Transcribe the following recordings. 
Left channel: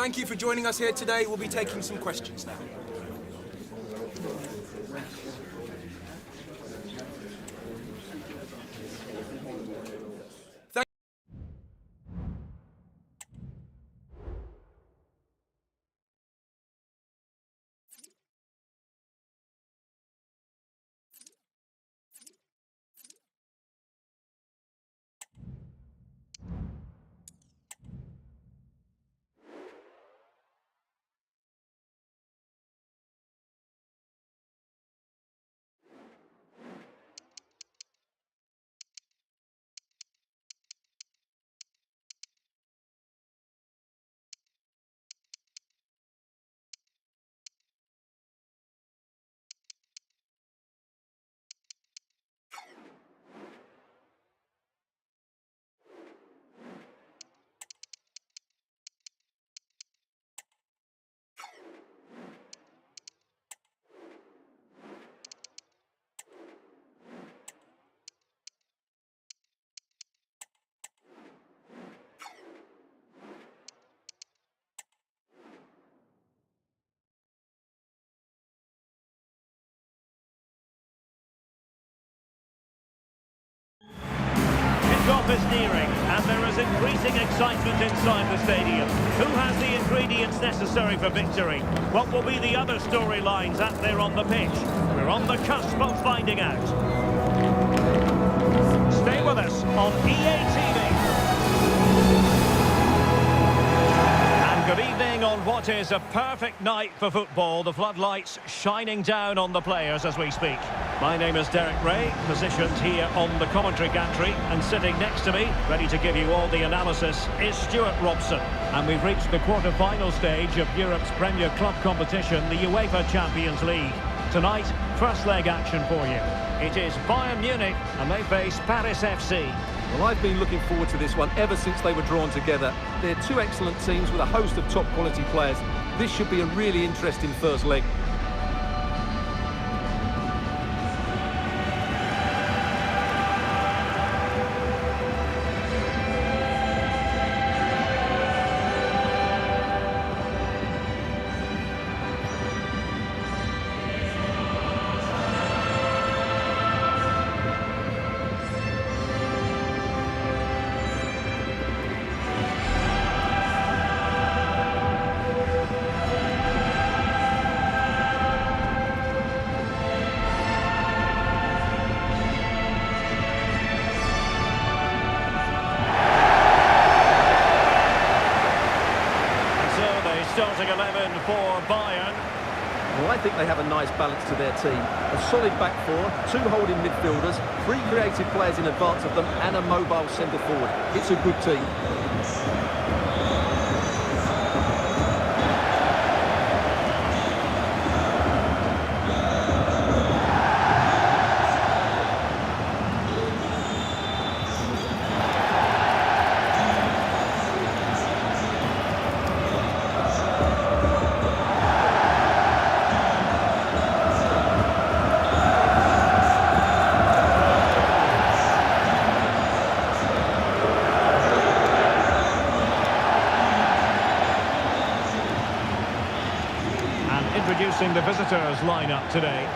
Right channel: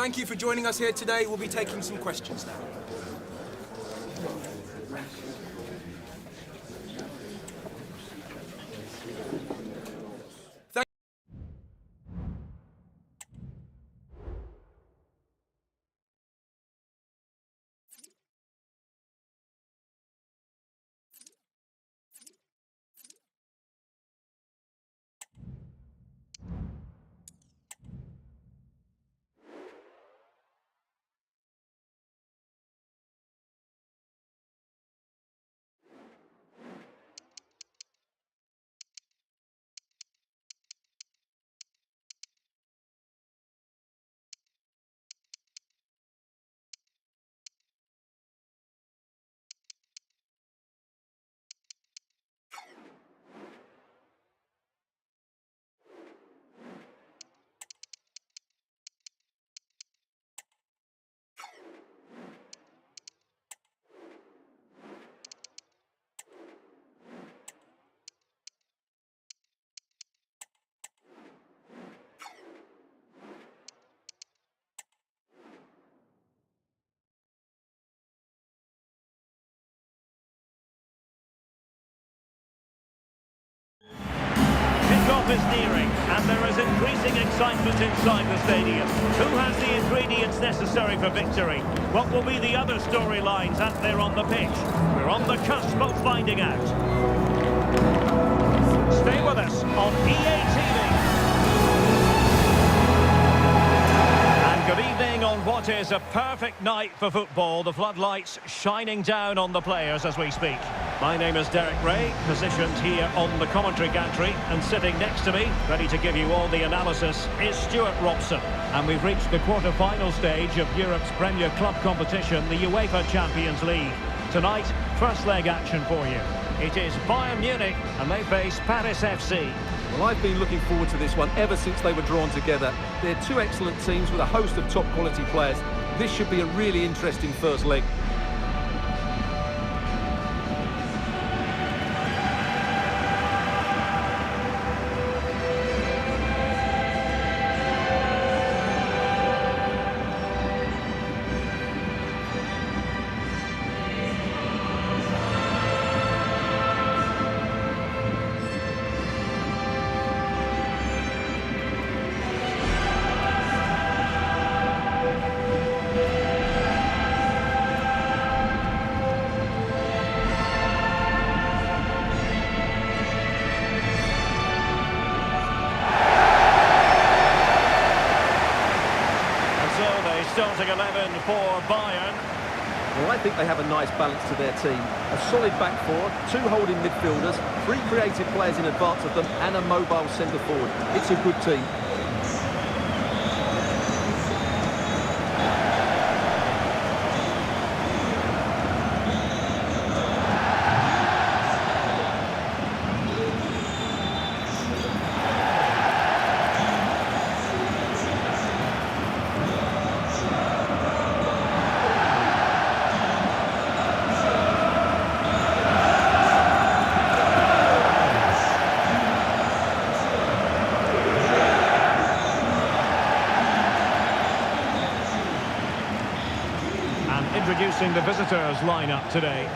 Thank you for joining us here today. We'll be taking some questions now. Kickoff is nearing, and there is increasing excitement inside the stadium. Who has the ingredients necessary for victory? What will be the other storylines out there on the pitch? We're on the cusp of finding out. Stay with us on EA TV. Good evening on what is a perfect night for football. The floodlights shining down on the players as we speak. My name is Derek Ray, positioned here on the commentary gantry, and sitting next to me, ready to give you all the analysis, is Stuart Robson. And we've reached the quarter-final stage of Europe's Premier Club competition, the UEFA Champions League. Tonight, first leg action for you. It is Bayern Munich, and they face Paris FC. Well, I've been looking forward to this one ever since they were drawn together. They're two excellent teams with a host of top-quality players. This should be a really interesting first leg. Starting 11 for Bayern. Well, I think they have a nice balance to their team. A solid back four, two holding midfielders, three creative players in advance of them, and a mobile centre forward. It's a good team. Introducing the visitors lineup today.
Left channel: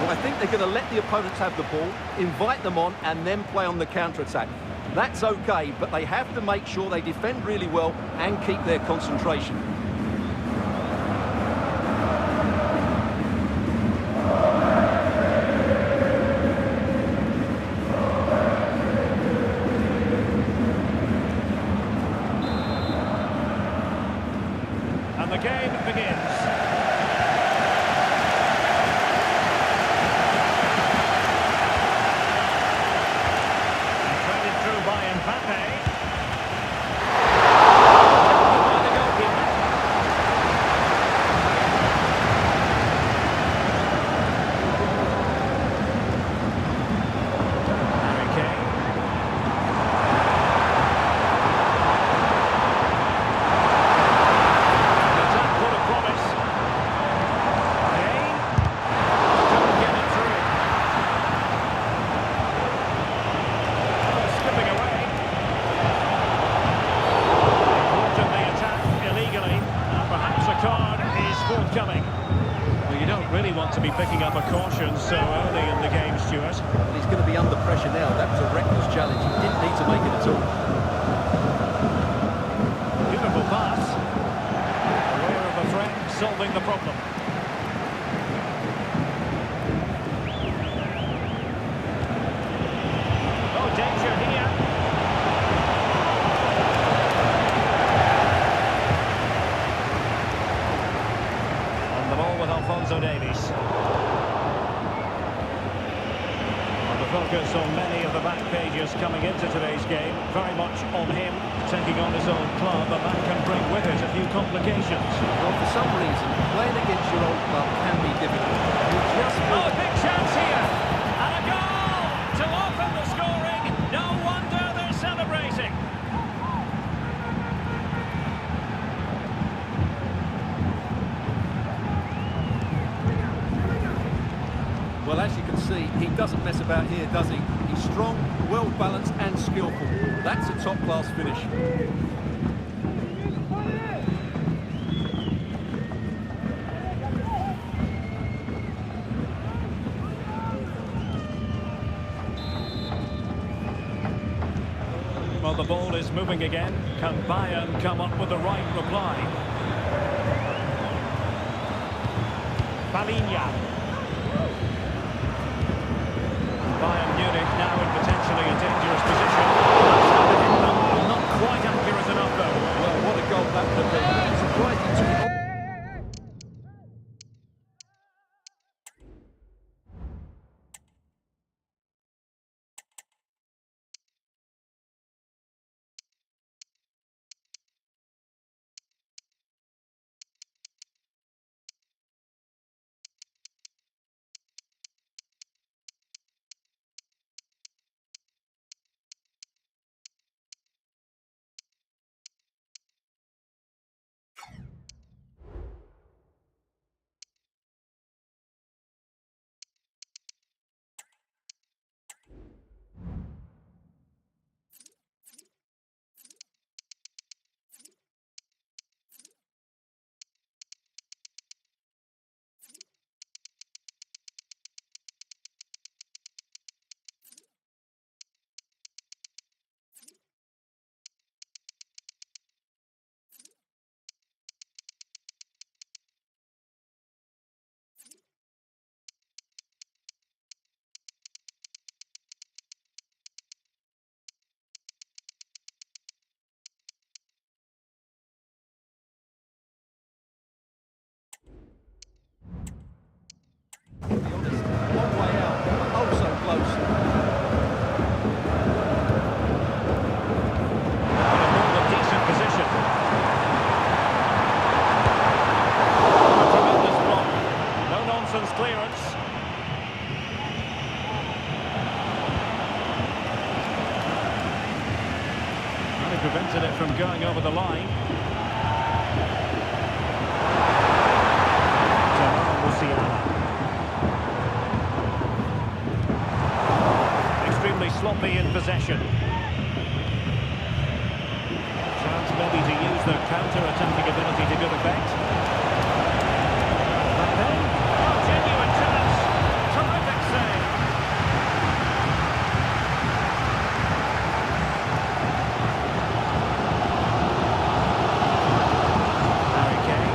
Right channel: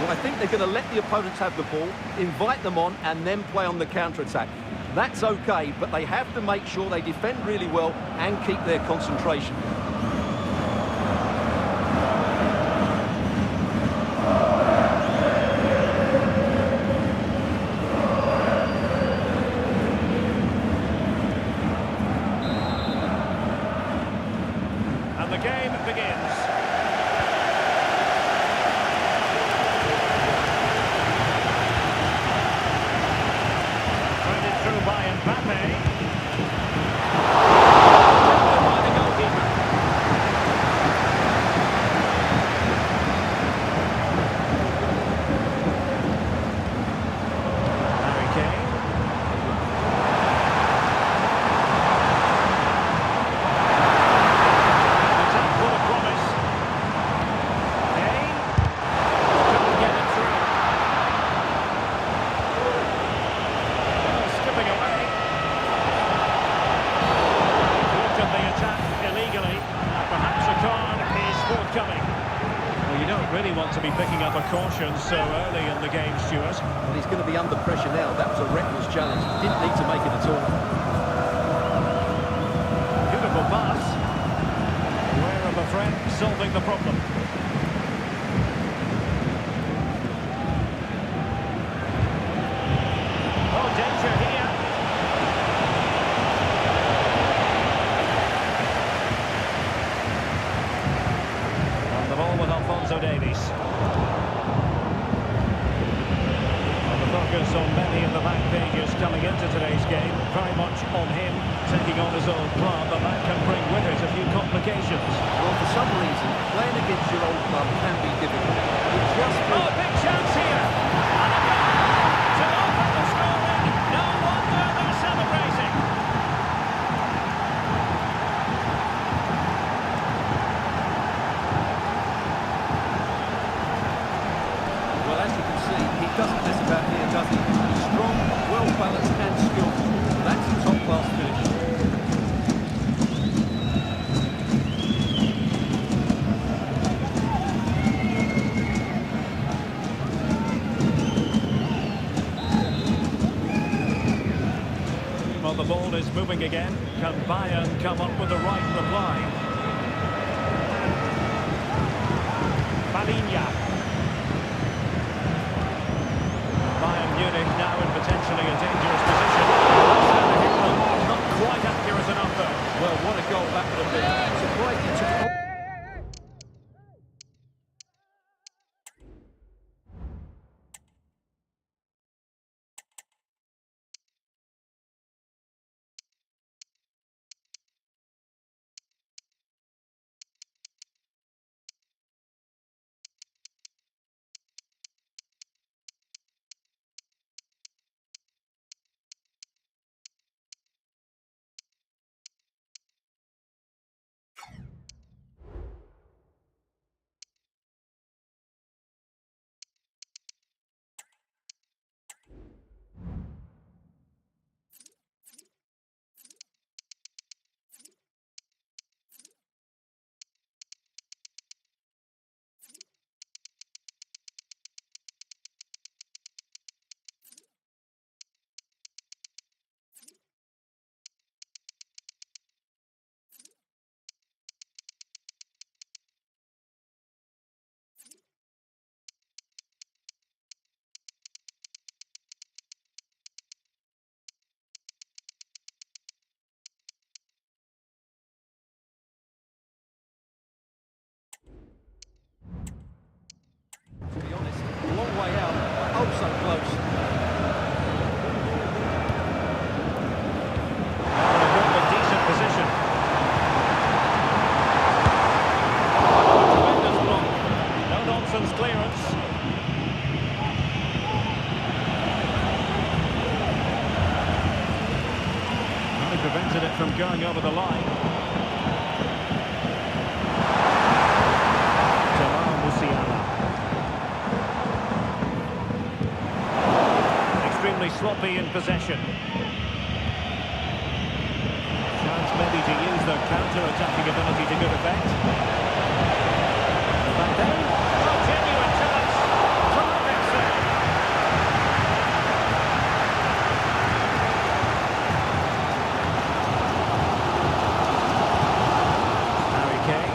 Well, I think they're going to let the opponents have the ball, invite them on, and then play on the counter-attack. That's okay, but they have to make sure they defend really well and keep their concentration. And the game begins. Through by Mbappe. Taken by the goalkeeper. Harry Kane. An attack full of promise. Kane couldn't get it through. Skipping away. really want to be picking up a caution so early in the game, Stuart. Well, he's going to be under pressure now. That was a reckless challenge. He didn't need to make it at all. Beautiful pass. Aware of a threat, solving the problem. Oh, danger here. On the ball with Alphonso Davies. The focus on many of the back pages coming into today's game, very much on him taking on his old club, and that can bring with it a few complications. Well, for some reason, playing against your old club can be difficult. You just feel Oh, big chance here! And a goal to open the scoring. No wonder they're celebrating. Well, as you can see, he doesn't mess about here, does he? He's strong, well-balanced and skillful. That's a top-class finish. Well, the ball is moving again. Can Bayern come up with the right reply? Palinha. Bayern Munich now in potentially a dangerous position. Well, that's how to hit them. Not quite accurate enough, though. Well, what a goal that would have been. Surprised he took it on. To be honest, long way out, but oh so close. Now in a more than decent position. Oh, a tremendous block. No-nonsense clearance. Well, he prevented it from going over the line. UCL. Extremely sloppy in possession. Chance maybe to use their counter-attacking ability to good effect. Mbappe. Oh, genuine chance. Terrific save. Harry Kane.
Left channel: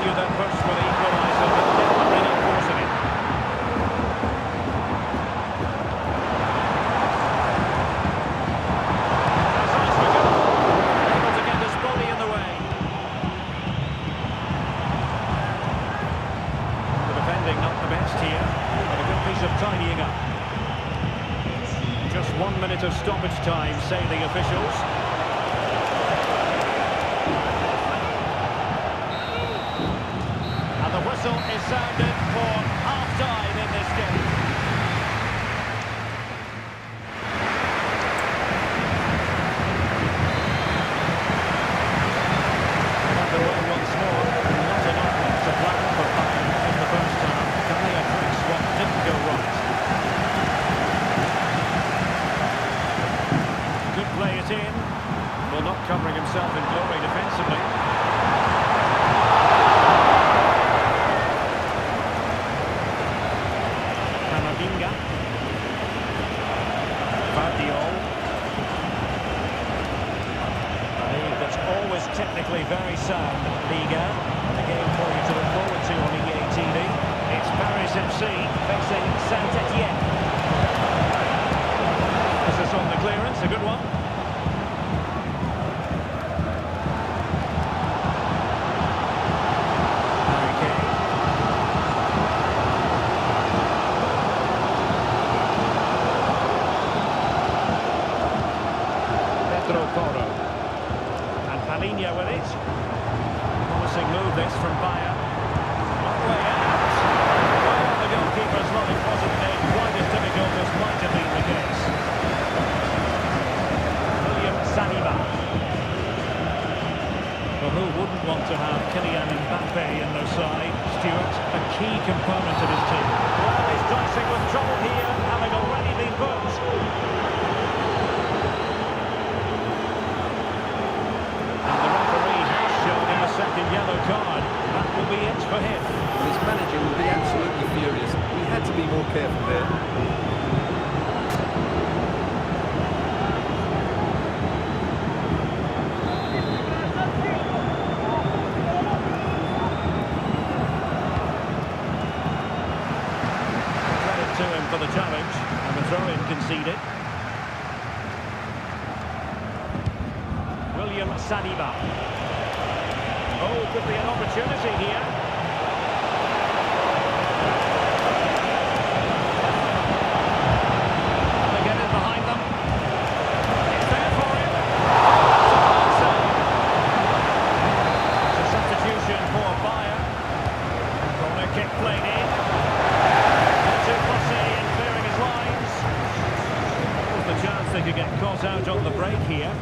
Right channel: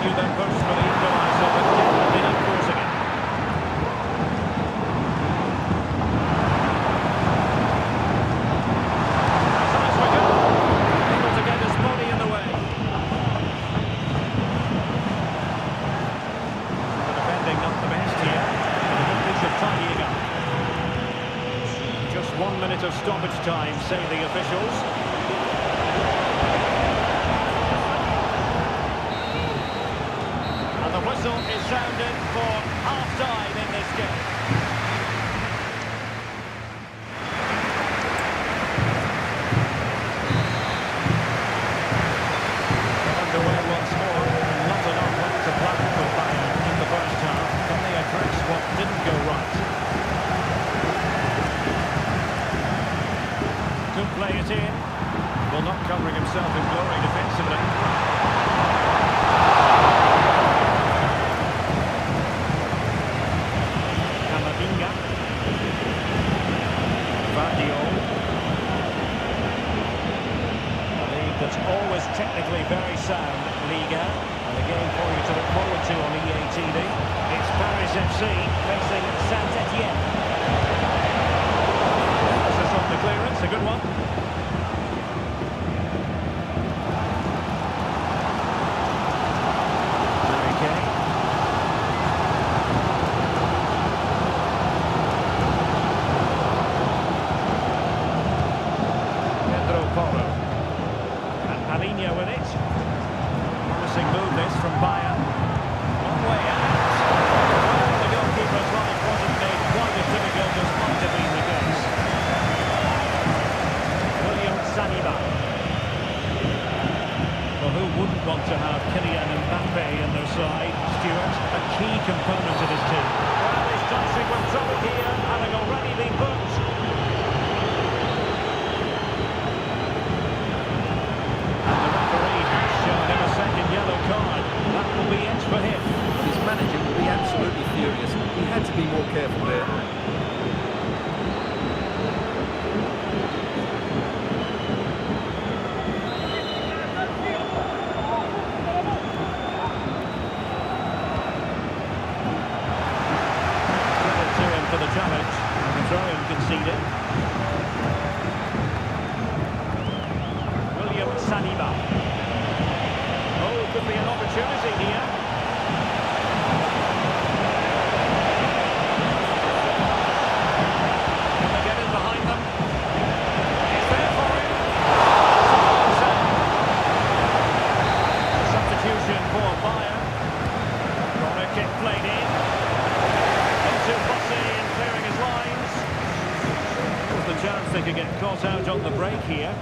Their push for the equaliser, but definitely not forcing it. That's eyes for goal. Able to get his body in the way. The defending not the best here, but a good piece of tidying up. Just 1 minute of stoppage time, say the officials. And the whistle is sounded for half-time in this game. They're underway once more. Not enough left to plan for Bayern in the first half. Can they address what didn't go right? Could play it in. covering himself in glory defensively. Camavinga. Vardiol. A league that's always technically very sound, Liga. And a game for you to look forward to on EA TV. It's Paris FC facing Saint-Etienne. This is on the clearance, a good one. Harry Kane. Pedro Porro. And Palinha with it. Promising move this from Bayern. Long way out. Well, the goalkeeper's life wasn't made quite as difficult as might have been the case. William Saliba. Well, who wouldn't want to have Kylian Mbappe in their side? Stuart, a key component of his team. Well, he's dicing with trouble here, having already been booked. And the referee has shown him a second yellow card. That will be it for him. Well, his manager will be absolutely furious. He had to be more careful there. Credit to him for the challenge, and the throw-in conceded. William Saliba. Oh, could be an opportunity here. Can they get in behind them? It's there for him. Oh, that's a fine save. It's a substitution for Bayern. Corner kick played in. Not too fussy in clearing his lines. There was the chance they could get caught out on the break here.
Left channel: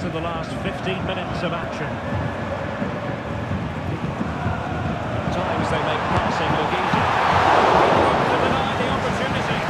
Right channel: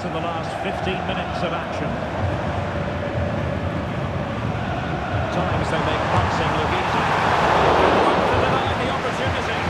To the last 15 minutes of action. At times they make passing look easy. Good work to deny the opportunity.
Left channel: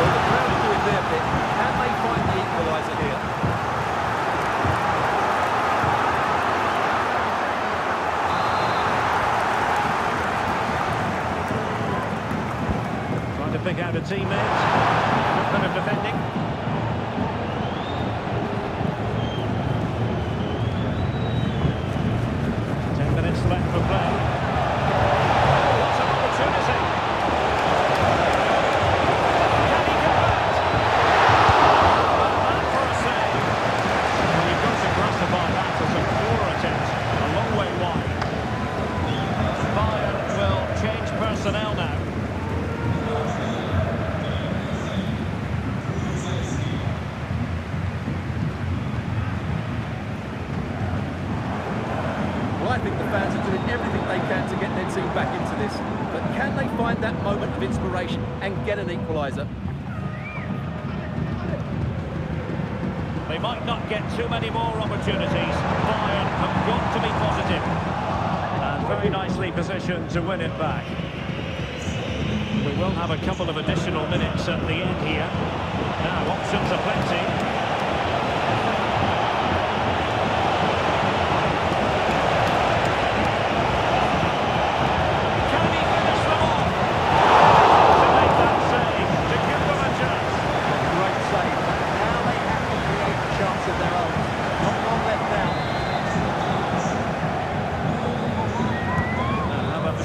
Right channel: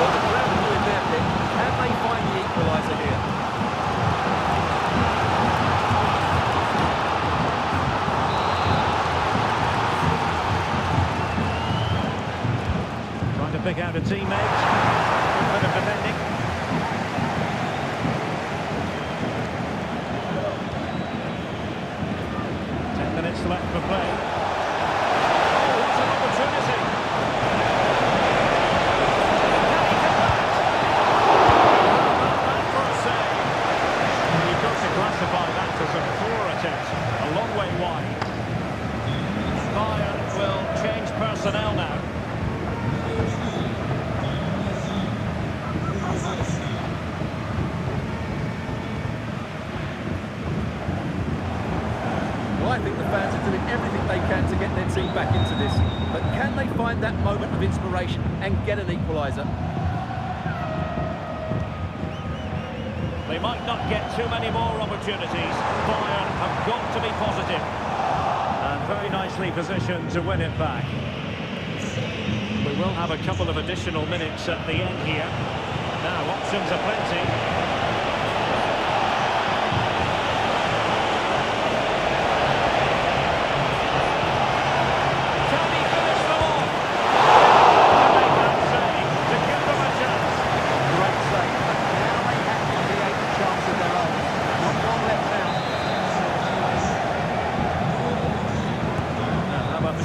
Well, the crowd are doing their bit. Can they find the equaliser here? Trying to pick out a teammate. Good bit of defending. Minutes left for play. Oh, what an opportunity! Can he convert? How about that for a save? Well, you've got to classify that as a poor attempt, a long way wide. And Bayern will change personnel now. Well, I think the fans are doing everything they can to get their team back into this. But can they find that moment of inspiration and get an equaliser? They might not get too many more opportunities. Bayern have got to be positive. And very nicely positioned to win it back. We will have a couple of additional minutes at the end here. Now, options are plenty.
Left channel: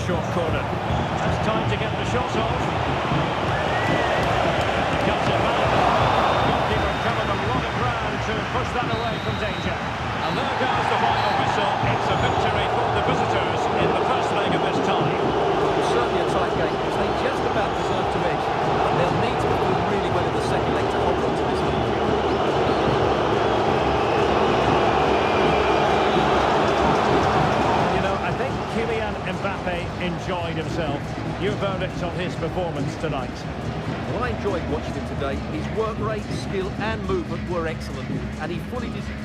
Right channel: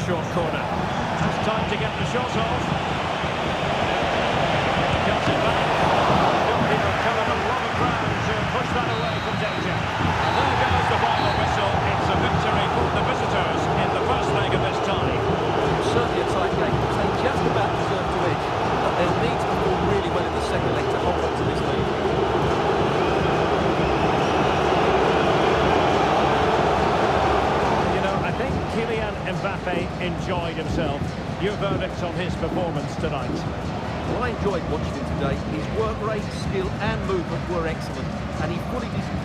Short corner. That's time to get the shot off. He cuts it back. The goalkeeper covered a lot of ground to push that away from danger. And there goes the final whistle. It's a victory for the visitors in the first leg of this tie. Well, it's certainly a tight game. They just about deserve to edge, but they'll need to perform really well in the second leg to hold on to this lead. I think Kylian Mbappe enjoyed himself. Your verdict on his performance tonight? Well, I enjoyed watching him today. His work rate, skill and movement were excellent, and he fully deserved.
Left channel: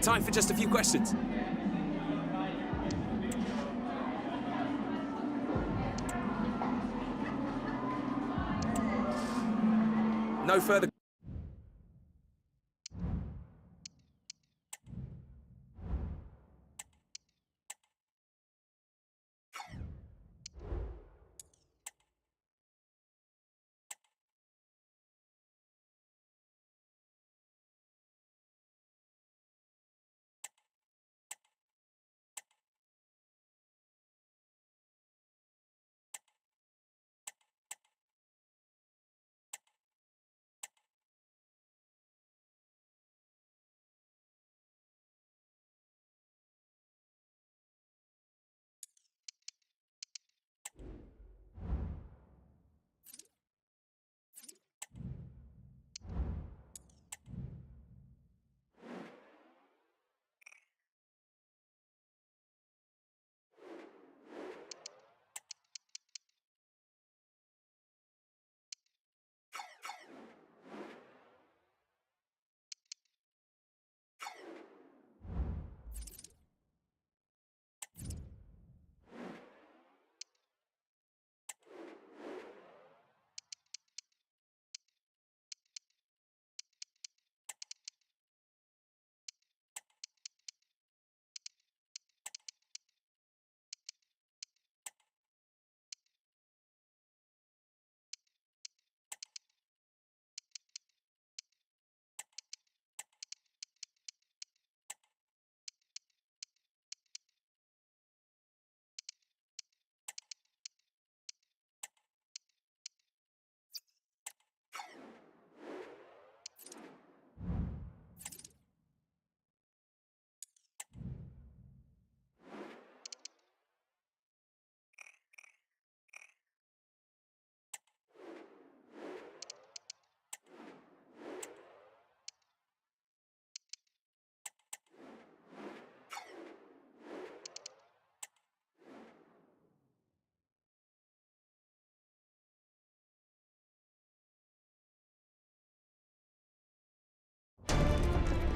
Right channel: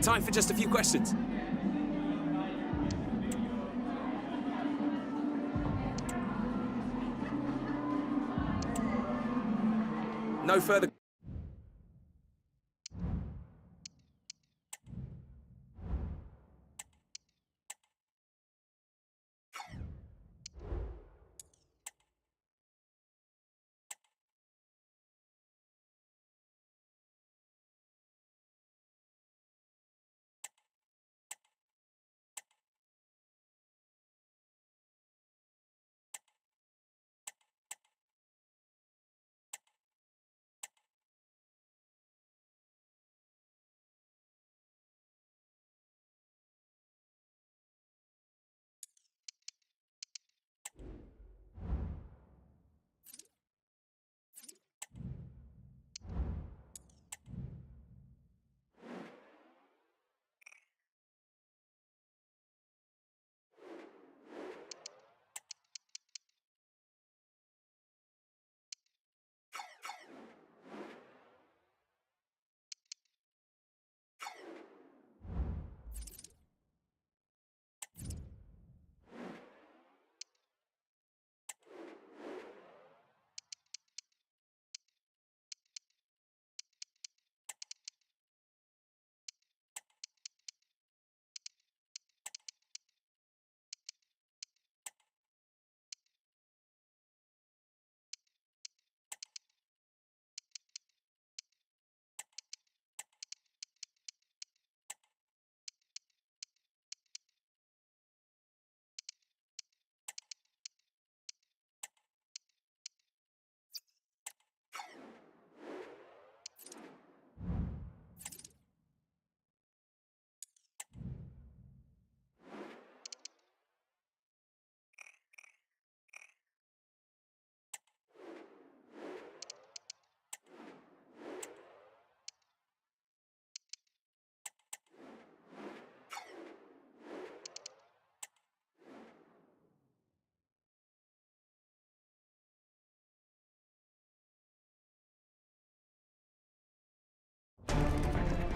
Time for just a few questions. No further.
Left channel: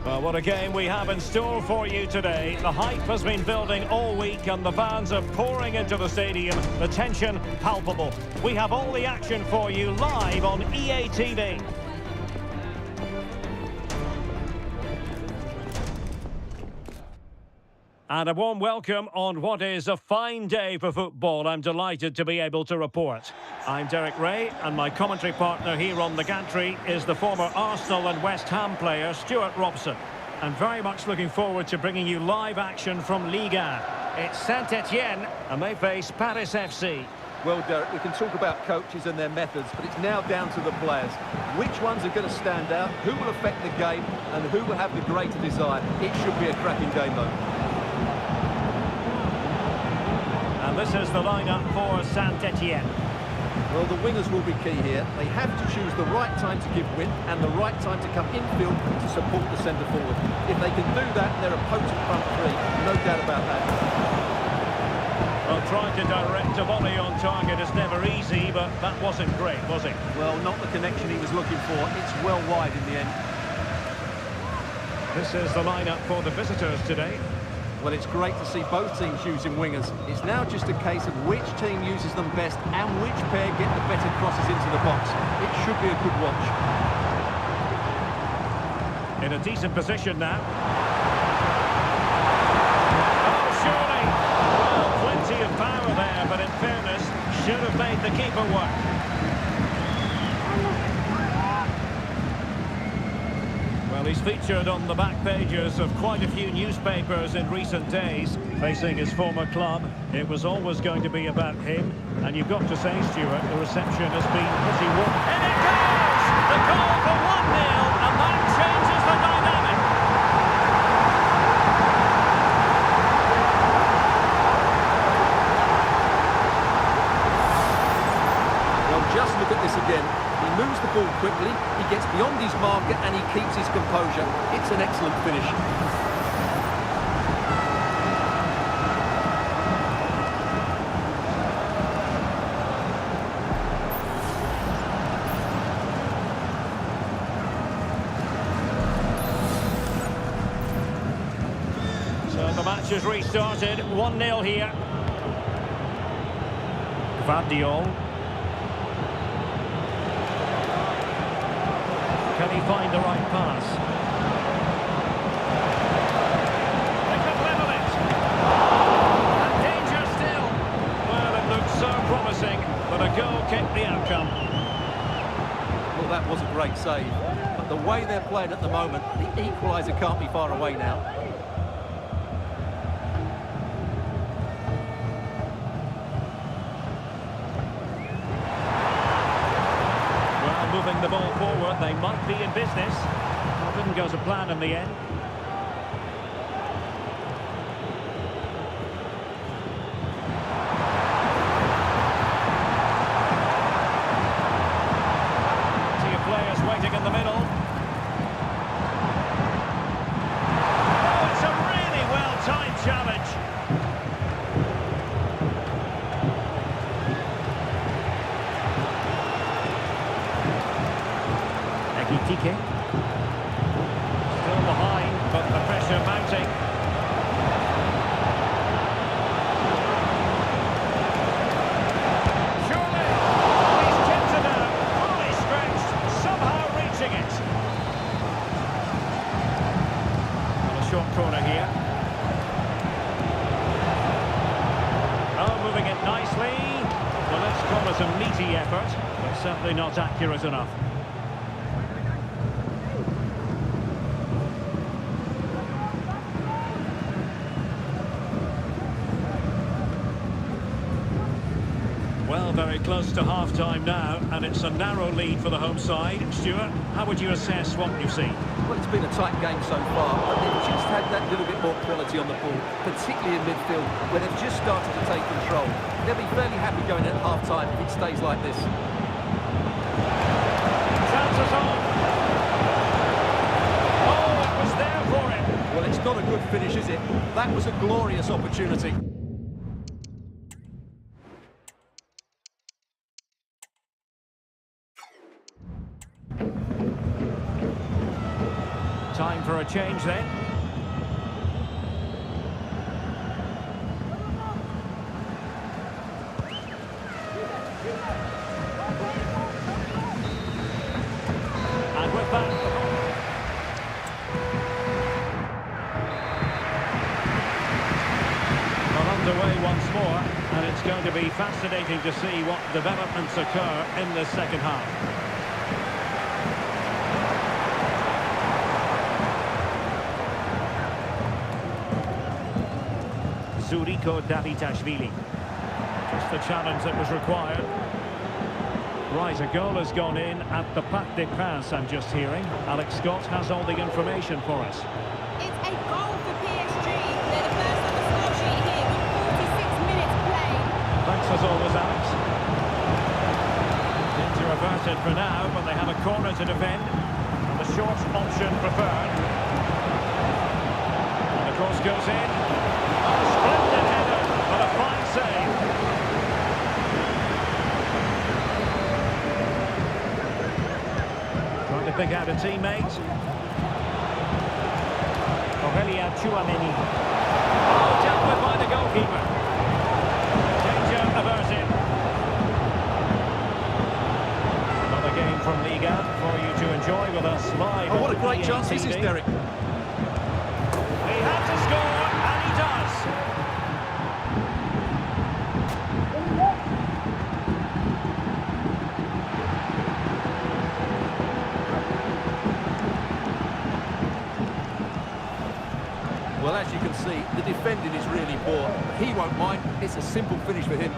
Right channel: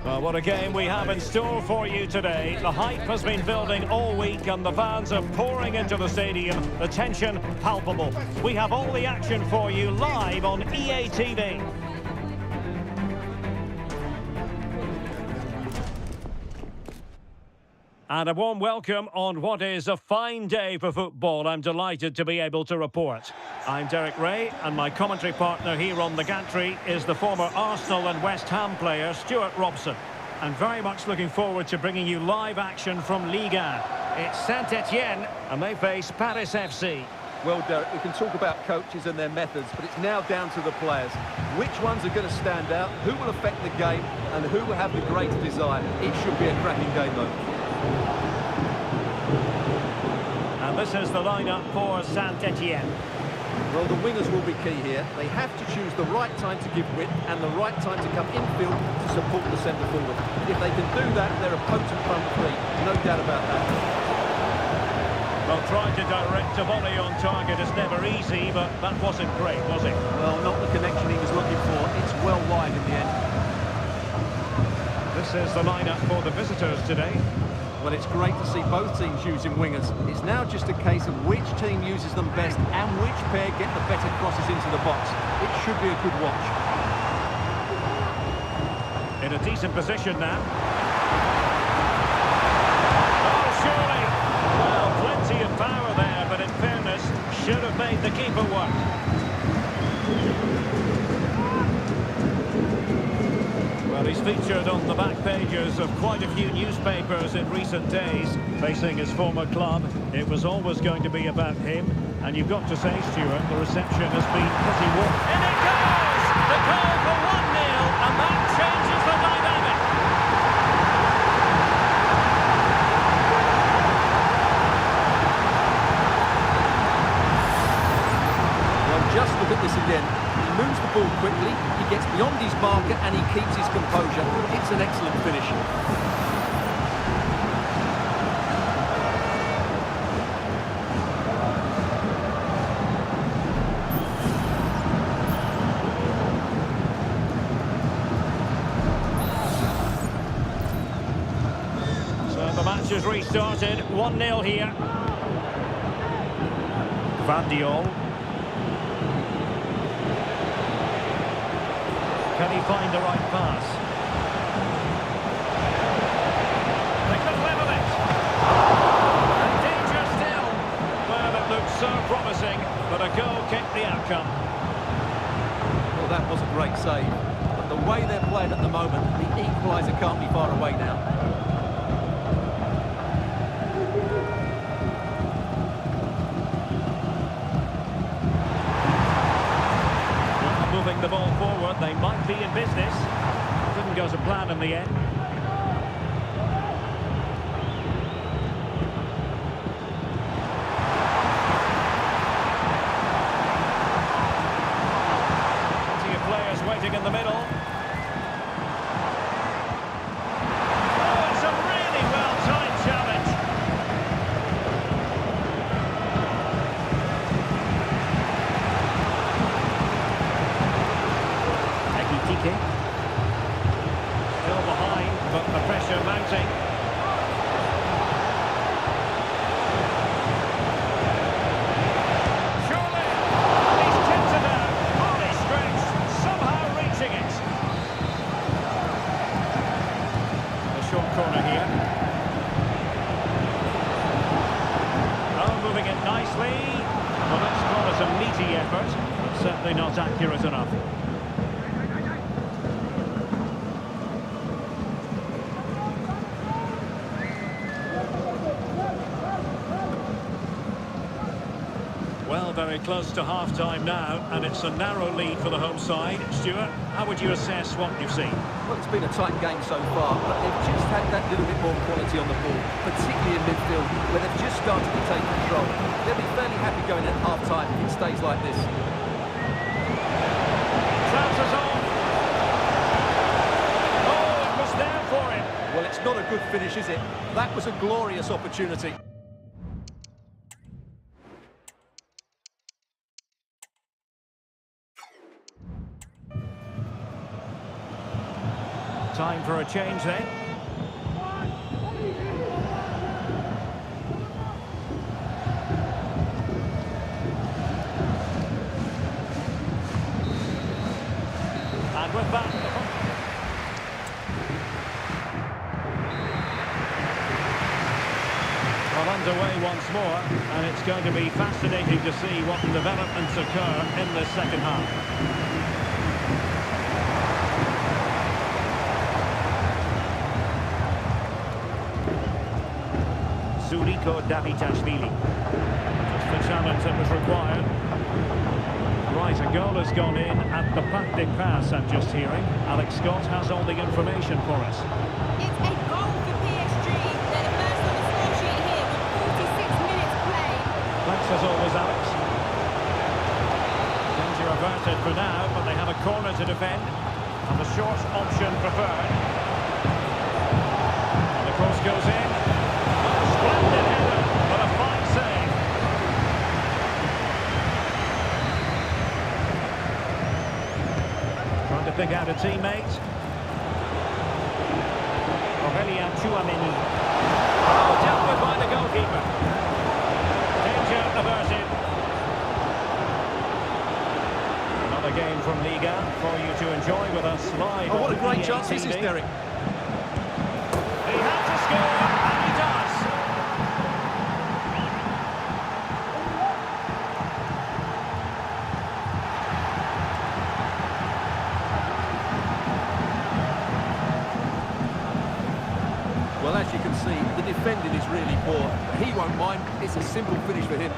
Well, what a game we have in store for you today. The hype has been building all week and the fans are pouring into the stadium. The tension palpable. We have all the action for you live on EA TV. And a warm welcome on what is a fine day for football. I'm delighted to be able to report. I'm Derek Ray, and my commentary partner here on the gantry is the former Arsenal and West Ham player, Stuart Robson. And very much looking forward to bringing you live action from Ligue 1. It's Saint-Etienne, and they face Paris FC. Well, Derek, we can talk about coaches and their methods, but it's now down to the players. Which ones are going to stand out? Who will affect the game? and who will have the greater desire. It should be a cracking game, though. And this is the lineup for Saint-Etienne. Well, the wingers will be key here. They have to choose the right time to give width and the right time to come infield to support the centre forward. If they can do that, they're a potent front three, no doubt about that. Well, trying to direct a volley on target is never easy, but that wasn't great, was it? Well, not the connection he was looking for. It's well wide in the end. This is the lineup for the visitors today. Well, it's great to see both teams using wingers. It's now just a case of which team uses them best and which pair get the better crosses into the box. It should be a good watch. In a decent position now. Oh, surely! Well, plenty of power there, but in fairness, should have made the keeper work. Well, he's featured on the back pages of quite a few newspapers in recent days, facing his former club. It was always going to be about him, and you've got to say, Stuart, the reception has been pretty warm. And it goes! The goal for 1-0, and that changes the dynamic. Well, just look at this again. He moves the ball quickly, he gets beyond his marker and he keeps his composure. It's an excellent finish. So the match has restarted, 1-0 here. Gvardiol. Can he find the right pass? They could level it. And danger still. Well, it looked so promising, but a goal kept the outcome. Well, that was a great save. But the way they're playing at the moment, the equaliser can't be far away now. Moving the ball forward, they might be in business. That didn't go to plan in the end. Plenty of players waiting in the middle. Oh, it's a really well-timed challenge. Tike. Still behind, but the pressure mounting. Surely! He's kept it out, fully stretched, somehow reaching it. Well, a short corner here. Oh, moving it nicely. Well, let's call it a meaty effort, but certainly not accurate enough. Well, very close to half-time now, and it's a narrow lead for the home side. Stuart, how would you assess what you've seen? Well, it's been a tight game so far, but they've just had that little bit more quality on the ball, particularly in midfield, where they've just started to take control. They'll be fairly happy going at half-time if it stays like this. Chances on. Oh, it was there for him. Well, it's not a good finish, is it? That was a glorious opportunity. Time for a change then. And with that, well, underway once more, and it's going to be fascinating to see what developments occur in the second half. Zuriko Davitashvili. Just the challenge that was required. Right, a goal has gone in at the Pac de Pass, I'm just hearing. Alex Scott has all the information for us. It's a goal for PSG. They're the first on the score sheet here with 46 minutes played. Thanks as always, Alex. Danger averted for now, but they have a corner to defend. And the short option preferred. And the cross goes in. Oh, splendid header, but a fine save. Trying to pick out a teammate. Aurelien Tchouameni. Oh, dealt with by the goalkeeper. Danger averted. Another game from Liga for you to enjoy with us live. Oh, what a on great EA chance this is, TV. Derek. He had to score, and he does. Well, as you can see, the defending is really poor, but he won't mind. It's a simple finish for him.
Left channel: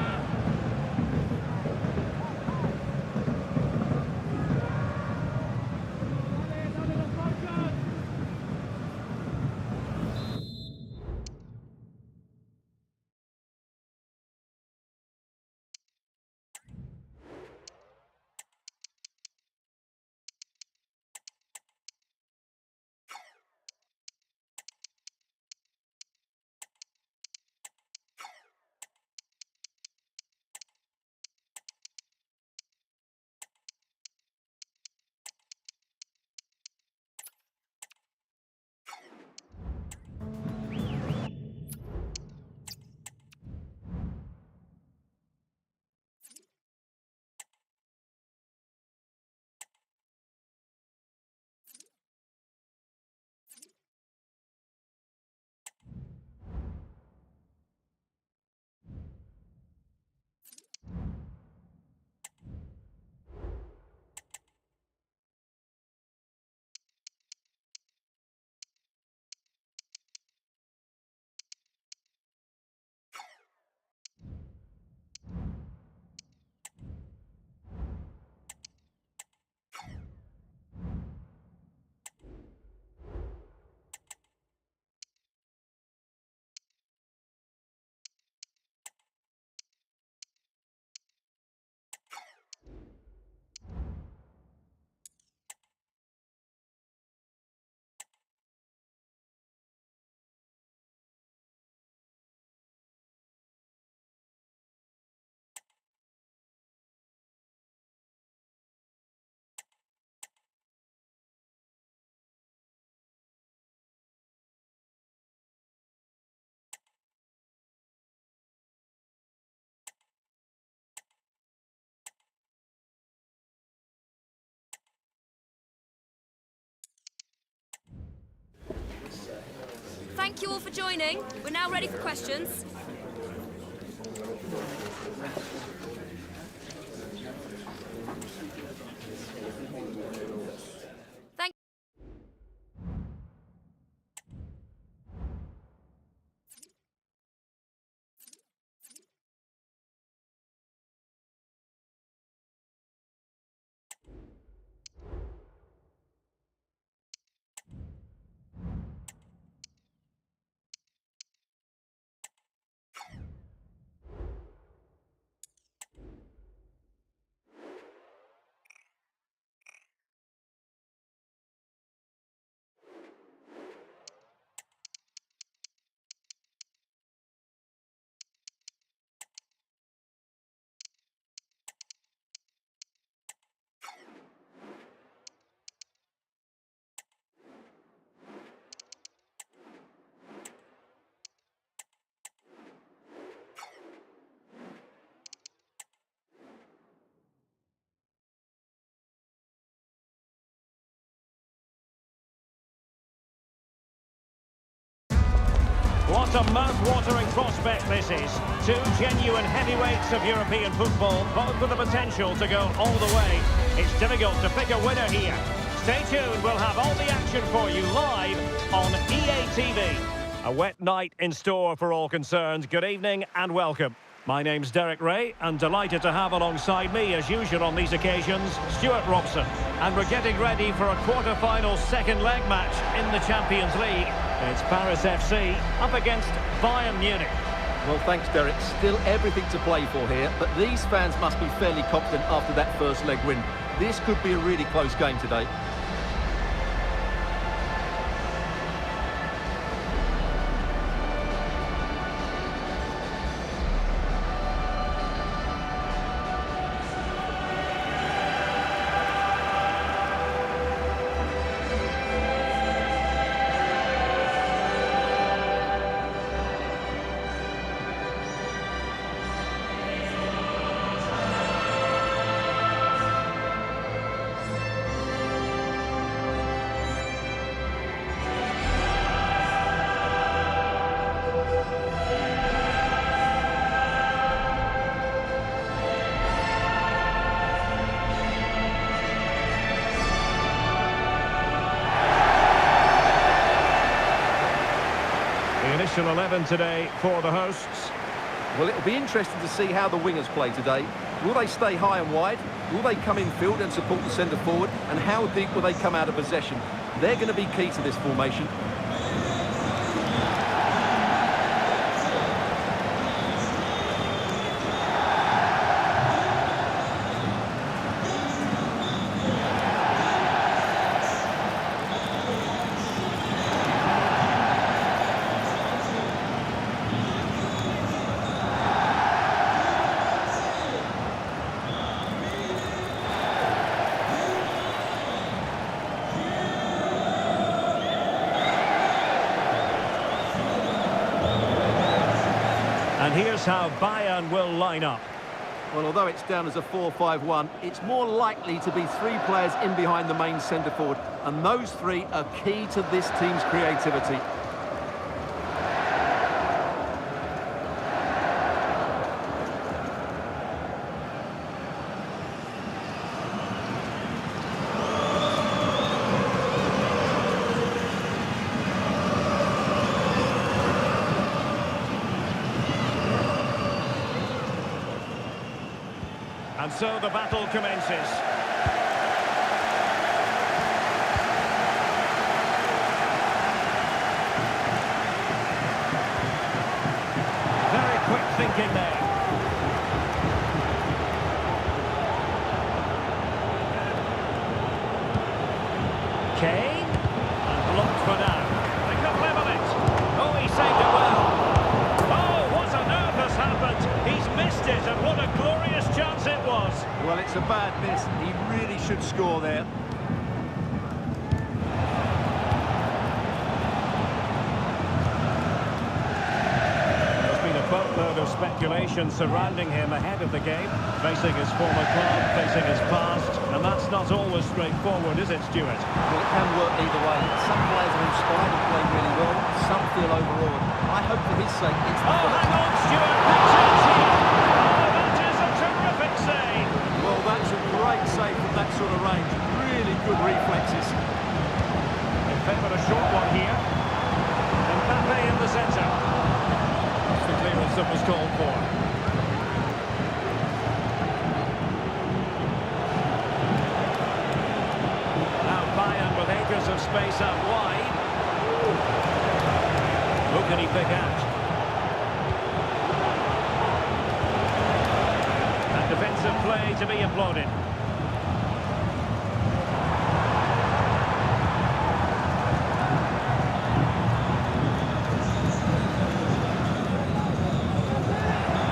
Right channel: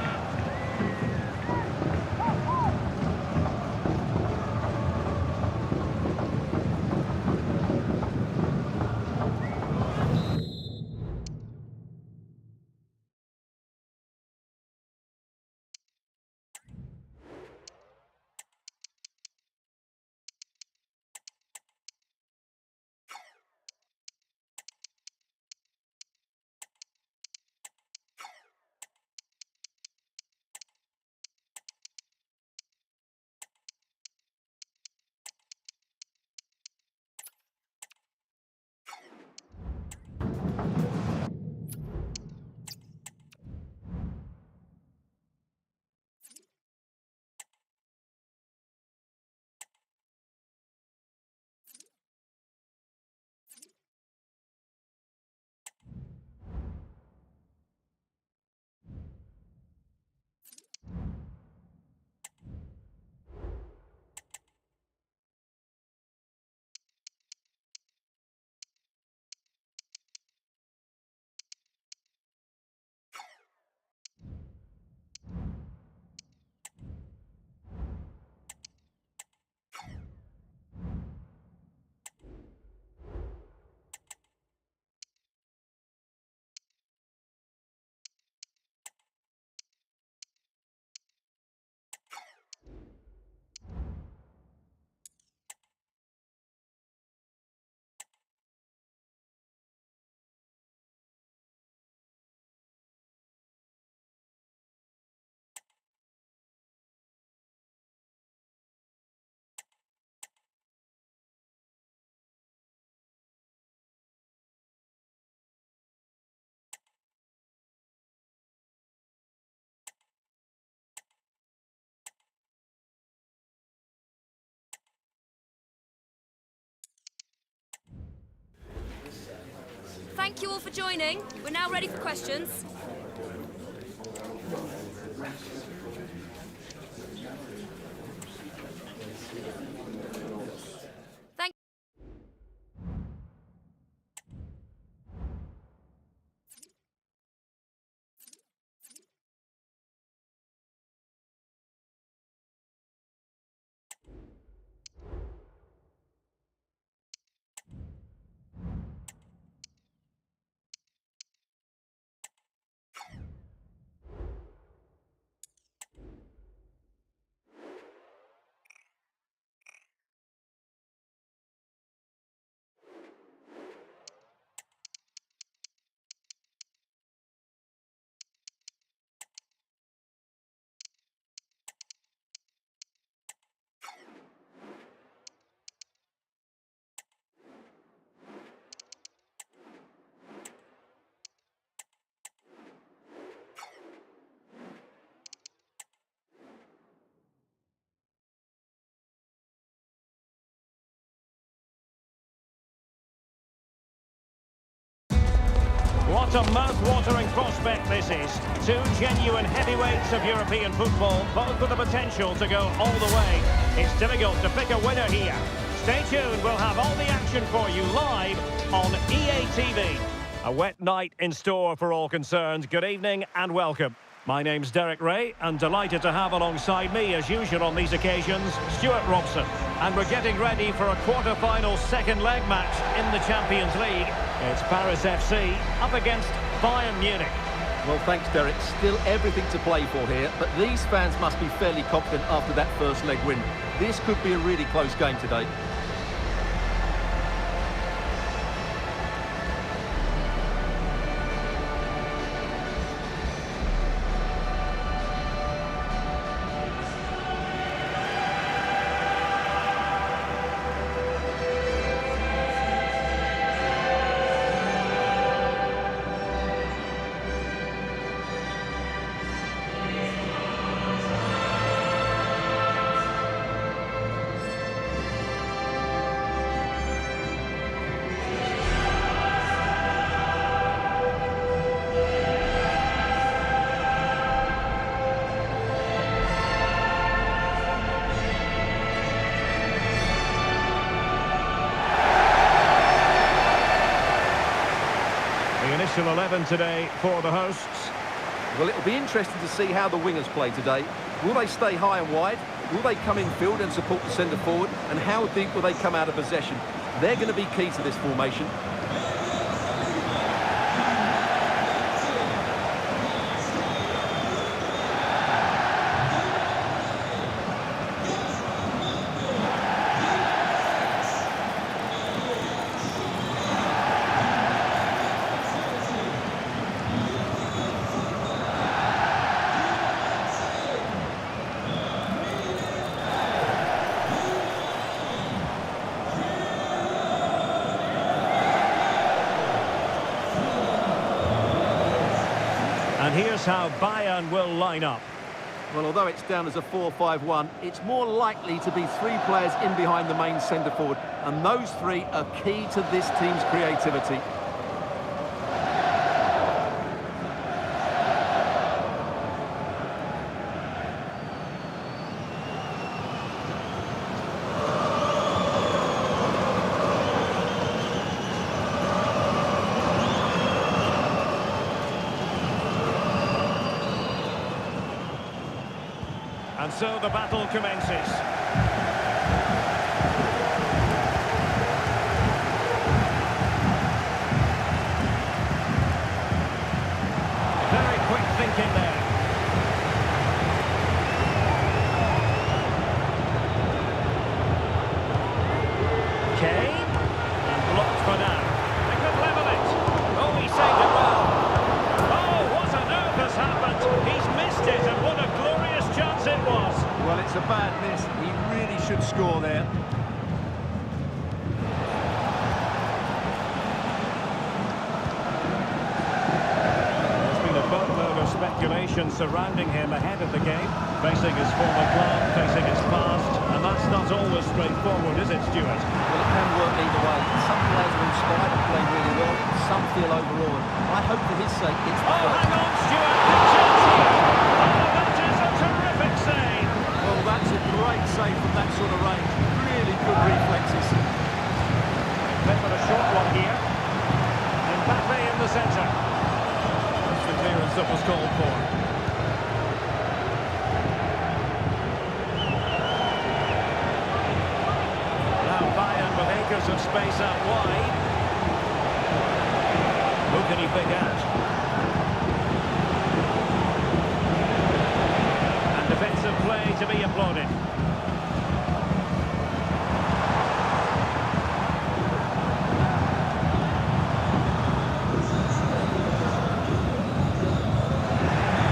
Thank you all for joining. We're now ready for questions. Thank What a mouth-watering prospect this is. Two genuine heavyweights of European football, both with the potential to go all the way. It's difficult to pick a winner here. Stay tuned, we'll have all the action for you live on EA TV. A wet night in store for all concerned. Good evening and welcome. My name's Derek Ray, and delighted to have alongside me, as usual on these occasions, Stuart Robson. And we're getting ready for a quarter-final second leg match in the Champions League. It's Paris FC up against Bayern Munich. Well, thanks, Derek. Still everything to play for here, but these fans must be fairly confident after that first leg win. This could be a really close game today. The initial 11 today for the hosts. Well, it'll be interesting to see how the wingers play today. Will they stay high and wide? Will they come in field and support the centre forward? And how deep will they come out of possession? They're going to be key to this formation. And here's how Bayern will line up. Well, although it's down as a 4-5-1, it's more likely to be three players in behind the main centre forward, and those three are key to this team's creativity. And so the battle commences. Very quick thinking there. Kane, and blocked for now. They could level it. Oh, he saved it well. Oh, what on earth has happened? He's missed it, and what a glorious chance it was. Well, it's a bad miss. He really should score there. There's been a boatload of speculation surrounding him ahead of the game, facing his former club, facing his past, and that's not always straightforward, is it, Stuart? Well, it can work either way. Some players are inspired and play really well. Some feel overawed. I hope for his sake it's the Oh, first. hang on, Stuart, big chance here. Oh, that is a terrific save. Well, that's a great save from that sort of range. Really good reflexes. They favour a short one here. Mbappe in the centre. That's the clearance that was called for. Now Bayern with acres of space out wide. Who can he pick out? And defensive play to be applauded.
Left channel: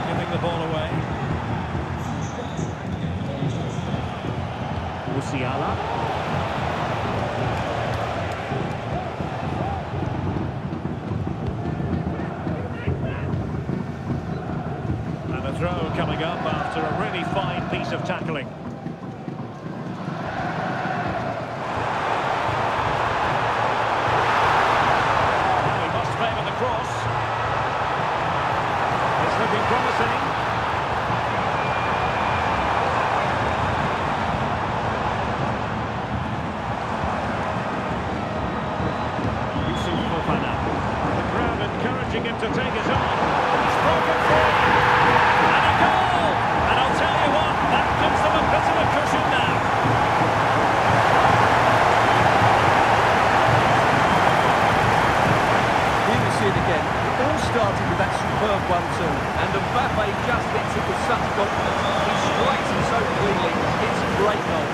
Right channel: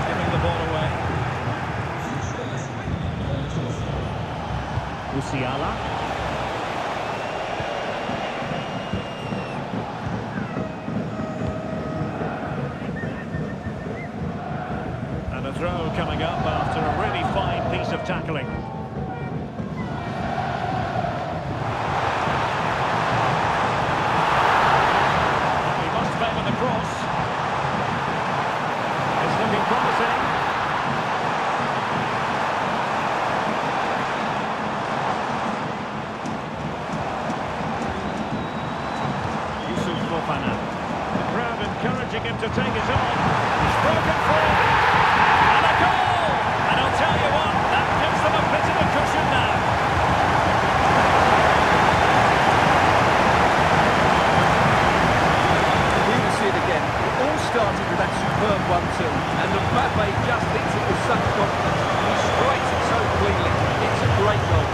Giving the ball away. UCL. And a throw coming up after a really fine piece of tackling. Now he must favour the cross. It's looking promising. The crowd encouraging him to take it on. He's broken free. goal! And I'll tell you what, that gives them a bit of a cushion now. Here we see it again. It all started with that superb 1-2, and Mbappe just hits it with such confidence. He strikes him so cleanly. It's a great goal.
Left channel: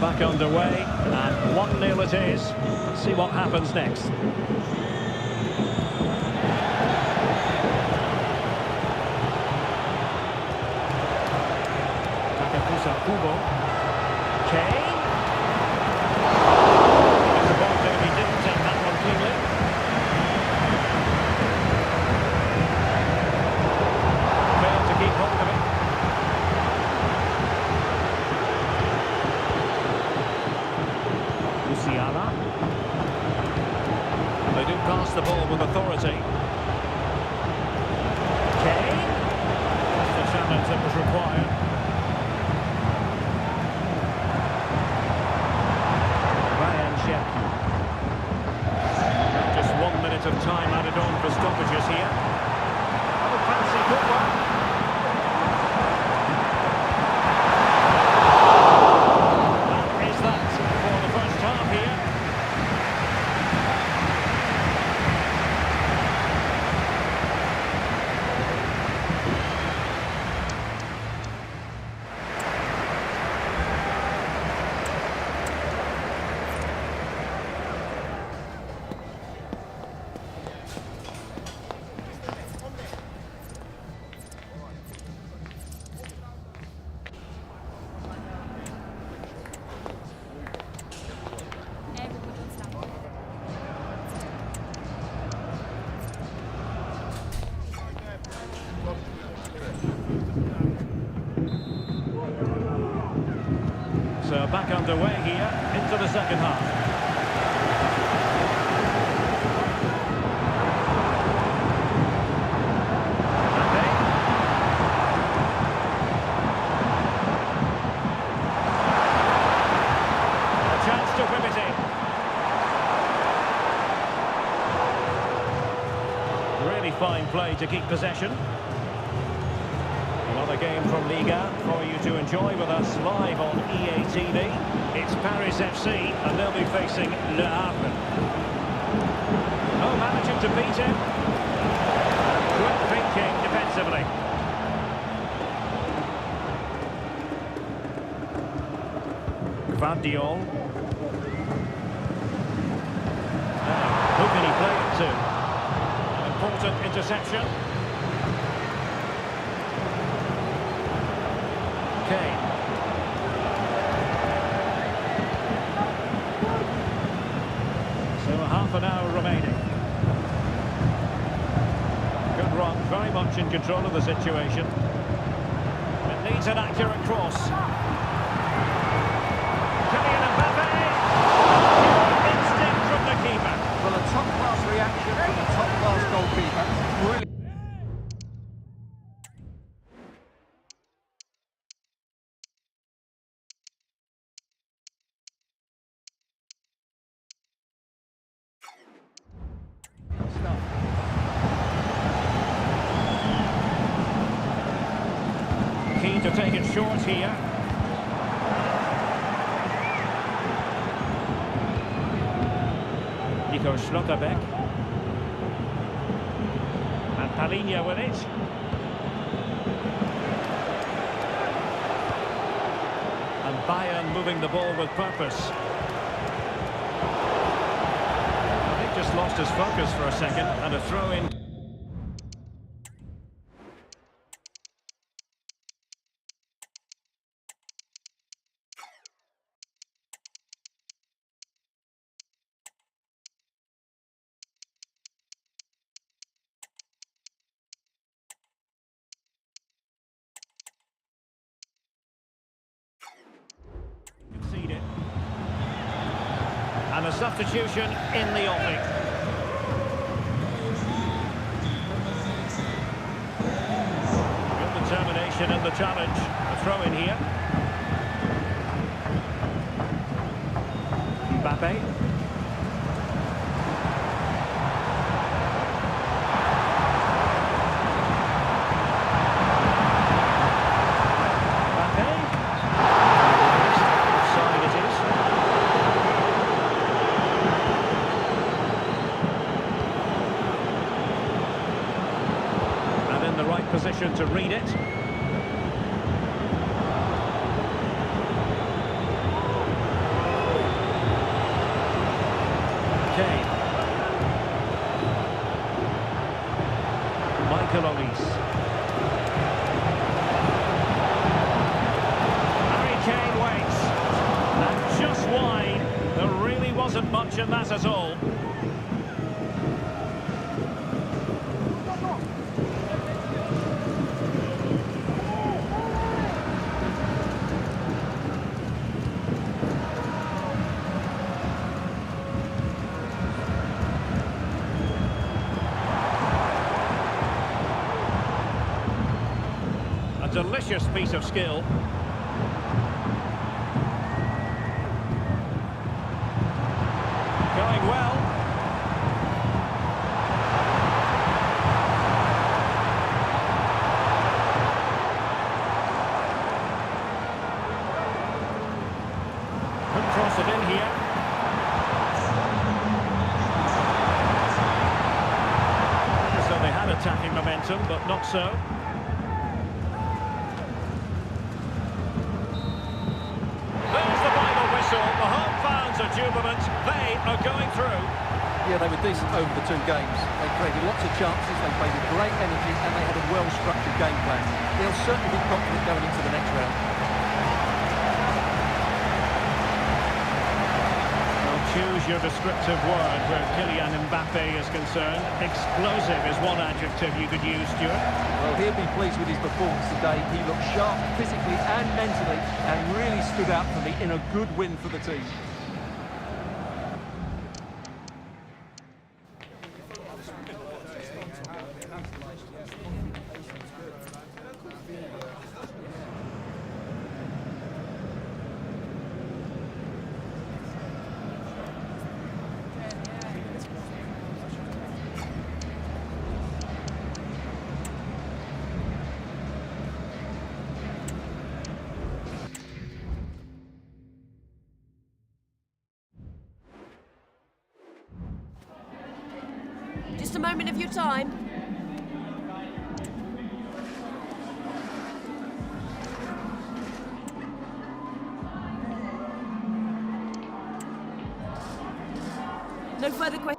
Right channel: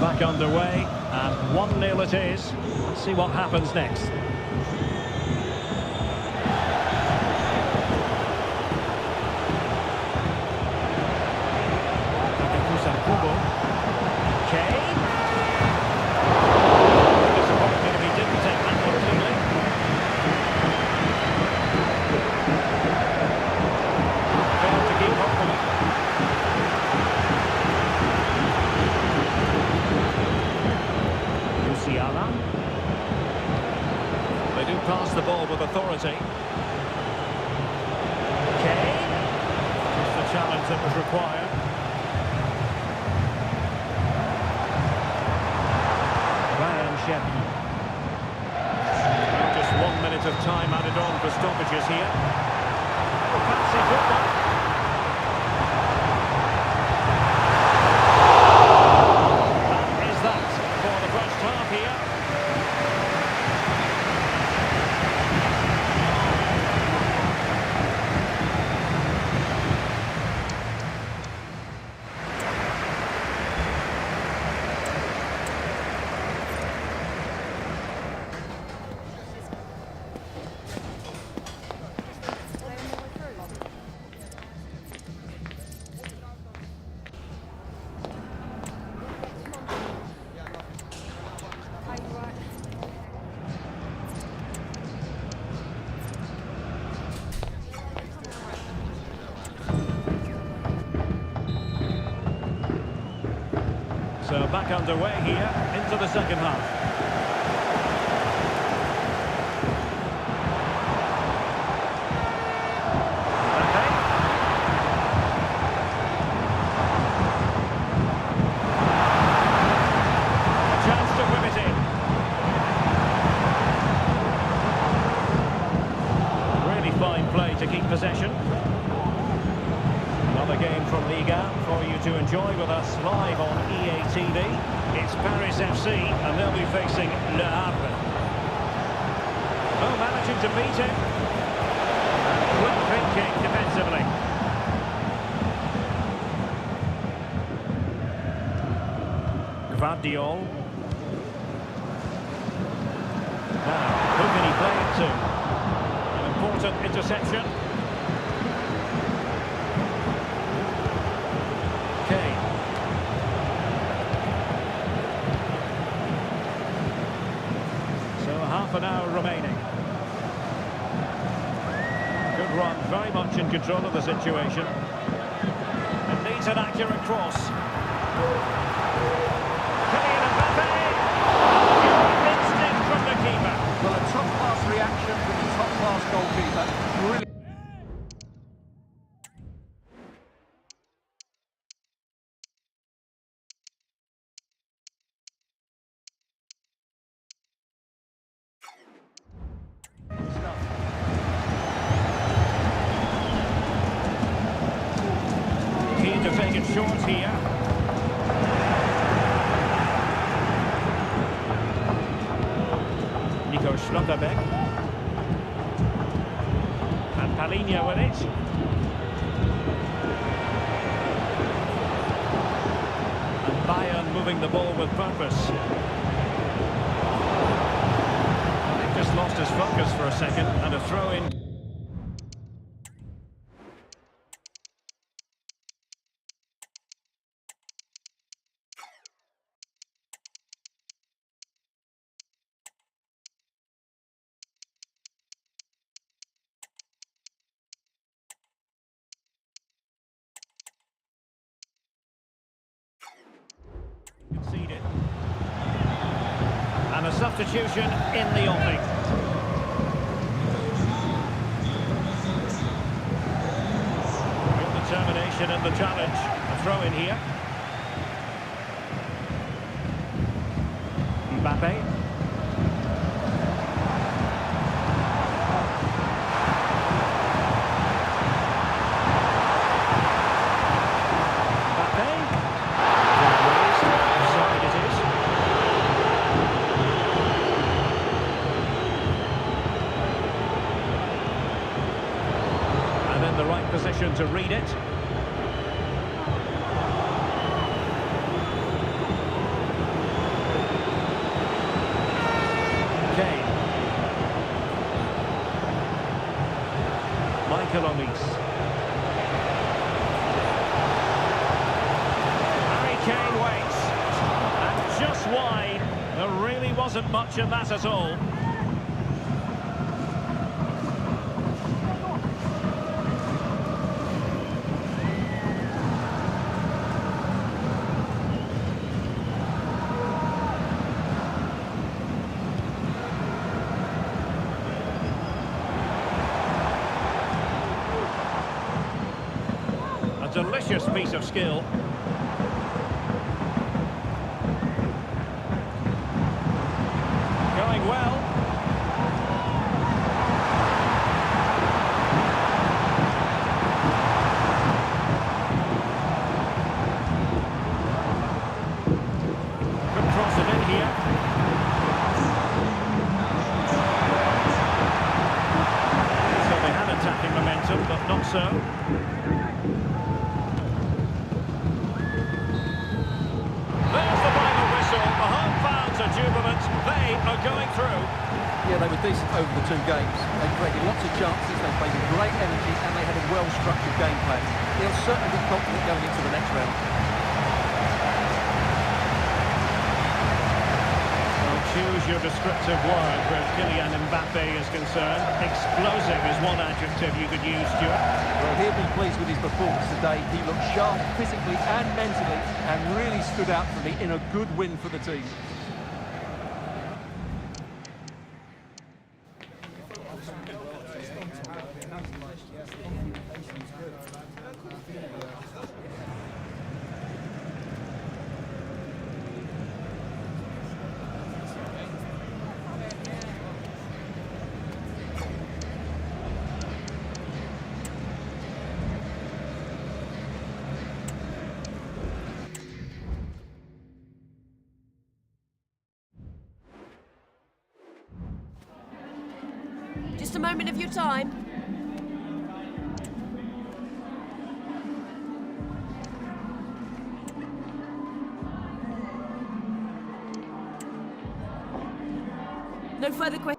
Back underway, and 1-0 it is. Let's see what happens next. Takakusa Kubo. Kane. Disappointed if he didn't take that one cleanly. Failed to keep hold of it. UCL. They do pass the ball with authority. Kane. Just the challenge that was required. Ryan Cherki. Well, just 1 minute of time added on for stoppages here. Oh, fancy football. Half here. So back underway here into the second half. Mbappe. A chance to whip it in. Really fine play to keep possession. Another game from Liga for you to enjoy with us live on EA TV. It's Paris FC and they'll be facing Le Havre. Oh, managing to beat him. And quick thinking defensively. Gvardiol. Now, who can he play it to? An important interception. Kane. So half an hour remaining. Good run, very much in control of the situation. It needs an accurate cross. Kylian Mbappe! Pure instinct from the keeper. Well, a top-class reaction from a top-class goalkeeper. Brilliant. Keen to take it short here. Nico Schlotterbeck. And Palinha with it. And Bayern moving the ball with purpose. I think just lost his focus for a second, and a throw-in. Conceded. And a substitution in the offing. determination in the challenge. A throw in here. Mbappe. Offside it is. And in the right position to read it. Kane. Michael Olise. Kane waits, and just wide. There really wasn't much in that at all. A delicious piece of skill. Going well. Could cross it in here. So they had attacking momentum, but not so. There's the final whistle. The home fans are jubilant. They are going through. Yeah, they were decent over the two games. They created lots of chances, they played with great energy, and they had a well-structured game plan. They'll certainly be confident going into the next round. Well, choose your descriptive word where Kylian Mbappe is concerned. Explosive is one adjective you could use, Stuart. Well, he'll be pleased with his performance today. He looked sharp physically and mentally and really stood out for me in a good win for the team. Just a moment of your time. No further questions.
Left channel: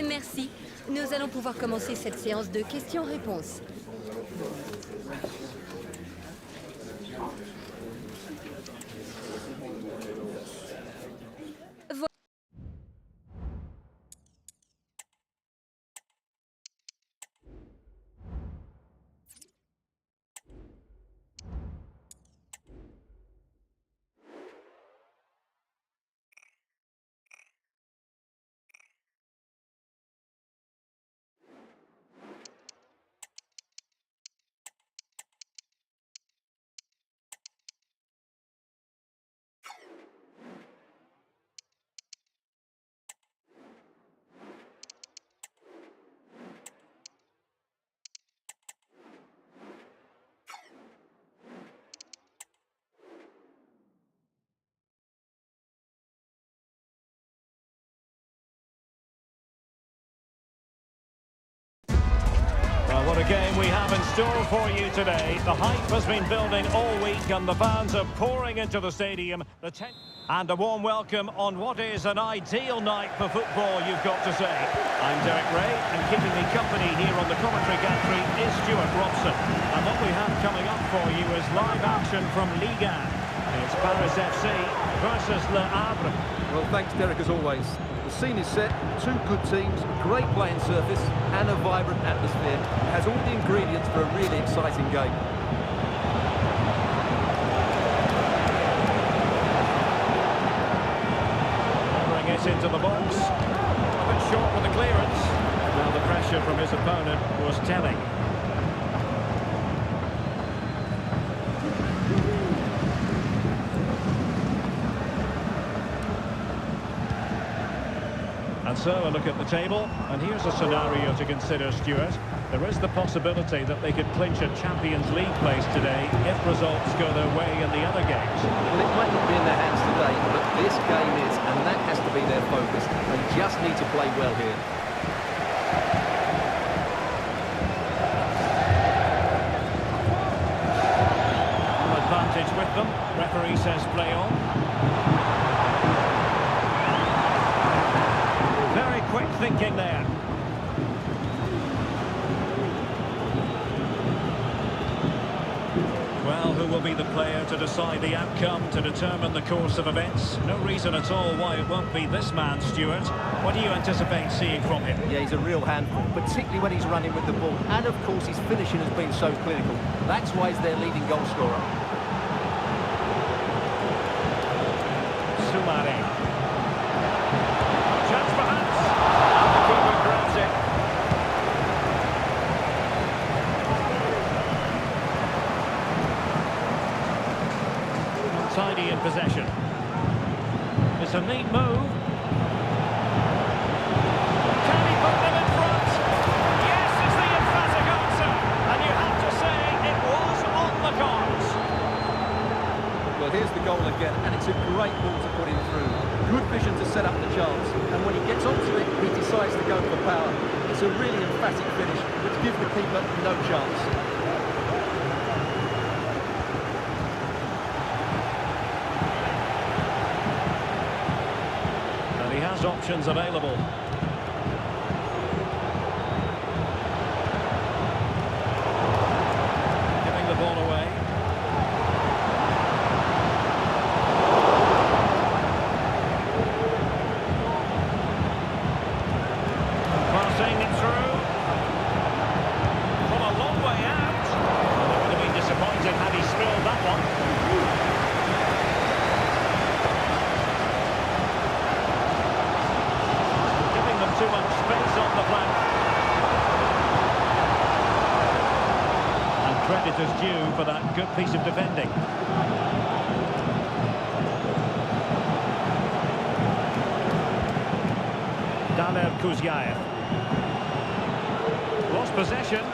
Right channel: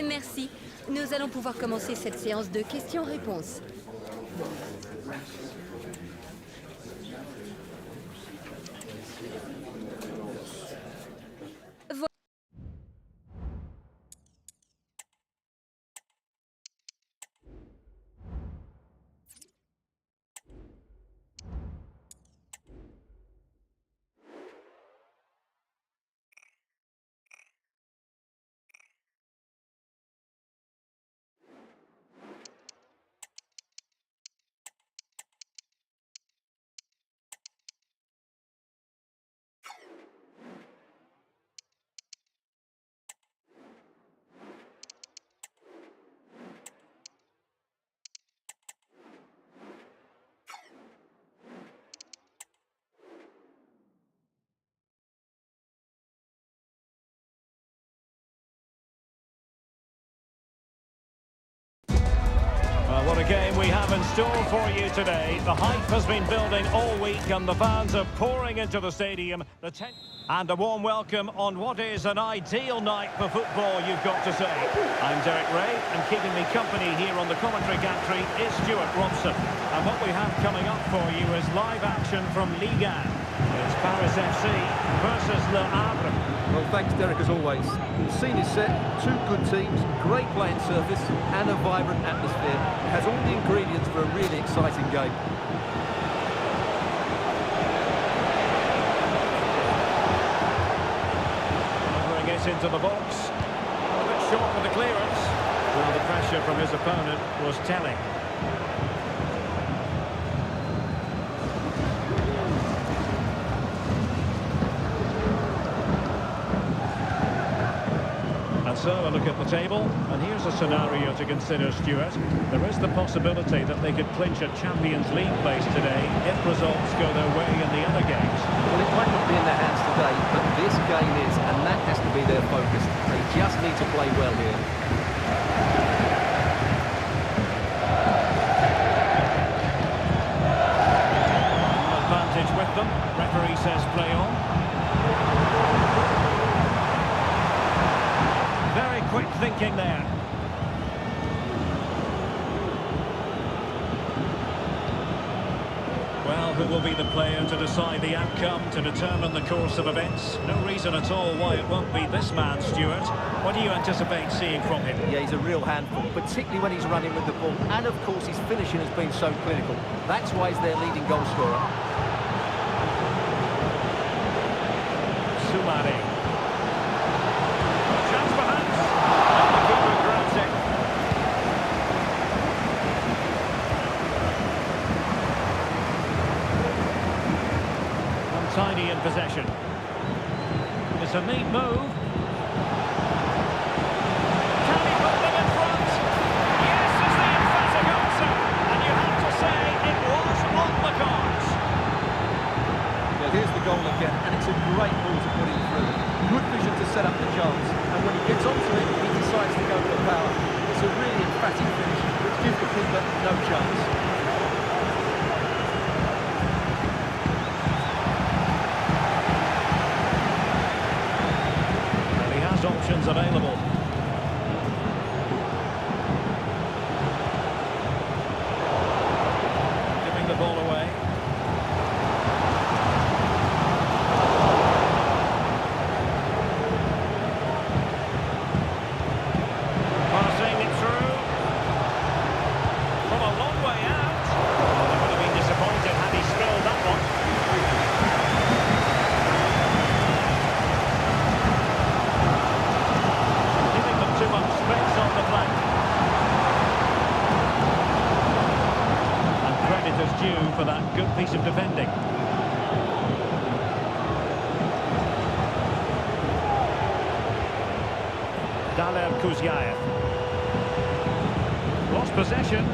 Merci. Nous allons pouvoir commencer cette séance de questions-réponses. game we have in store for you today. The hype has been building all week and the fans are pouring into the stadium. And a warm welcome on what is an ideal night for football, you've got to say. I'm Derek Ray, and keeping me company here on the commentary gantry is Stuart Robson. And what we have coming up for you is live action from Ligue 1. It's Paris FC versus Le Havre. Well, thanks, Derek, as always. The scene is set, two good teams, great playing surface, and a vibrant atmosphere. It has all the ingredients for a really exciting game. Delivering it into the box. A bit short with the clearance. Well, the pressure from his opponent was telling. And so a look at the table, and here's a scenario to consider, Stuart. There is the possibility that they could clinch a Champions League place today if results go their way in the other games. Well, it might not be in their hands today, but this game is, and that has to be their focus. They just need to play well here. Advantage with them. Referee says play on. Very quick thinking there. Well, who will be the player to decide the outcome, to determine the course of events? No reason at all why it won't be this man, Stuart. What do you anticipate seeing from him? Yeah, he's a real handful, particularly when he's running with the ball. And, of course, his finishing has been so clinical. That's why he's their leading goal scorer. Soumare. Chance perhaps. And the keeper grabs it. Untidy in possession. It's a neat move. Can he put them in front? Yes is the emphatic answer. And you have to say it was on the cards. Well, here's the goal again, and it's a great ball to put him through. Good vision to set up the chance, and when he gets onto it, he decides to go for power. It's a really emphatic finish, which gives the keeper no chance. And he has options available. Giving the ball away. Passing it through from a long way out. Well, they would have been disappointed had he spilled that one. And giving them too much space on the flank. And credit is due for that good piece of defending. Daler Kuzyaev. Lost possession.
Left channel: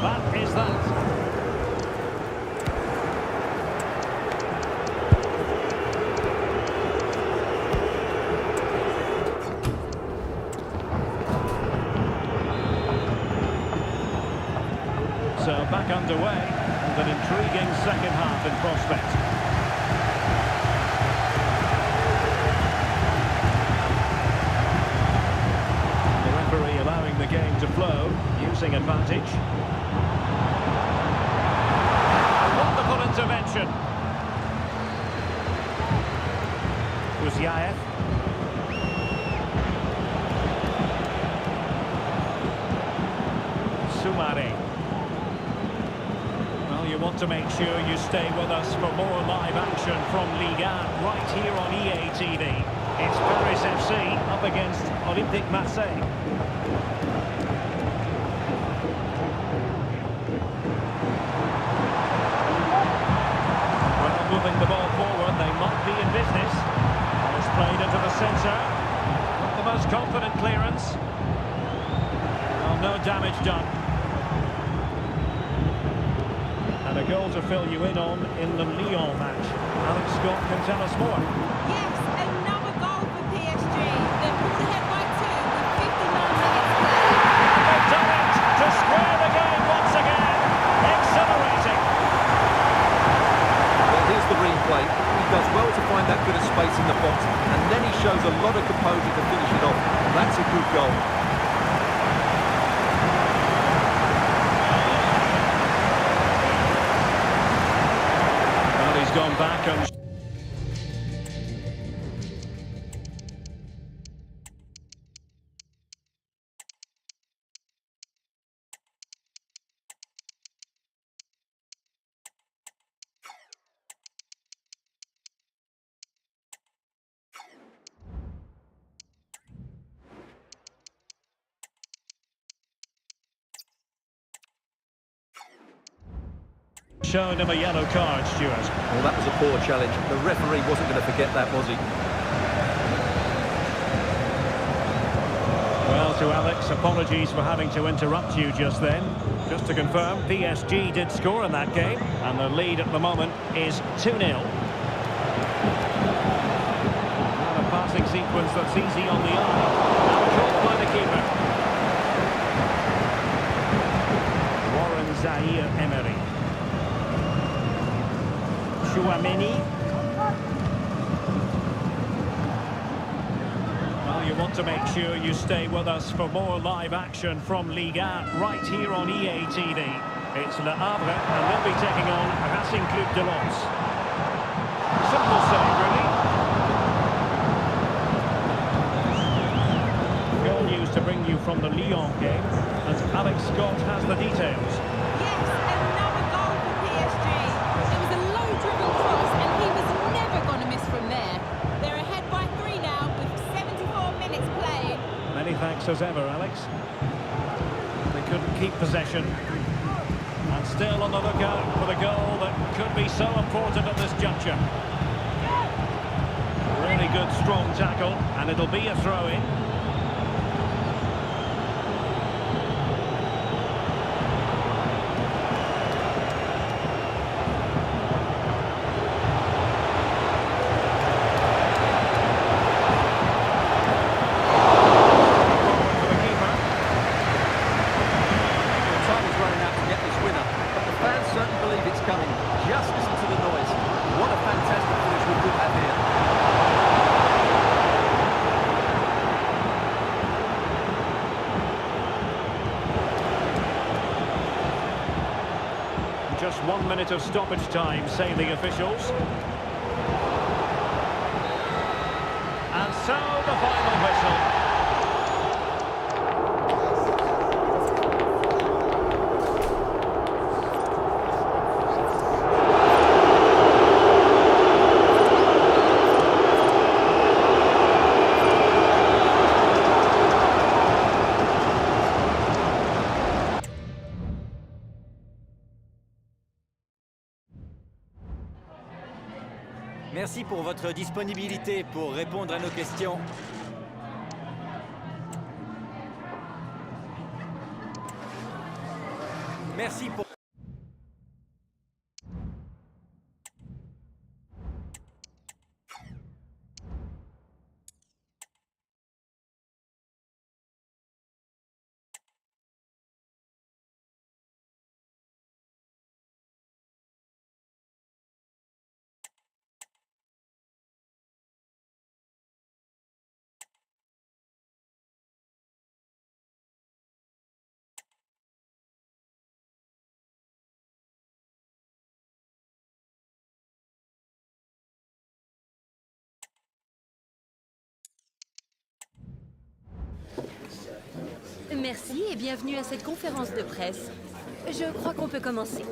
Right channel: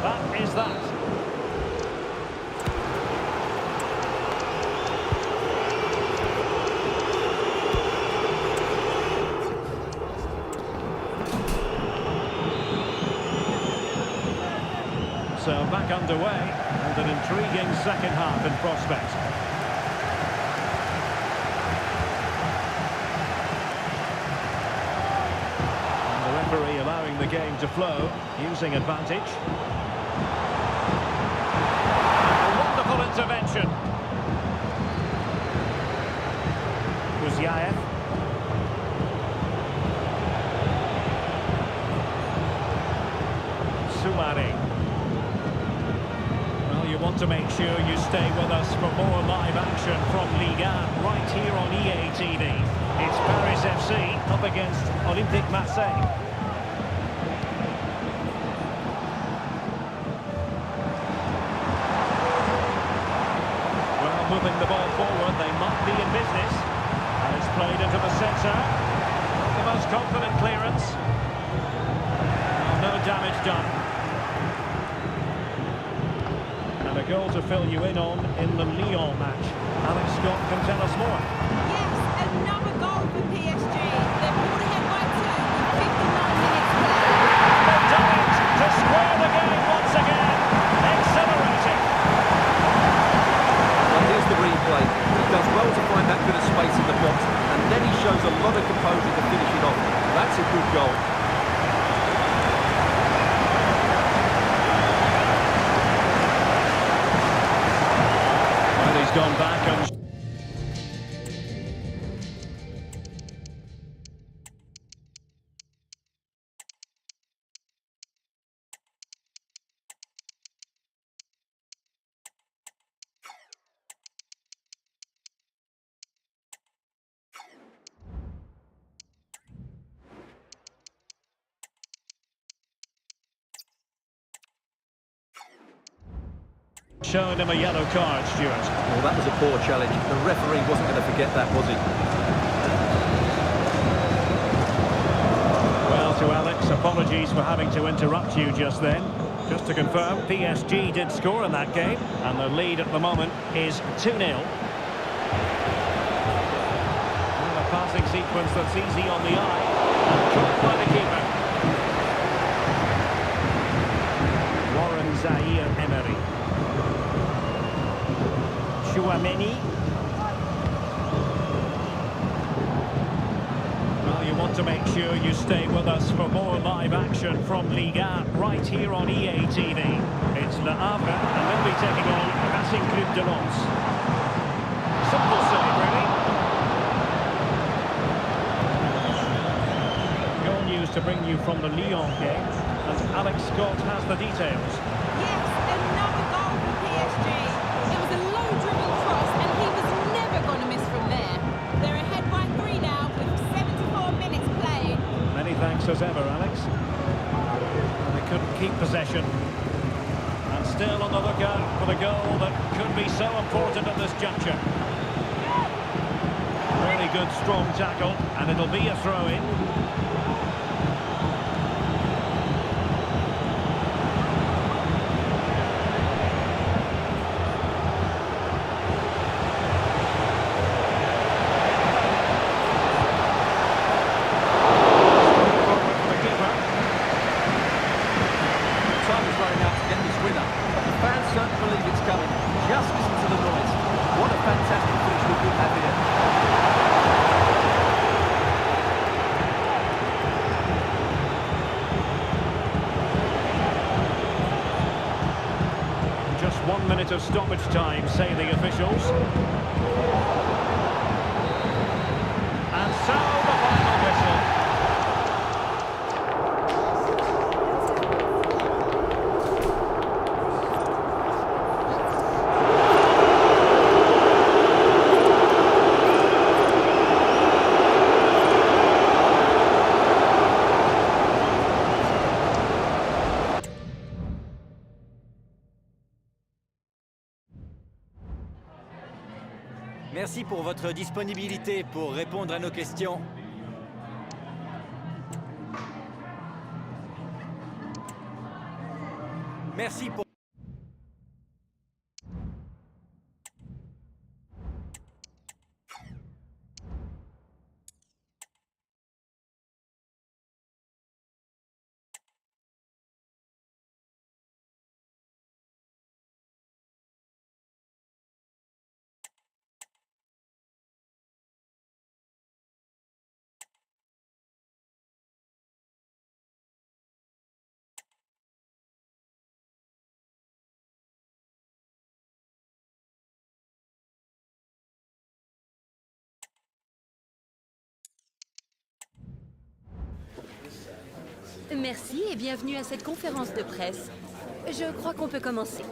That is that. So back underway. And an intriguing second half in prospect. And the referee allowing the game to flow, using advantage. A wonderful intervention. Kuzyaev. Soumare. You want to make sure you stay with us for more live action from Ligue 1 right here on EA TV. It's Paris FC up against Olympique Marseille. Well, moving the ball forward, they might be in business. And it's played into the centre. Not the most confident clearance. Well, no damage done. And a goal to fill you in on in the Lyon match. Alex Scott can tell us more. Yes, and play. He does well to find that bit of space in the box, and then he shows a lot of composure to finish it off. That's a good goal. Well, he's gone back and... showing him a yellow card, Stuart. Well, that was a poor challenge. The referee wasn't going to forget that, was he? Well, to Alex, apologies for having to interrupt you just then. Just to confirm, PSG did score in that game, and the lead at the moment is 2-0. Well, a passing sequence that's easy on the eye, and caught by the keeper. Warren Zaire-Emery. Chouameni. Well, you want to make sure you stay with us for more live action from Liga right here on EA TV. It's Le Havre, and they'll be taking on Racing Club de Lens. Simple save, really. Goal news to bring you from the Lyon game, and Alex Scott has the details. Yes, another goal for PSG. It was a low-driven cross, and he was never going to miss from there. They're ahead by 3 now, with 74 minutes played. Many thanks as ever, Alex. Well, they couldn't keep possession. And still on the lookout for the goal that could be so important at this juncture. Really good, strong tackle, and it'll be a throw-in. Time is running out to get this winner, but the fans certainly believe it's coming. Just listen to the noise. What a fantastic finish we could have here. Just 1 minute of stoppage time, say the officials. And so the final whistle. Merci pour votre disponibilité pour répondre à nos questions. Merci pour... Merci et bienvenue à cette conférence de presse. Je crois qu'on peut commencer.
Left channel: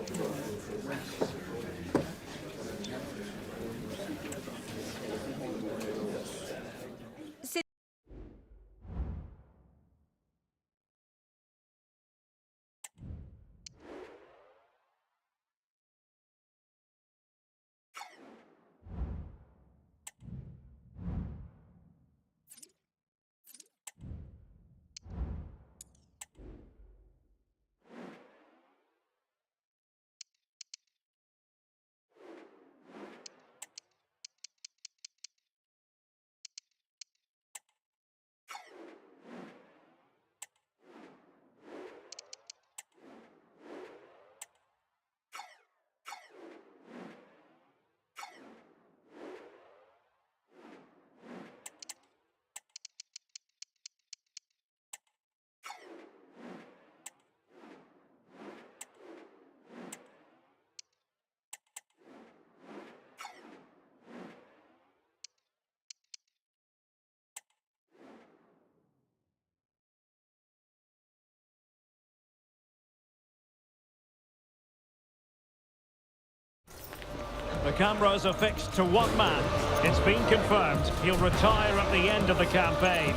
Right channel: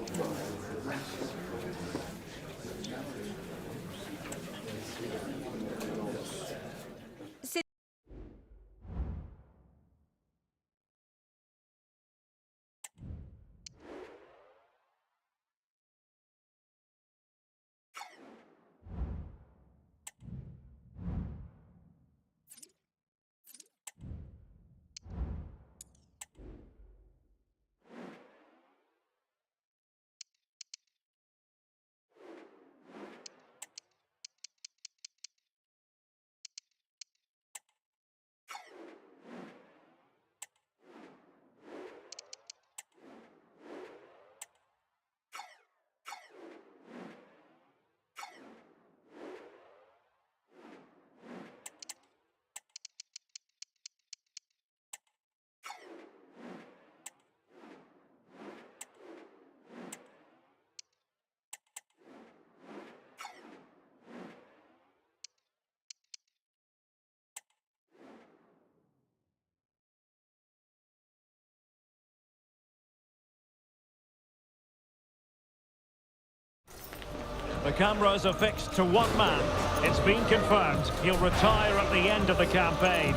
The cameras are fixed to one man. It's been confirmed he'll retire at the end of the campaign.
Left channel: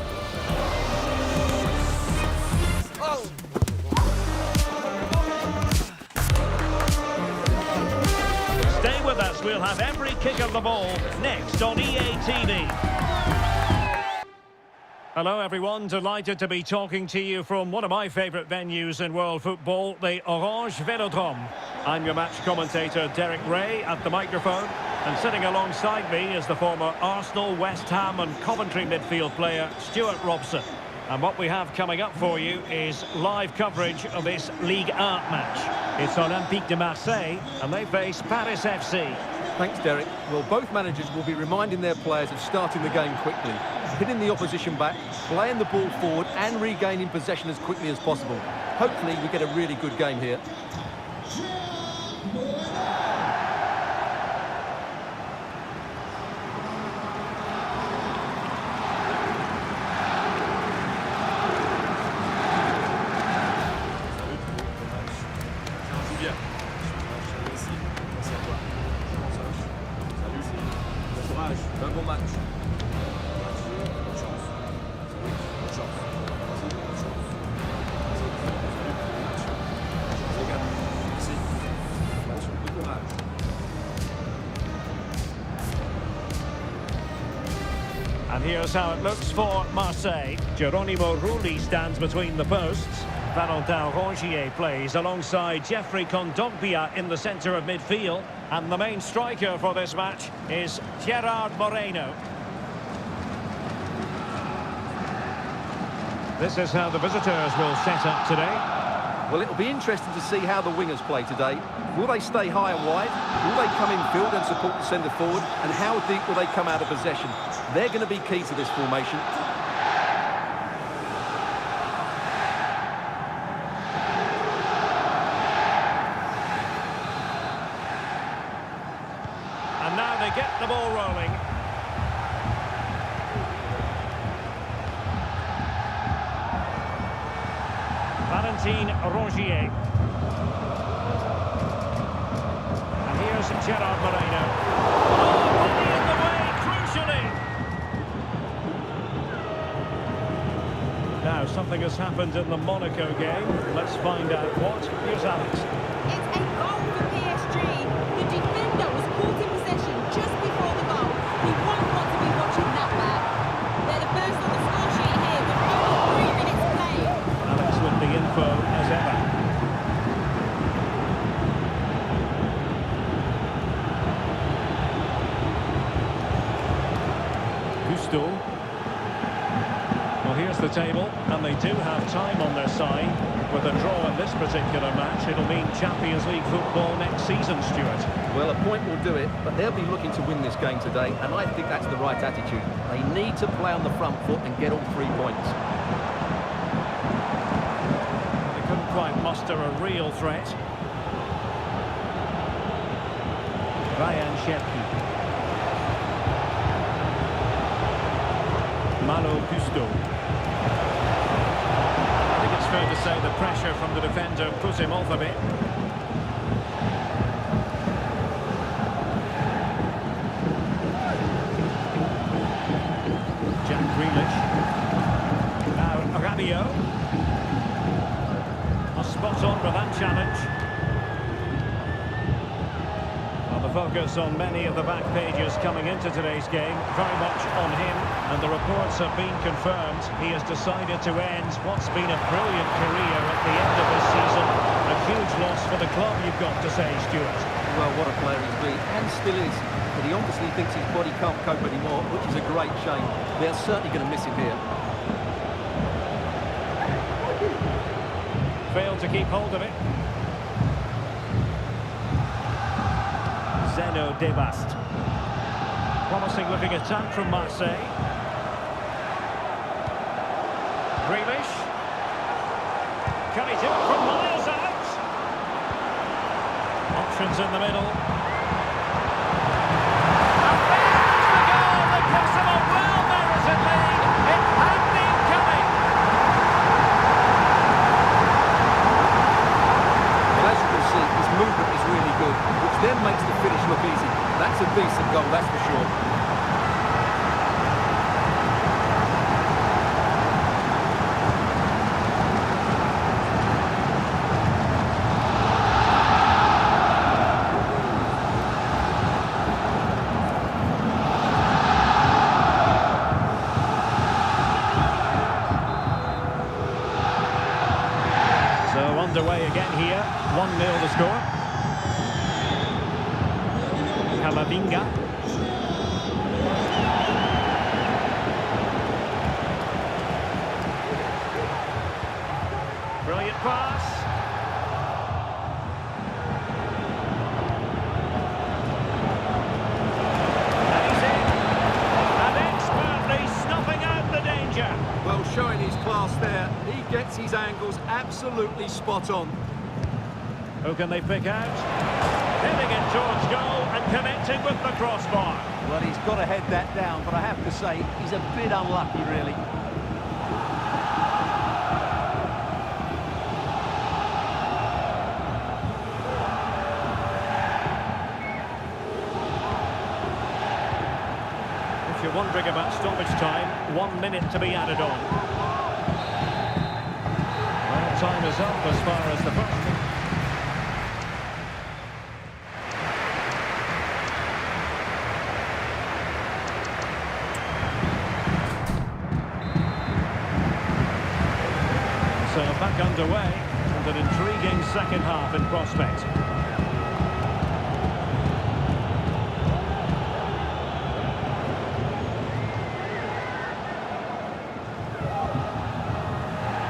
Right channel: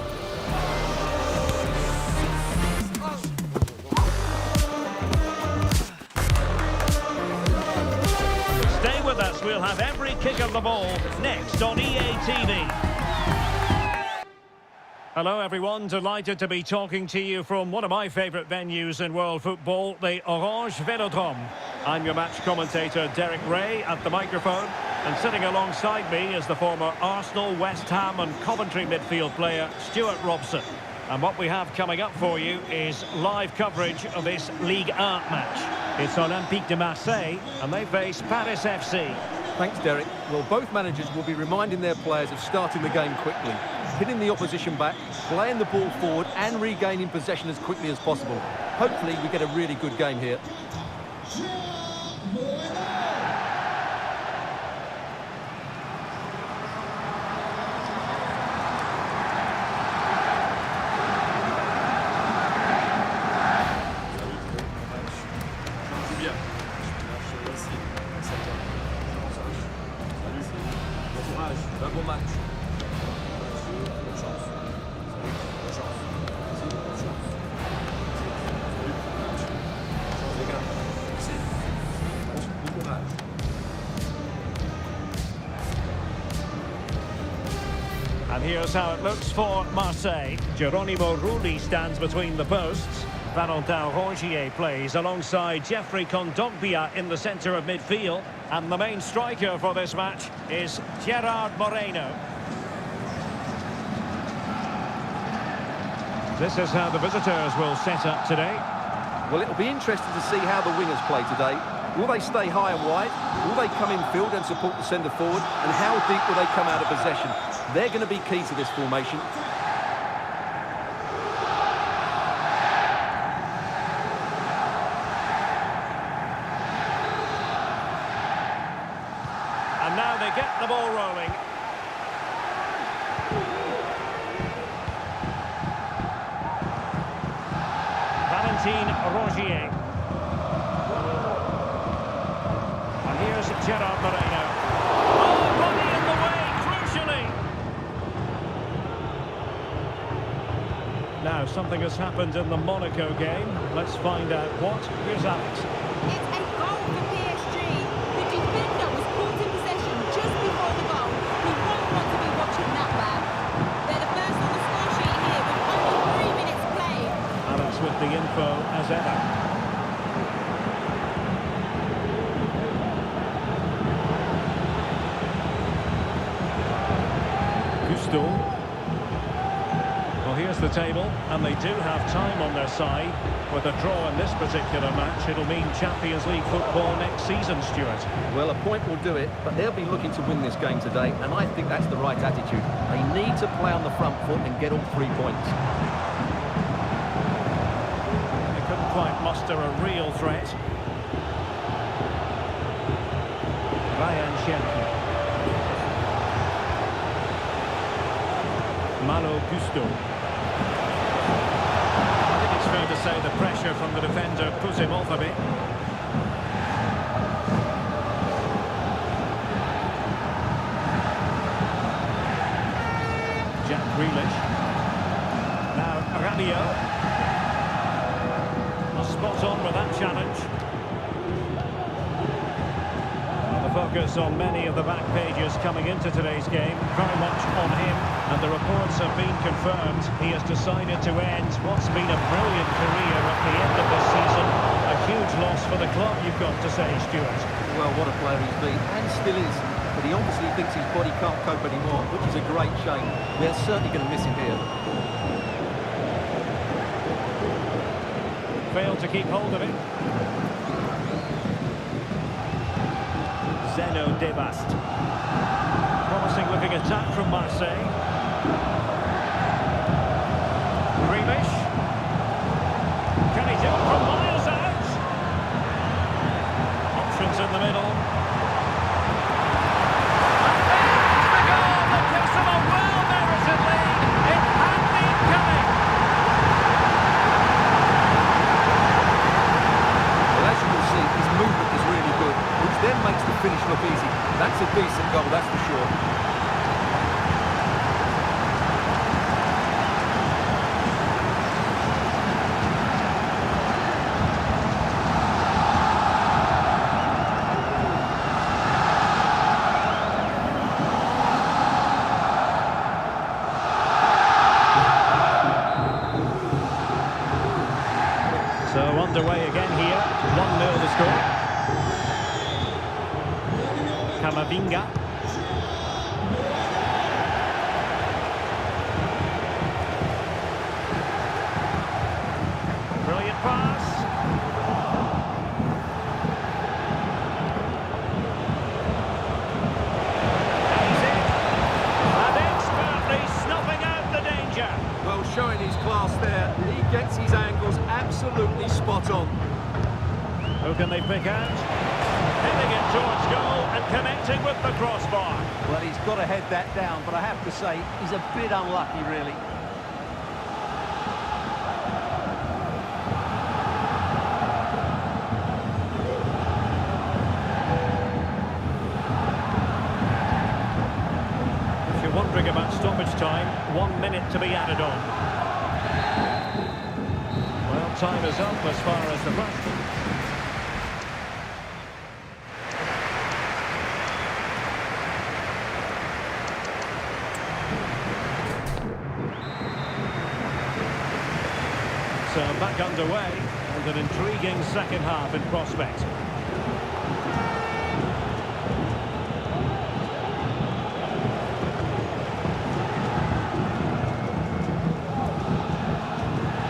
Stay with us, we'll have every kick of the ball next on EA TV. Hello everyone, delighted to be talking to you from one of my favourite venues in world football, the Orange Velodrome. I'm your match commentator Derek Ray at the microphone, and sitting alongside me is the former Arsenal, West Ham and Coventry midfield player Stuart Robson. And what we have coming up for you is live coverage of this Ligue 1 match. It's Olympique de Marseille and they face Paris FC. Thanks, Derek. Well, both managers will be reminding their players of starting the game quickly, hitting the opposition back, playing the ball forward and regaining possession as quickly as possible. Hopefully we get a really good game here. Bon match. Bonne chance. Salut, bonne chance. Merci, bonne chance. Merci, salut, bon match. Bonne chance les gars. Merci. Match, bon courage. And here's how it looks for Marseille. Geronimo Rulli stands between the posts. Valentin Rongier plays alongside Jeffrey Kondogbia in the centre of midfield. And the main striker for this match is Gerard Moreno. This is how the visitors will set up today. Well, it'll be interesting to see how the wingers play today. Will they stay high and wide? Will they come in field and support the centre forward? And how deep will they come out of possession? They're going to be key to this formation. And now they get the ball rolling. Valentin Rongier. And here's Gerard Moreno. Oh, body in the way, crucially. Now, something has happened in the Monaco game. Let's find out what. Here's Alex. It's a goal for PSG. The defender was caught in possession just before the goal. He won't want to be watching that back. They're the first on the score sheet here with only 3 minutes played. Alex with the info as ever. Gusto. Well, here's the table, and they do have time on their side. With a draw in this particular match, it'll mean Champions League football next season, Stuart. Well, a point will do it, but they'll be looking to win this game today, and I think that's the right attitude. They need to play on the front foot and get all 3 points. They couldn't quite muster a real threat. Ryan Cherki. Malo Gusto. I think it's fair to say the pressure from the defender put him off a bit. Jack Grealish. Now Rabiot. Spot on with that challenge. Well, the focus on many of the back pages coming into today's game, very much on him, and the reports have been confirmed. He has decided to end what's been a brilliant career at the end of this season. A huge loss for the club, you've got to say, Stuart. Well, what a player he's been, and still is. But he obviously thinks his body can't cope anymore, which is a great shame. They're certainly going to miss him here. Failed to keep hold of it. Zeno Debast. Promising looking attack from Marseille. Grealish. Can he do it from miles out? Options in the middle. And there is the goal that gives them a well-merited lead. It had been coming. Well, as you can see, his movement is really good, which then makes the finish look easy. That's a decent goal, that's for sure. So underway again here, 1-0 the score. Camavinga. Brilliant pass. And he's in. And expertly snuffing out the danger. Well, showing his class there, he gets his angles absolutely spot on. Who can they pick out? Heading it towards goal and connecting with the crossbar. Well, he's got to head that down, but I have to say, he's a bit unlucky, really. If you're wondering about stoppage time, 1 minute to be added on. Well, time is up as far as the first. So back underway, and an intriguing second half in prospect.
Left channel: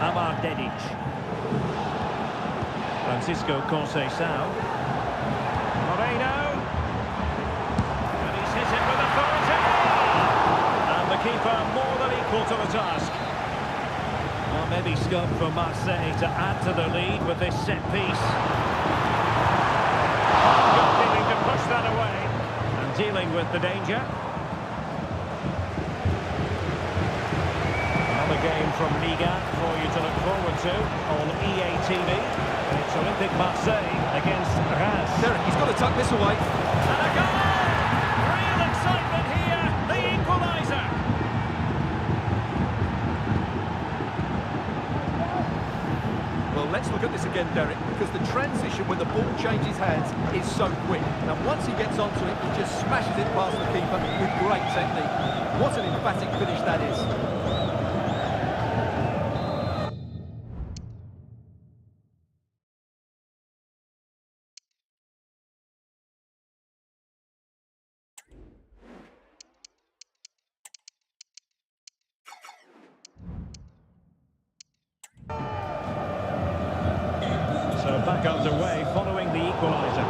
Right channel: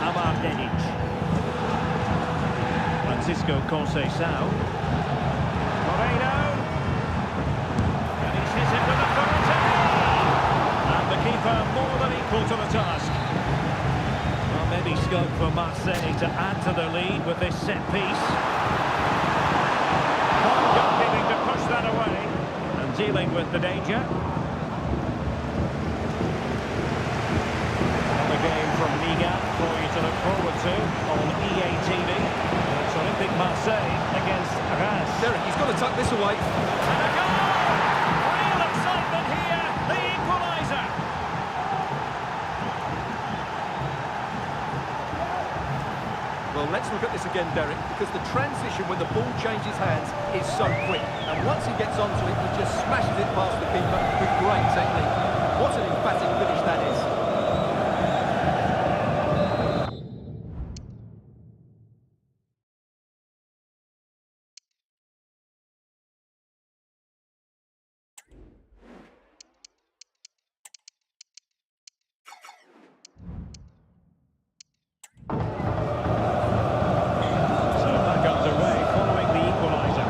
Amar Dedic. Francisco Conceição. Moreno. And he's hit it with authority. And the keeper more than equal to the task. Well, maybe scope for Marseille to add to their lead with this set piece. Home goalkeeping to push that away. And dealing with the danger. Another game from Liga for you to look forward to on EA TV. It's Olympique Marseille against Reims. Derek, he's got to tuck this away. And a goal! Real excitement here, the equaliser. Well, let's look at this again, Derek, because the transition when the ball changes hands is so quick. And once he gets onto it, he just smashes it past the keeper with great technique. What an emphatic finish that is. So back underway following the equaliser.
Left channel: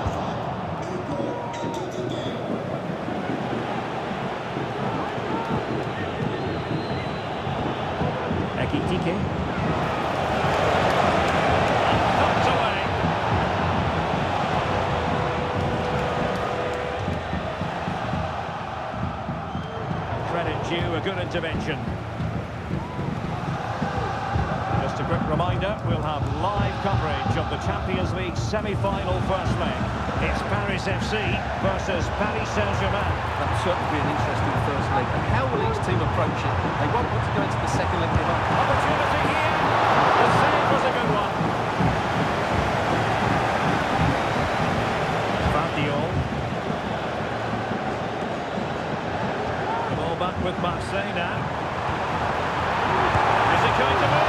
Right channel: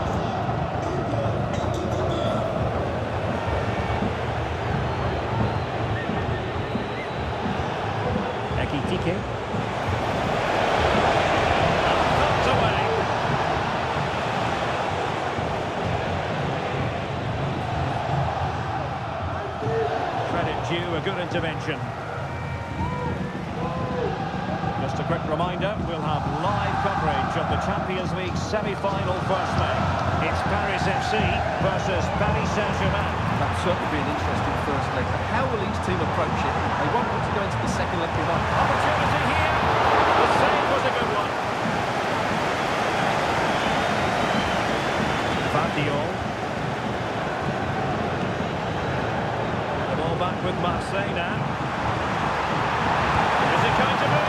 Ekitike. And thumped away. Credit due, a good intervention. Just a quick reminder, we'll have live coverage of the Champions League semi-final first leg. It's Paris FC versus Paris Saint-Germain. That will certainly be an interesting first leg. And how will each team approach it? They won't want to go into the second leg behind. Opportunity here. The save was a good one. Vardiol. The ball back with Marseille now. Is it going to be?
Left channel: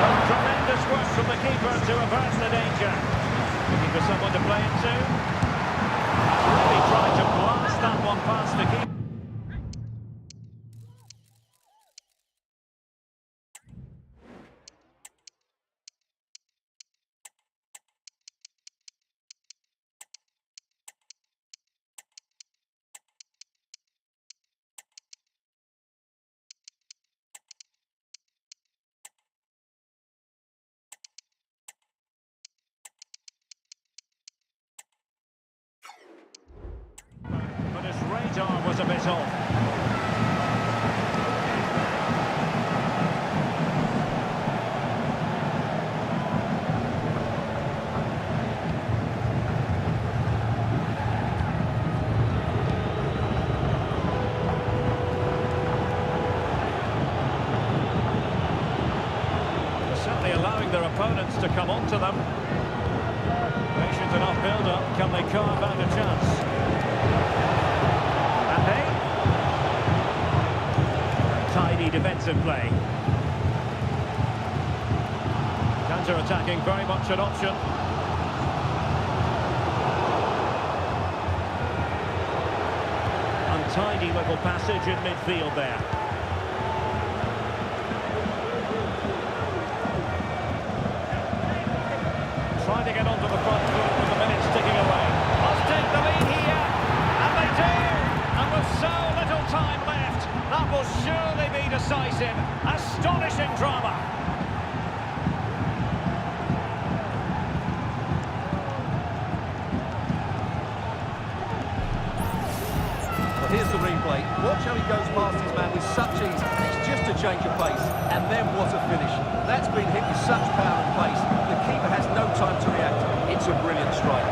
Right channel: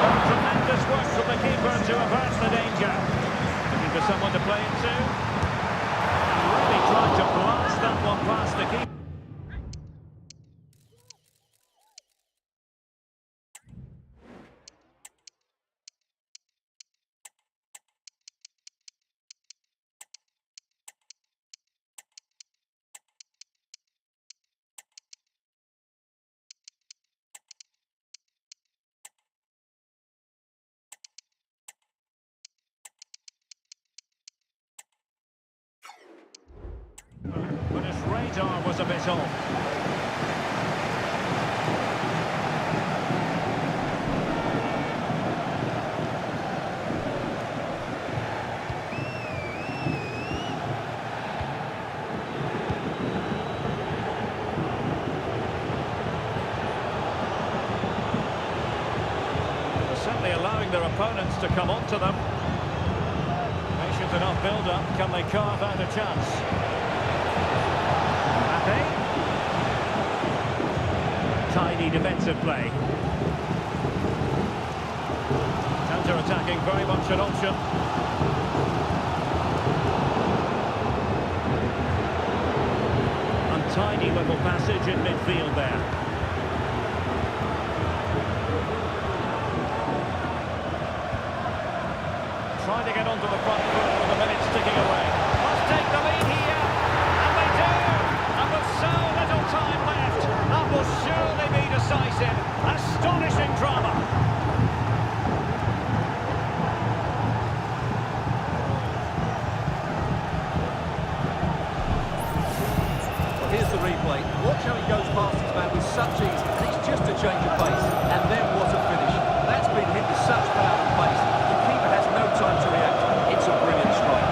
Oh, tremendous work from the keeper to avert the danger. Looking for someone to play it to. And really tried to blast that one past the keeper. But his radar was a bit off. allowing their opponents to come onto them. Patient enough build-up. Can they carve out a chance? Mbappe. Tidy defensive play. Counter-attacking, very much an option. Untidy little passage in midfield there. Trying to get onto the front foot with the minutes ticking away. Must take the lead here, and they do! And with so little time left, that will surely be decisive. Astonishing drama. Well, here's the replay. Watch how he goes past his man with such ease, and it's just a change of pace. And then what a finish. That's been hit with such power and pace. The keeper has no time to react. It's a brilliant strike.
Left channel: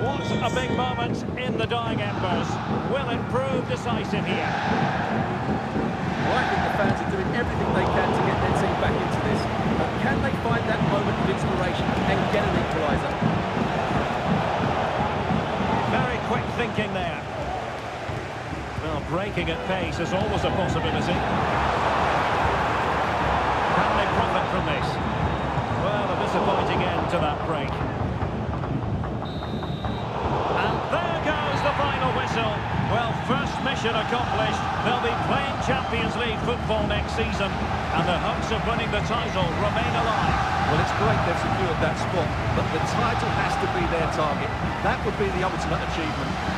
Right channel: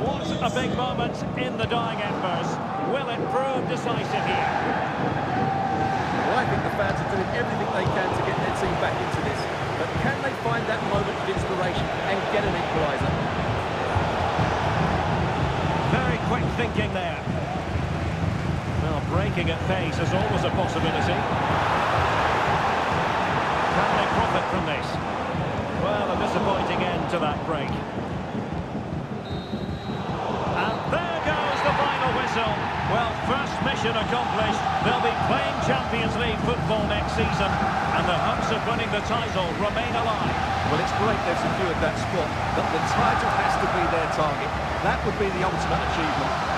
What a big moment in the dying embers. Will it prove decisive here? Well, I think the fans are doing everything they can to get their team back into this. But can they find that moment of inspiration and get an equaliser? Very quick thinking there. Well, breaking at pace is always a possibility. Can they profit from this? Well, a disappointing end to that break. And there goes the final whistle. Well, first mission accomplished. They'll be playing Champions League football next season, and the hopes of winning the title remain alive. Well, it's great they've secured that spot, but the title has to be their target. That would be the ultimate achievement.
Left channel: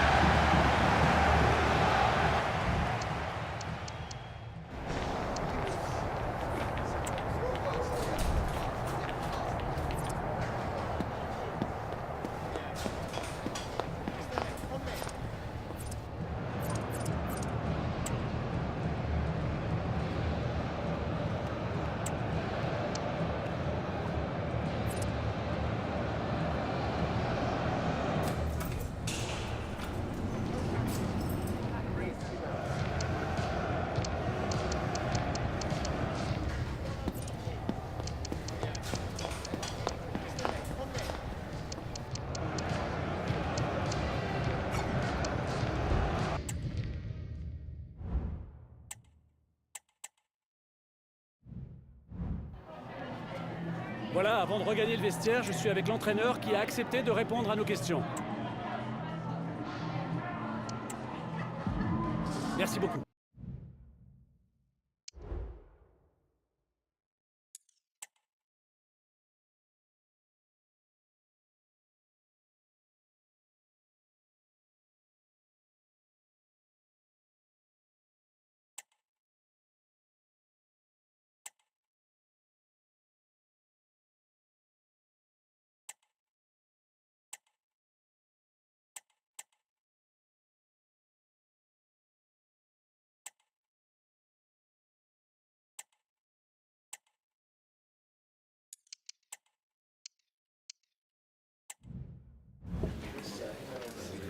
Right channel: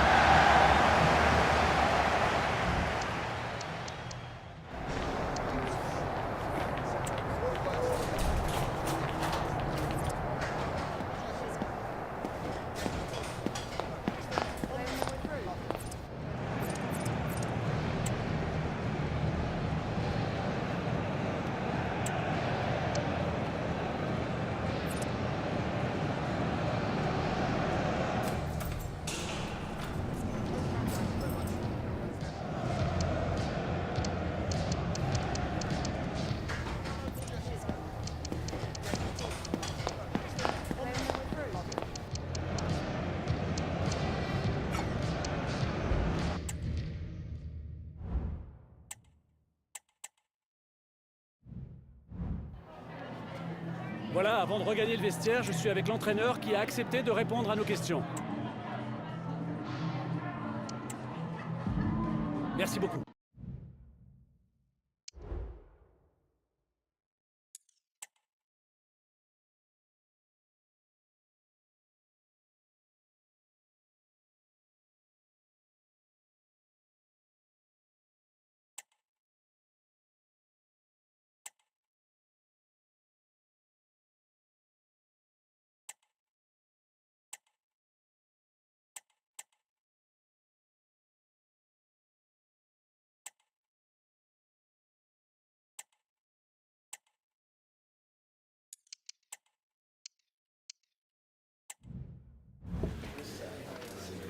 Voilà, avant de regagner le vestiaire, je suis avec l'entraîneur qui a accepté de répondre à nos questions. Merci beaucoup.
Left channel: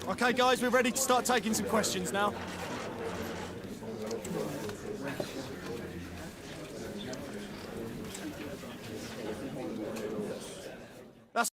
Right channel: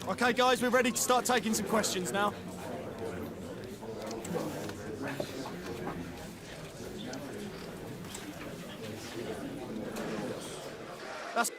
Okay, guys, we're ready to start taking some questions now. That's...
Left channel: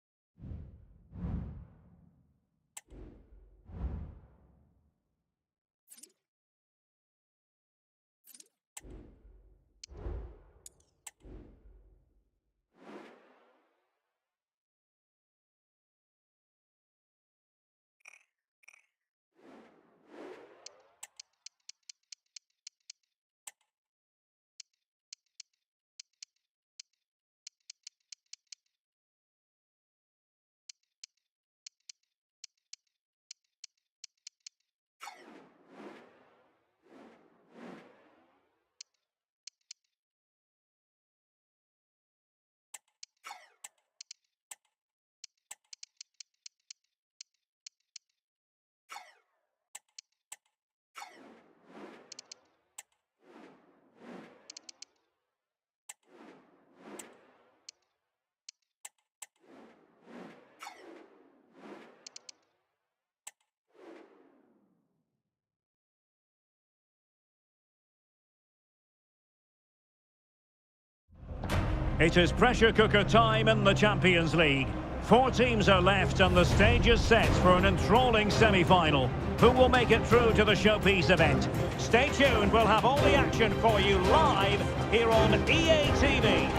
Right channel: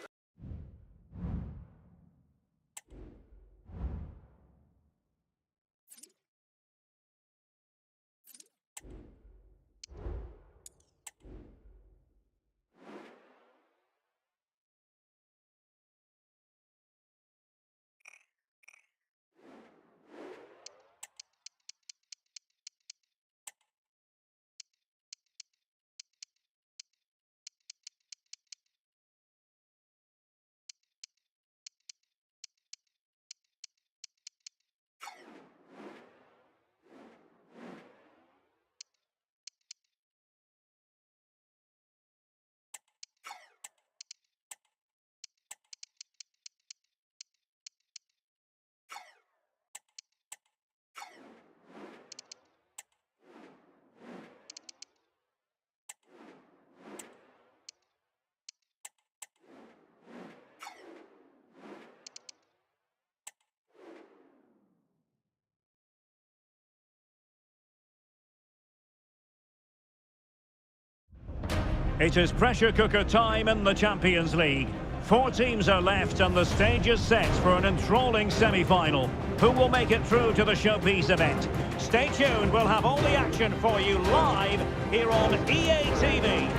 It is pressure cooker time in the Champions League. 4 teams are left and the stage is set for an enthralling semi-final. Who will make it through to the showpiece event? Stay tuned, we'll have all the action for you live here on EA TV.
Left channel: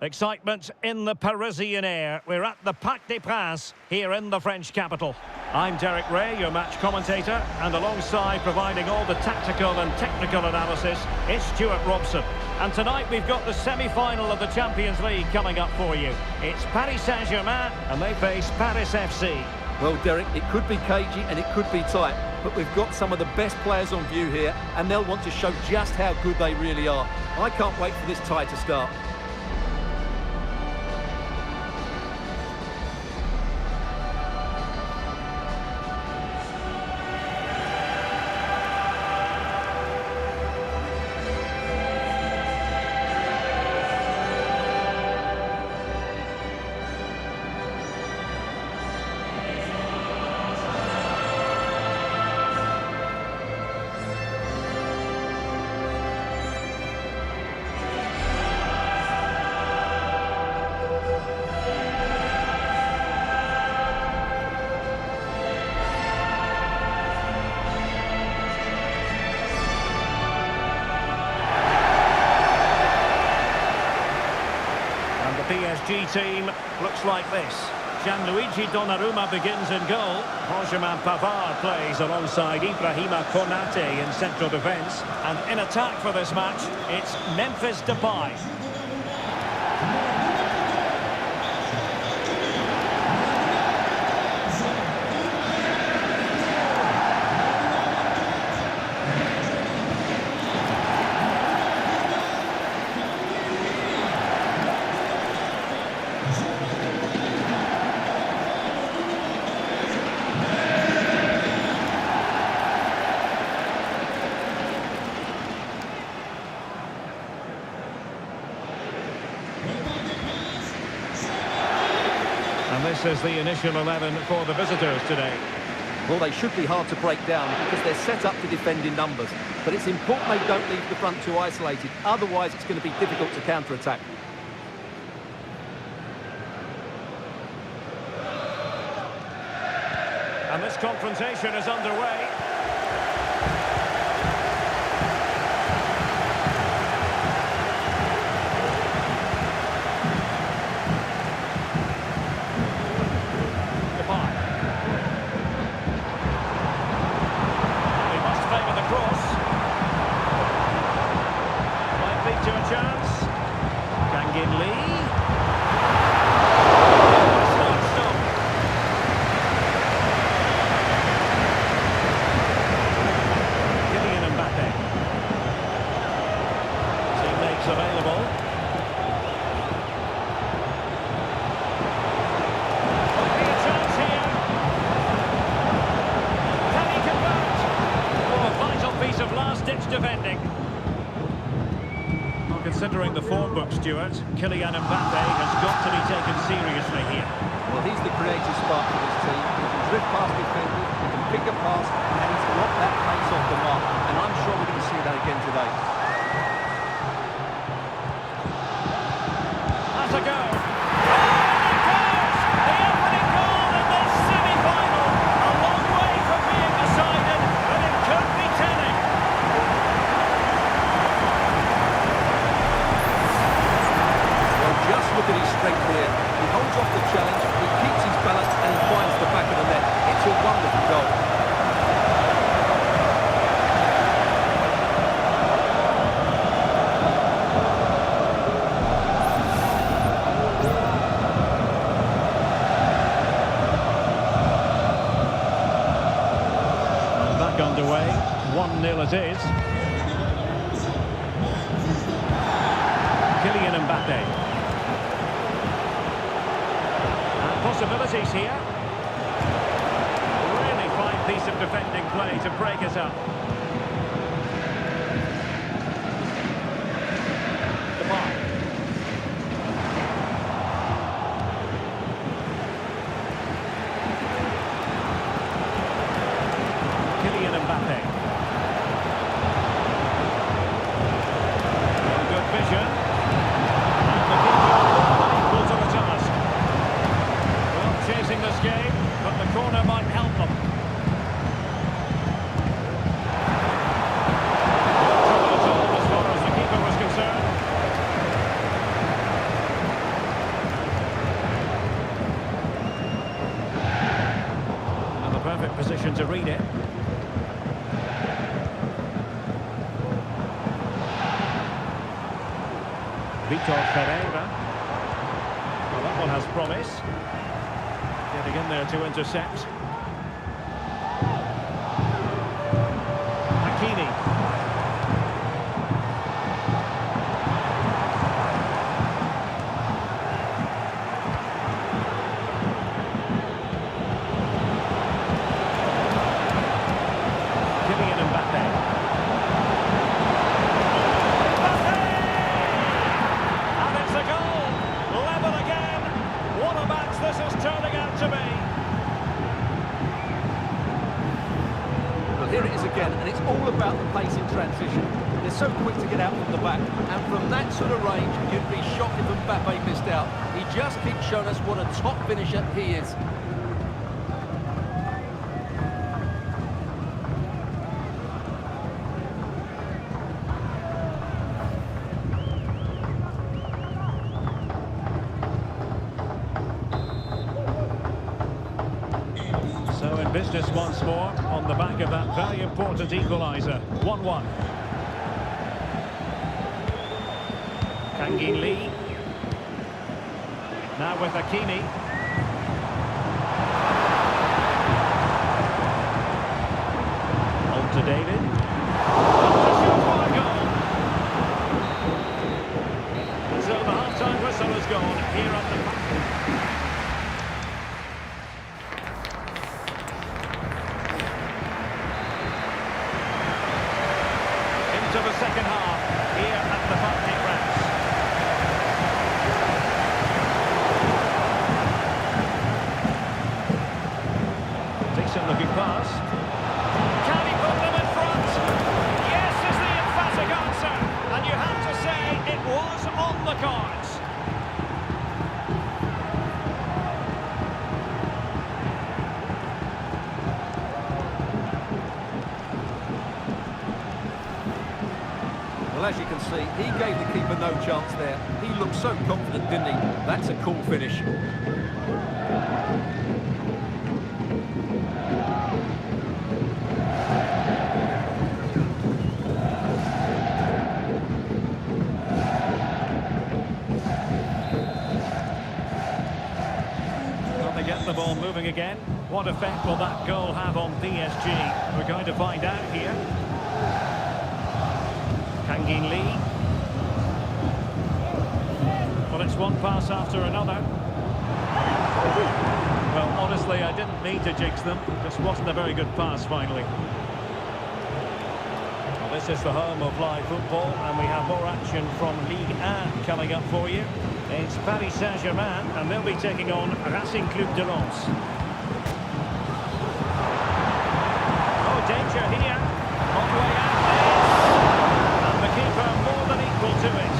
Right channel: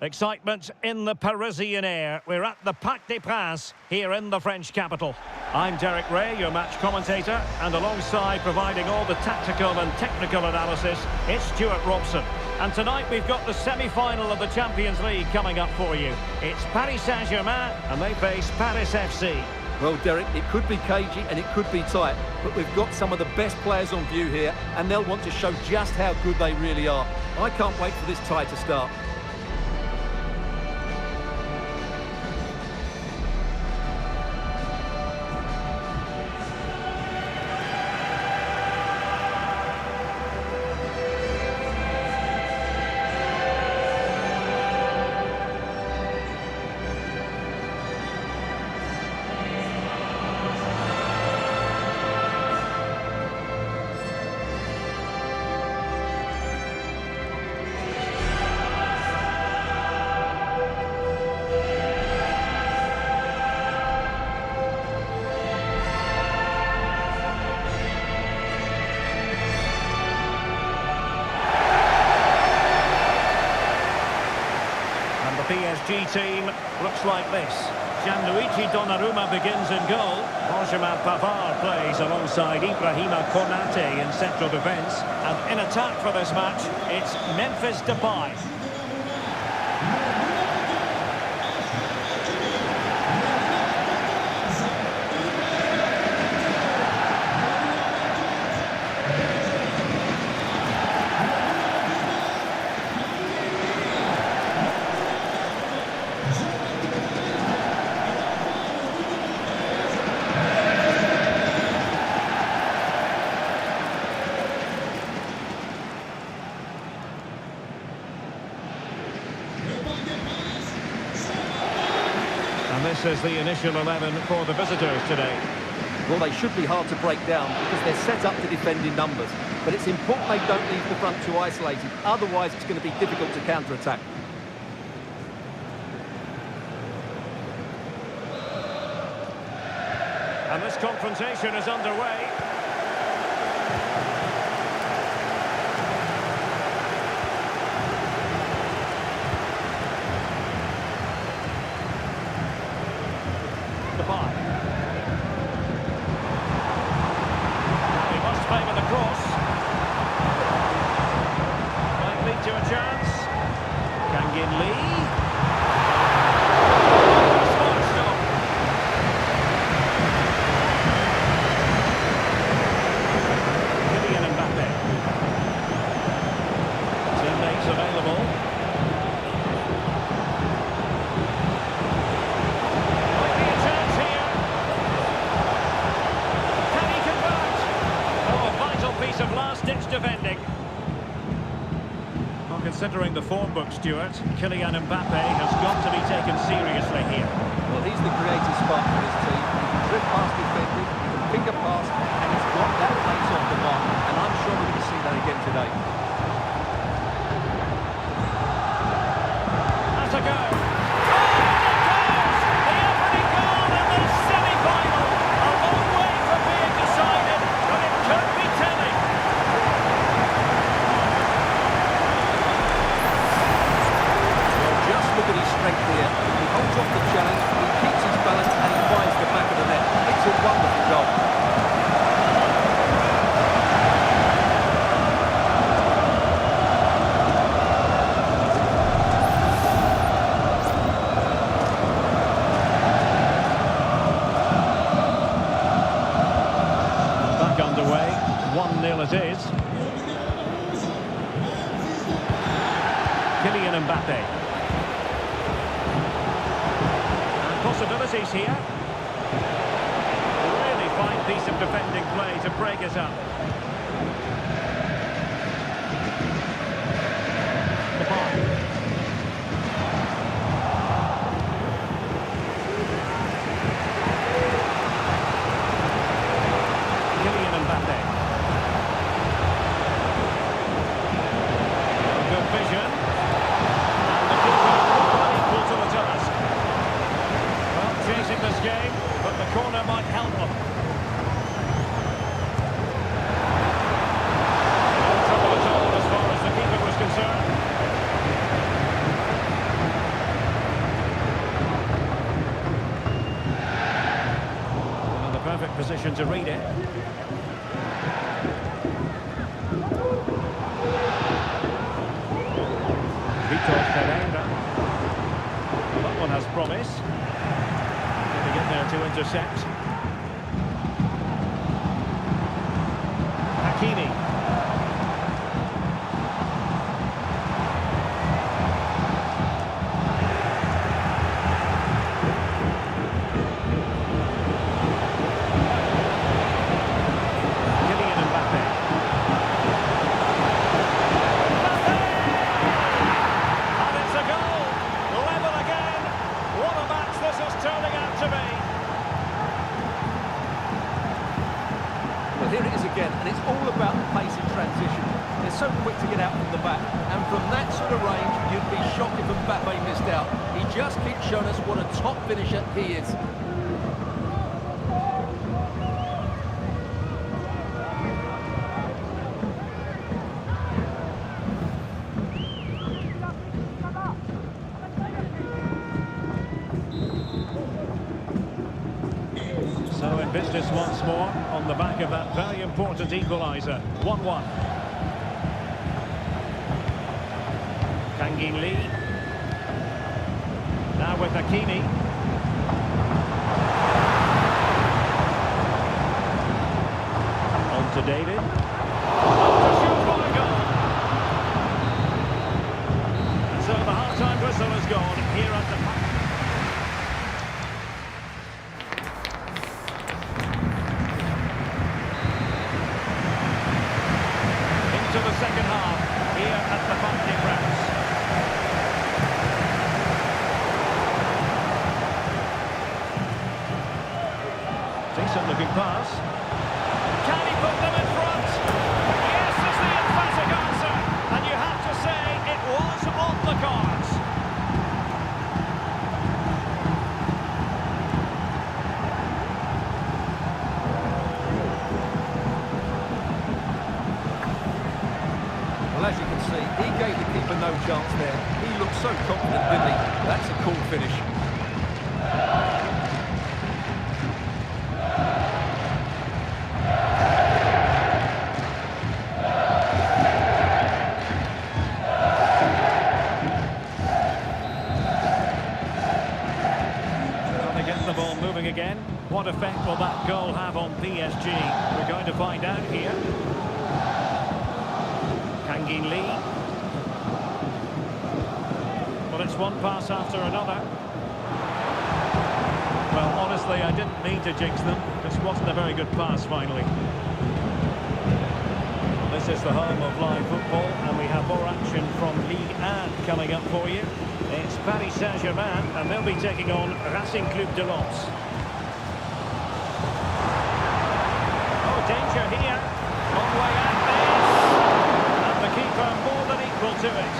Excitement in the Parisian air. We're at the Parc des Princes here in the French capital. I'm Derek Ray, your match commentator, and alongside providing all the tactical and technical analysis, it's Stuart Robson. And tonight we've got the semi-final of the Champions League coming up for you. It's Paris Saint-Germain and they face Paris FC. Well, Derek, it could be cagey and it could be tight, but we've got some of the best players on view here and they'll want to show just how good they really are. I can't wait for this tie to start. PSG team looks like this. Gianluigi Donnarumma begins in goal. Benjamin Pavard plays alongside Ibrahima Konate in central defence. And in attack for this match, it's Memphis Depay. And this is the initial 11 for the visitors today. Well, they should be hard to break down because they're set up to defend in numbers. But it's important they don't leave the front too isolated. Otherwise, it's going to be difficult to counter-attack. And this confrontation is underway. Depay. Now he must favour the cross. Might lead to a chance. Kangin Lee. Smart stop. Kylian Mbappe. Teammates available. Might be a chance here. Can he convert? Oh, a vital piece of last-ditch defending. Well, considering the form book, Stuart, Kylian Mbappe has got to be taken seriously here. Well, he's the creative spark for this team. He can drift past defenders, he can pick a pass, and he's got that pace off the mark. And I'm sure we're going to see that again today. Has a go. Oh, and it goes! The opening goal in this semi-final. A long way from being decided, but it could be telling. Well, just look at his strength here. He holds off the challenge, he keeps his balance, and he finds the back of the net. It's a wonderful goal. And back underway, 1-0 it is. Kylian Mbappe. Possibilities here. Really fine piece of defending play to break it up. Depay. Kylian Mbappe. vision. And the keeper more than equal to the task. Well, chasing this game, but the corner might help them. No trouble at all as far as the keeper was concerned. And the perfect position to read it. Vitor Ferreira. Well, that one has promise. Getting in there to intercept. Hakimi. Kylian Mbappe. This is turning out to be. Well, here it is again, and it's all about the pace in transition. They're so quick to get out from the back, and from that sort of range, you'd be shocked if Mbappe missed out. He just keeps showing us what a top finisher he is. So in business once more, on the back of that very important equaliser. 1-1. Kangin Lee. Now with Hakimi. On to David. Up to shoot for a goal. And so the half-time whistle has gone here at the back. To the second half here at the Parc des Princes. Decent looking pass. Can he put them in front? Yes is the emphatic answer, and you have to say it was on the cards. Well, as you can see, he gave the keeper no chance there. He looked so confident, didn't he? That's a cool finish. Well, they get the ball moving again. What effect will that goal have on PSG? We're going to find out here. Kangin Lee. Well, it's one pass after another. Well, honestly, I didn't mean to jinx them. Just wasn't a very good pass, finally. Well, this is the home of live football, and we have more action from Ligue 1 coming up for you. It's Paris Saint-Germain, and they'll be taking on Racing Club de Lens. Oh, danger here. On the way out this. The keeper more than equal to it.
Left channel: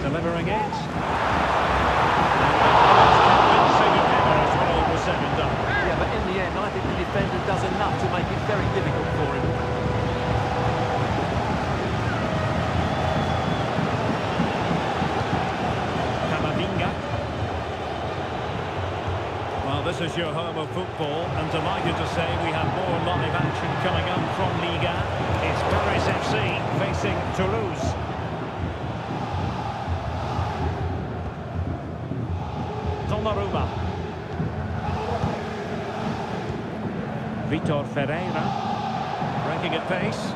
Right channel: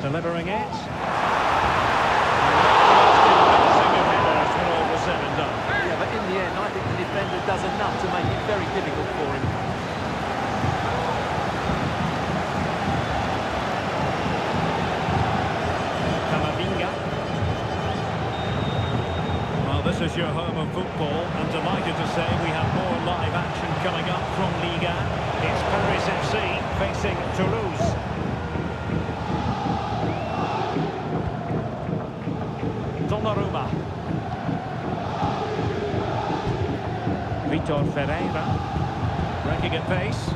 Delivering it. And that's the most convincing of headers when all was said and done. Yeah, but in the end, I think the defender does enough to make it very difficult for him. Camavinga. Well, this is your home of football, and delighted to say we have more live action coming up from Ligue 1. It's Paris FC facing Toulouse. Donnarumma. Vitor Ferreira. Breaking at pace.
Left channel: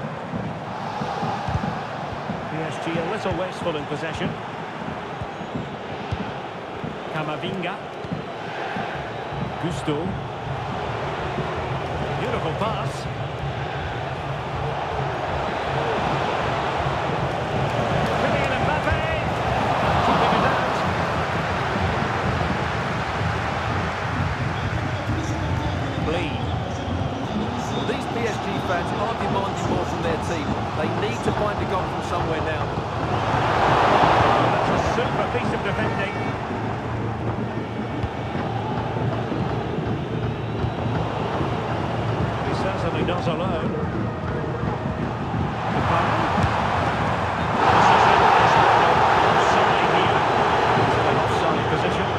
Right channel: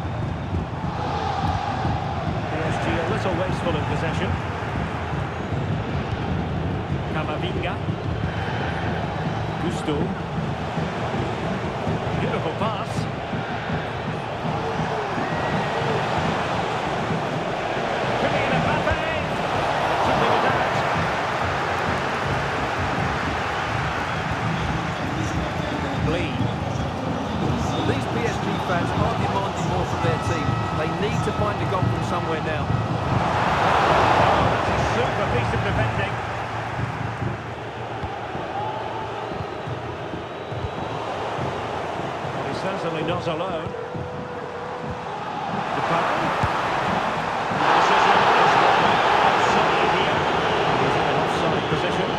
PSG a little wasteful in possession. Camavinga. Gusto. Beautiful pass. Kylian Mbappe. Keeping it out. need to find a goal from somewhere now. Oh, that's a super piece of defending. Well, he's certainly not alone. Depay. The decision is one of offside here. He's in an offside position.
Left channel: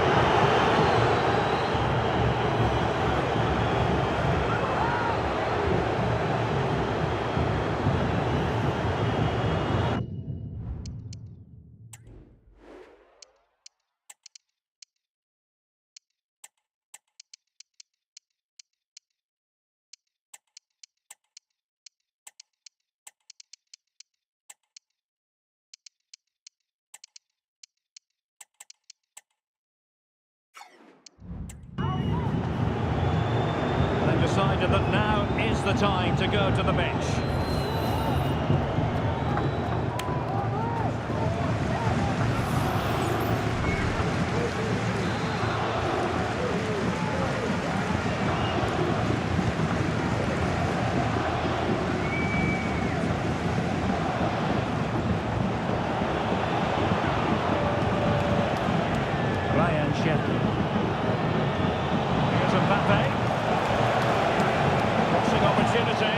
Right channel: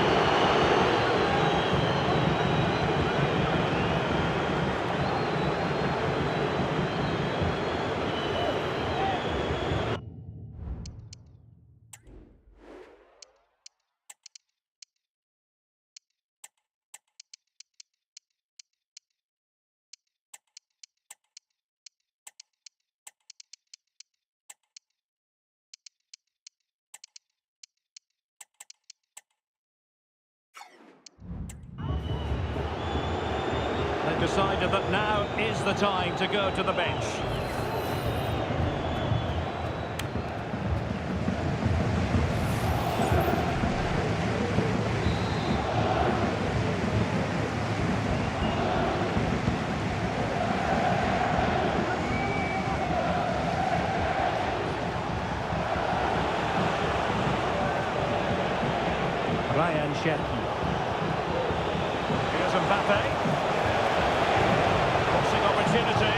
They've decided that now is the time to go to the bench. Ryan Cherki. Here's Mbappe. Opportunity.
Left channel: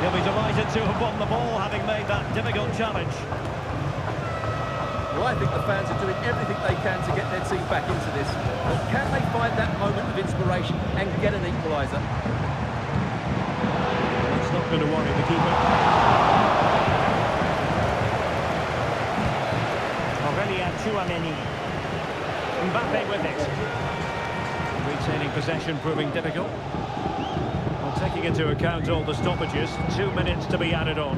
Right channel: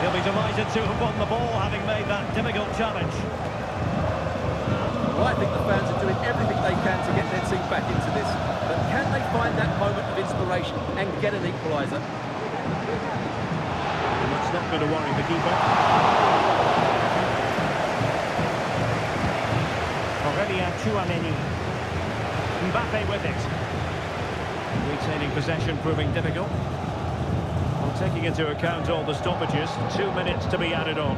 He'll be delighted to have won the ball, having made that difficult challenge. Well, I think the fans are doing everything they can to get their team back into this. But can they find that moment of inspiration and get an equaliser? And that's not going to worry the keeper. Aurelien Tchouameni. Mbappe with it. Retaining possession proving difficult. Taking into account all the stoppages, 2 minutes to be added on.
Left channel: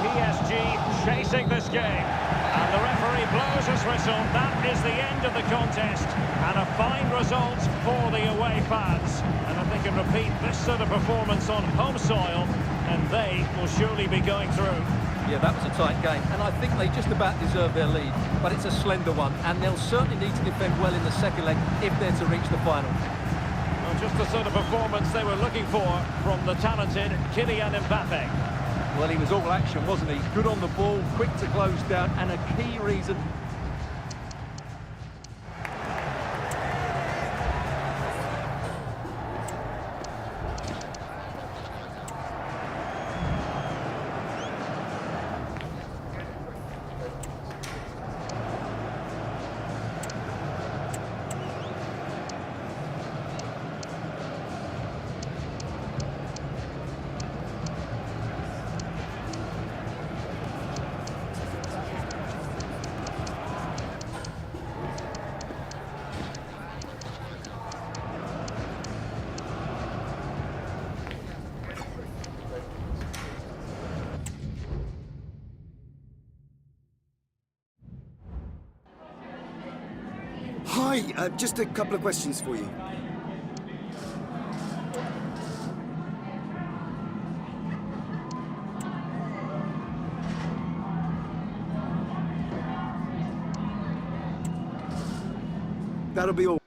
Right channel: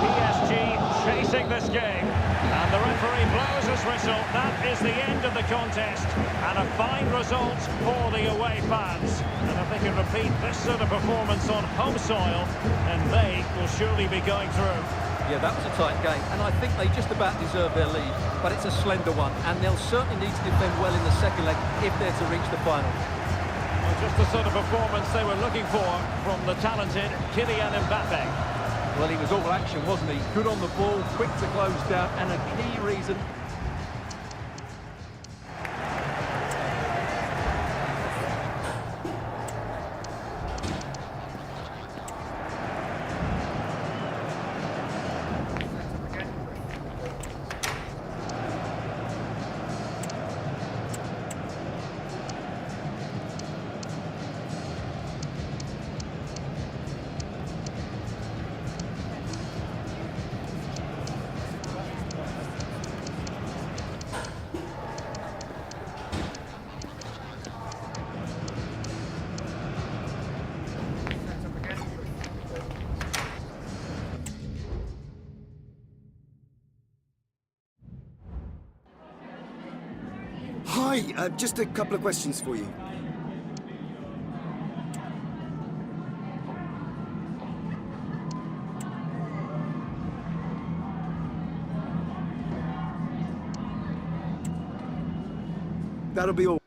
PSG chasing this game, and the referee blows his whistle. That is the end of the contest, and a fine result for the away fans. And if they can repeat this sort of performance on home soil, then they will surely be going through. Yeah, that was a tight game, and I think they just about deserve their lead, but it's a slender one, and they'll certainly need to defend well in the second leg if they're to reach the final. Well, just the sort of performance they were looking for from the talented Kylian Mbappe. Well, he was all action, wasn't he? Good on the ball, quick to close down, and a key reason... Hi, just a couple of questions for you. That'll be all.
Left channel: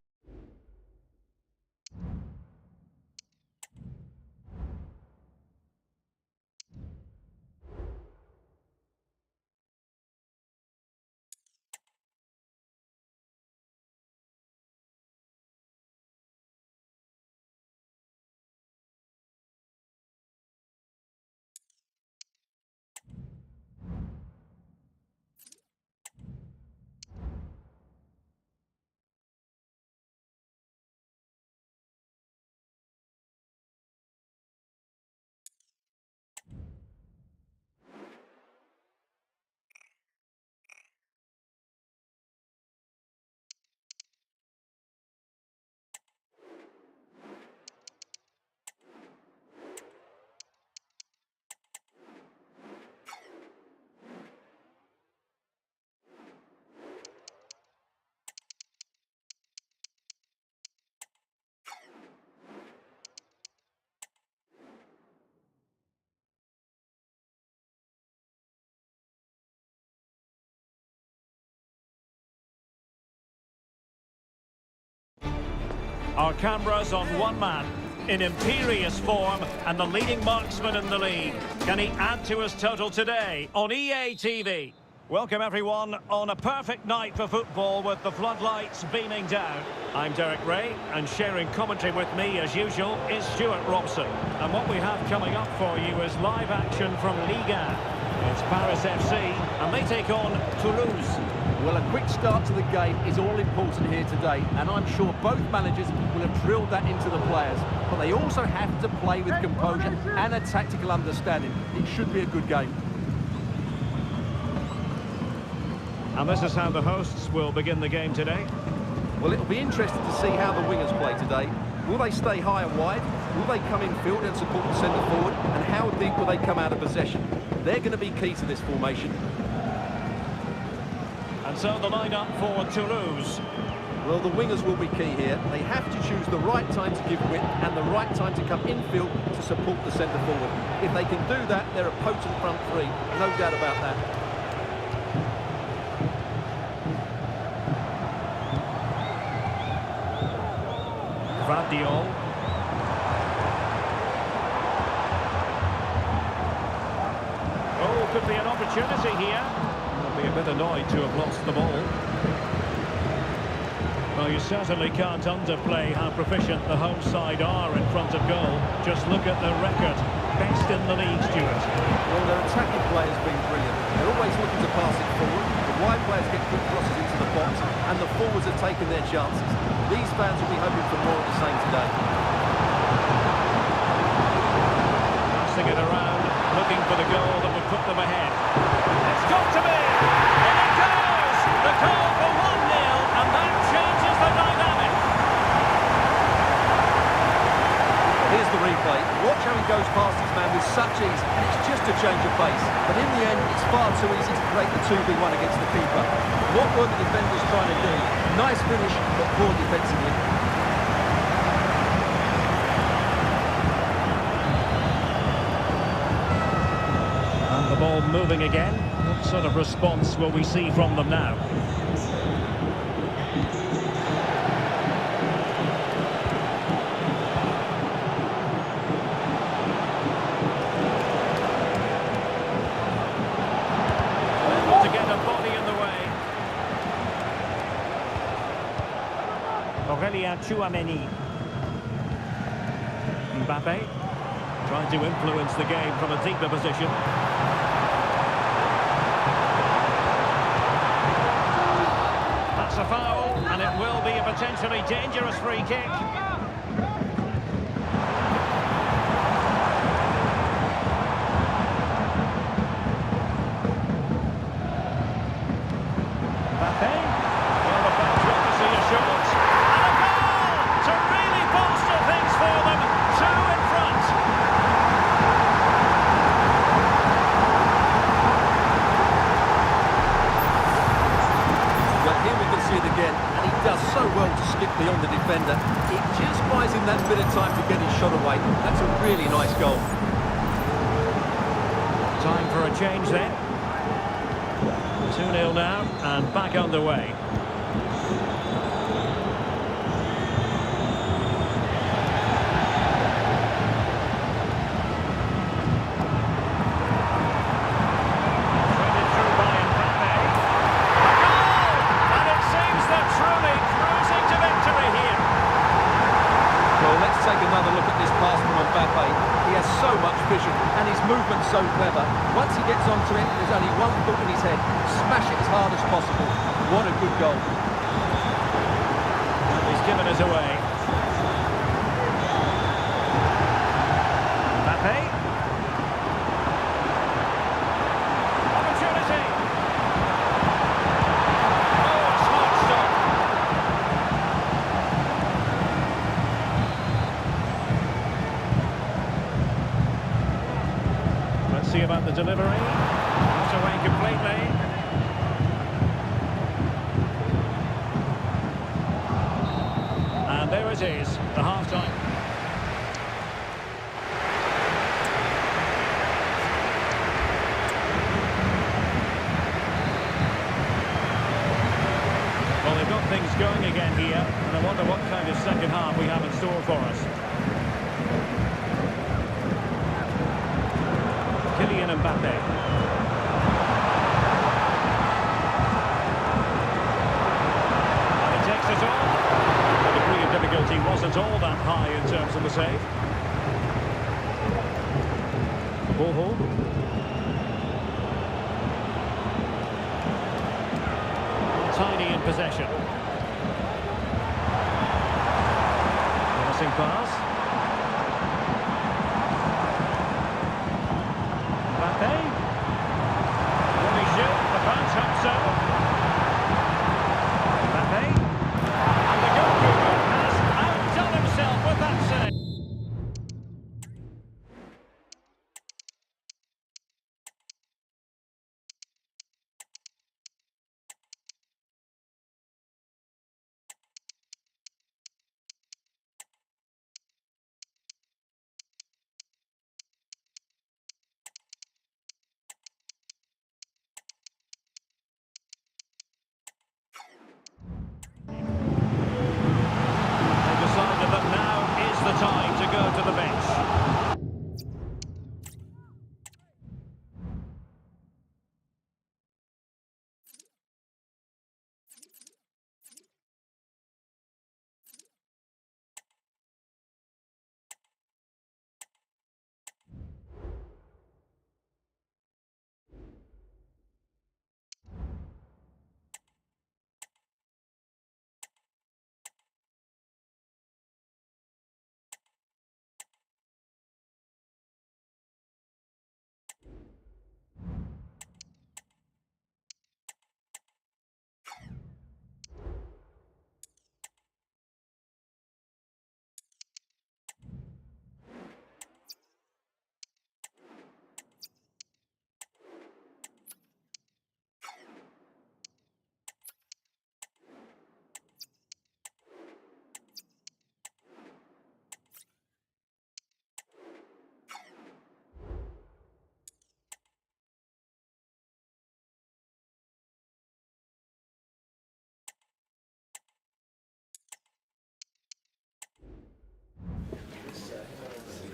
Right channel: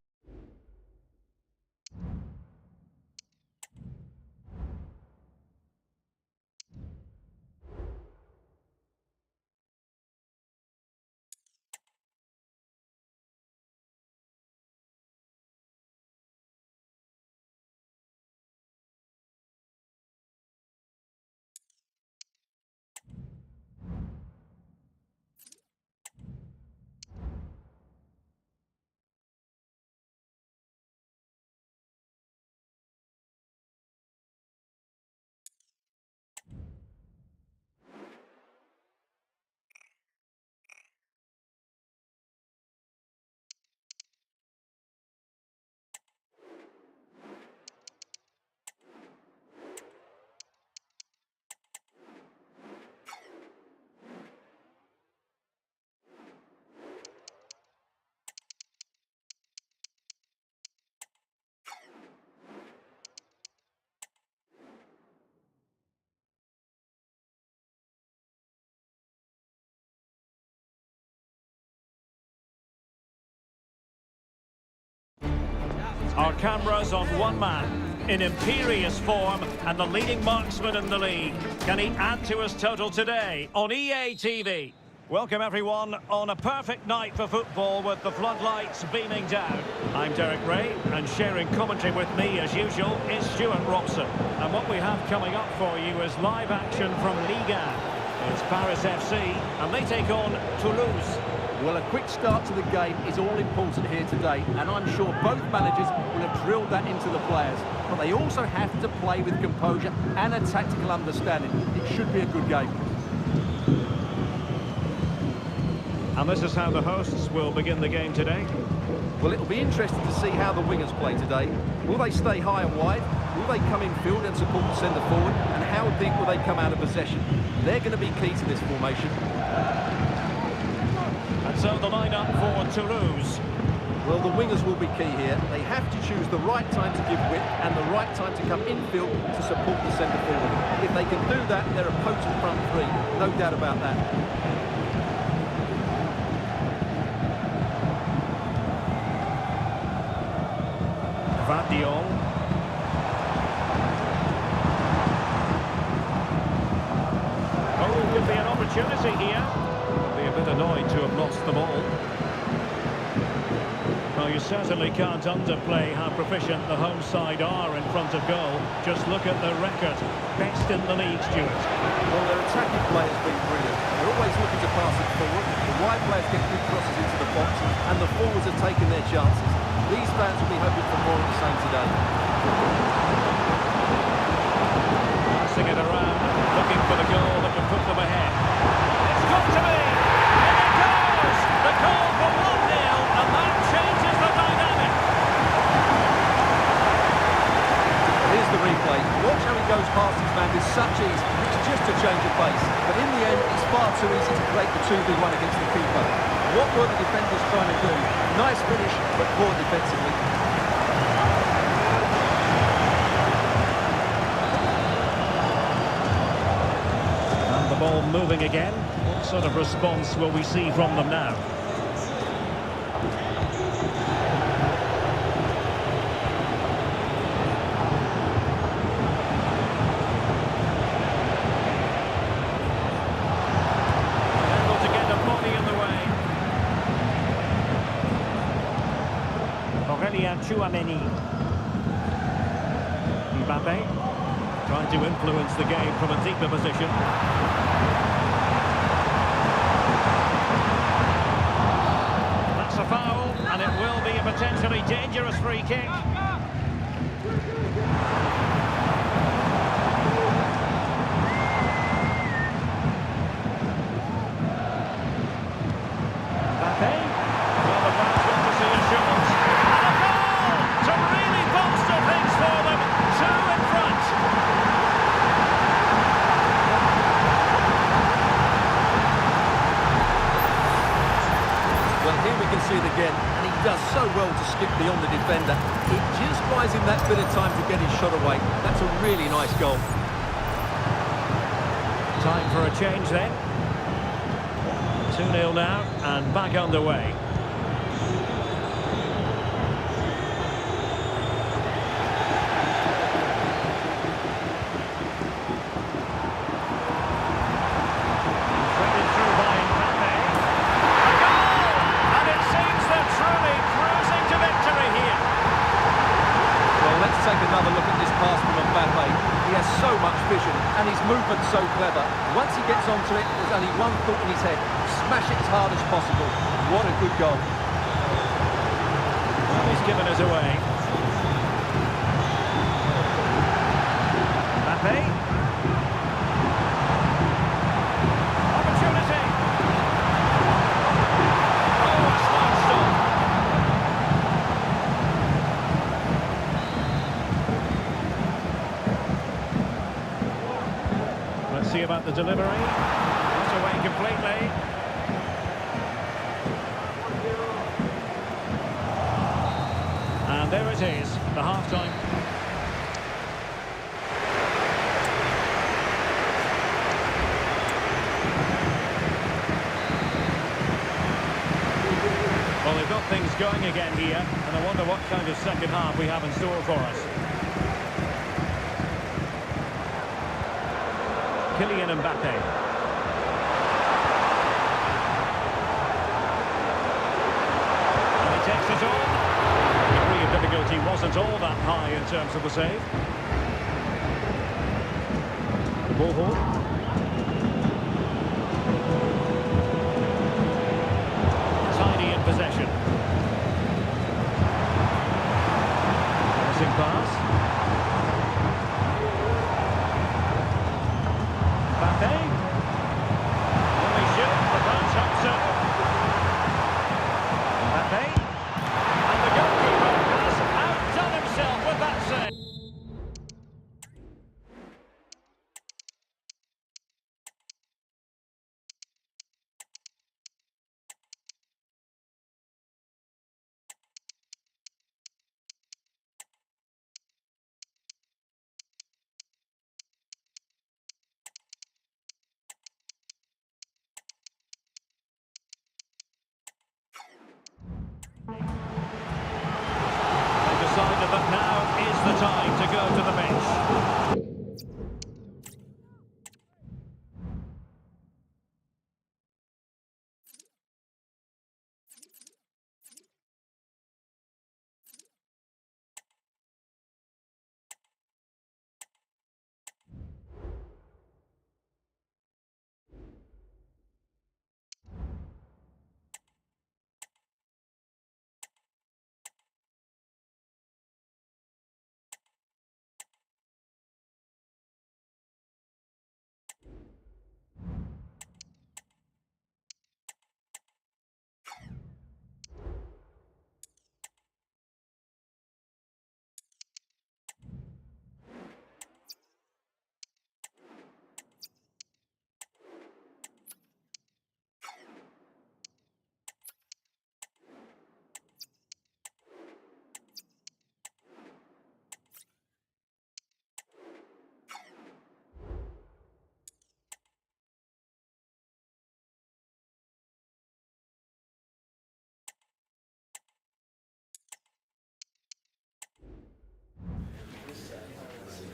Our cameras on one man. in imperious form and the leading marksman in the league. Can he add to his total today on EA TV? Welcome everyone on a perfect night for football with the floodlights beaming down. I'm Derek Ray, and sharing commentary with me as usual is Stuart Robson. And what we have coming up for you is live action from Ligue 1. It's Paris FC and they take on Toulouse. Well, a quick start to the game is all important here today, and I'm sure both managers will have drilled that into the players. But they also have to play with composure and a tactical understanding. It should be a good game. And this is how the hosts will begin the game today. Well, it'll be interesting to see how the wingers play today. Will they stay high and wide? Will they come in field and support the centre forward? And how deep will they come out of possession? They're going to be key to this formation. And so the lineup for Toulouse. Well, the wingers will be key here. They have to choose the right time to give width and the right time to come infield to support the centre forward. If they can do that, they're a potent front three. No doubt about that. Vardiol. Oh, could be an opportunity here. They'll be a bit annoyed to have lost the ball. Well, you certainly can't underplay how proficient the home side are in front of goal. Just look at the record. Best in the league, Stuart. Well, their attacking play has been brilliant. They're always looking to pass it forward. The wide players get good crosses into the box, and the forwards are taking their chances. These fans will be hoping for more of the same today. Passing it around, looking for the goal that would put them ahead. It's got to be! In it goes! The goal for 1-0, and that changes the dynamic. Here's the replay. Watch how he goes past his man with such ease, and it's just a change of pace. But in the end, it's far too easy to create the 2v1 against the keeper. What were the defenders trying to do? Nice finish, but poor defensively. And the ball moving again. What sort of response will we see from them now? Able to get a body in the way. Aurélien Tchouameni. Mbappe trying to influence the game from a deeper position. That's a foul, and it will be a potentially dangerous free kick. Mbappe. Well, the fans want to see a shot. And a goal to really bolster things for them. 2 in front. Well, here we can see it again, and he does so well to skip beyond the defender. It just buys him that bit of time to get his shot away. That's a really nice goal. Time for a change then. 2-0 now, and back underway. Threaded through by Mbappe. A goal! And it seems they're truly cruising to victory here. Well, let's take another look at this pass from Mbappe. He has so much vision, and his movement's so clever. Once he gets onto it, there's only one thought in his head. Smash it as hard as possible. What a good goal. Well, he's given us away. Mbappe. Opportunity. Oh, a smart stop. Let's see about the delivery. Not away completely. And there it is, the half-time. Well, they've got things going again here, and I wonder what kind of second half we have in store for us. Kylian Mbappe. And he takes it on. The degree of difficulty wasn't all that high in terms of the save. The ball hole. Tiny in possession. Promising pass. Mbappe. Will he shoot? The fans hope so. Mbappe. And the goalkeeper has outdone himself with that save. Decided that now is the time to go to the bench.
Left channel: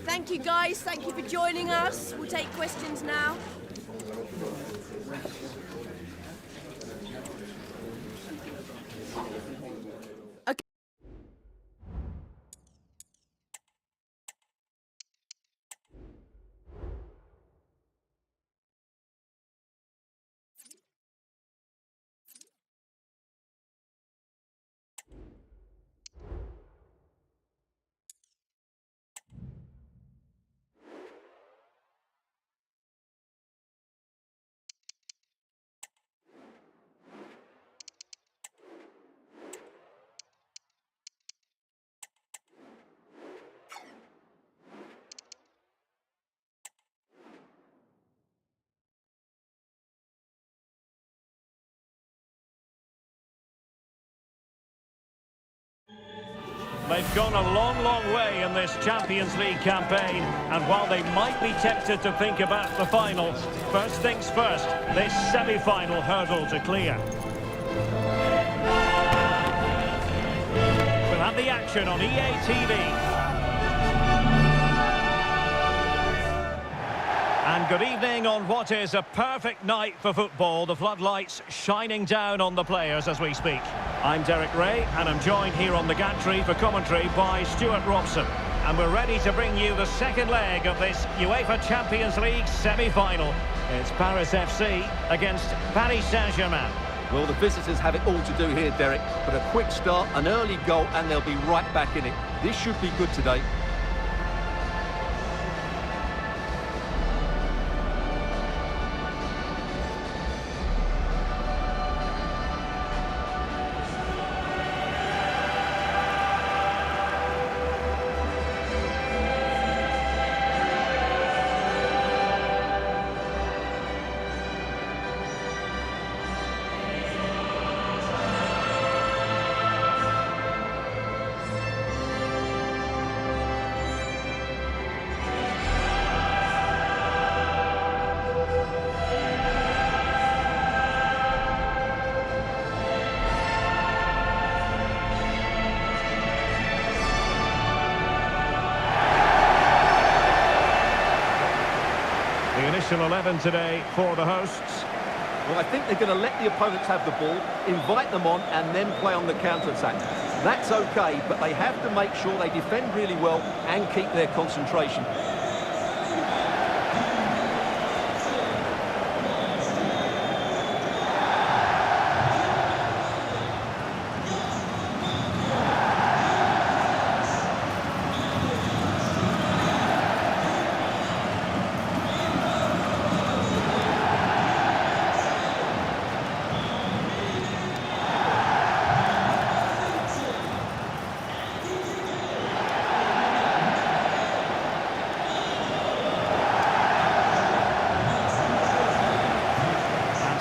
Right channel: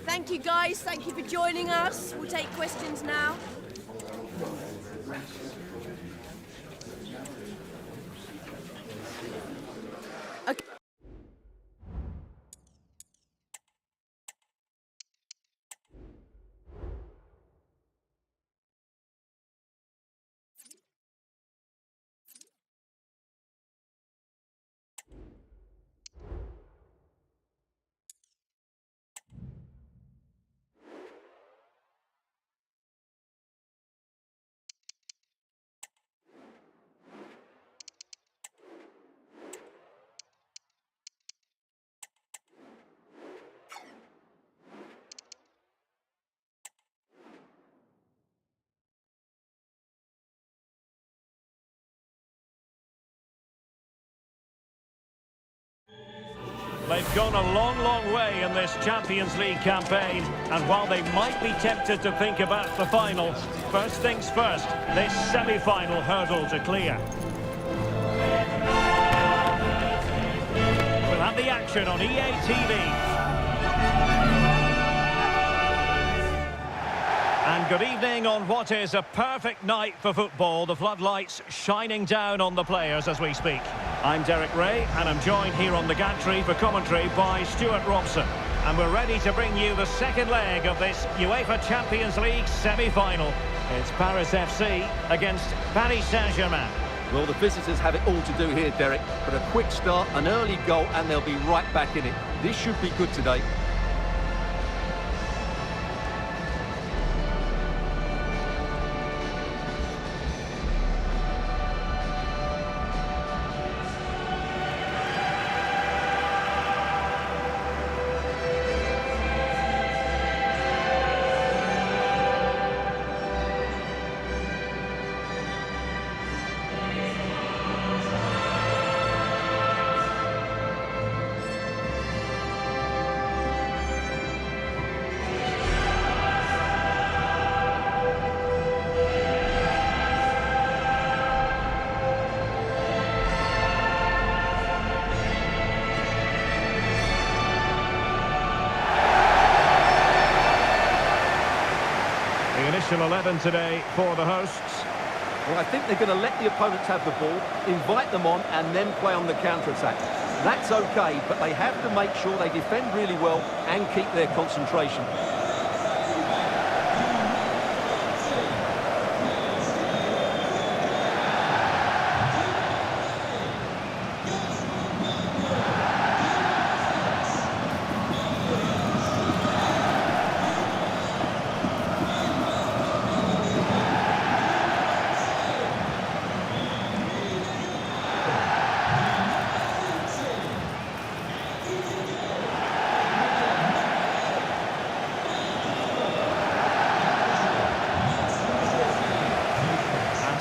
Thank you, guys. Thank you for joining us. We'll take questions now. Okay. They've gone a long, long way in this Champions League campaign, and while they might be tempted to think about the final, first things first, this semi-final hurdle to clear. We'll have the action on EA TV. And good evening on what is a perfect night for football. The floodlights shining down on the players as we speak. I'm Derek Ray, and I'm joined here on the gantry for commentary by Stuart Robson. And we're ready to bring you the second leg of this UEFA Champions League semi-final. It's Paris FC against Paris Saint-Germain. Well, the visitors have it all to do here, Derek. But a quick start, an early goal, and they'll be right back in it. This should be good today. The initial 11 today for the hosts. Well, I think they're going to let the opponents have the ball, invite them on, and then play on the counter-attack. That's okay, but they have to make sure they defend really well and keep their concentration.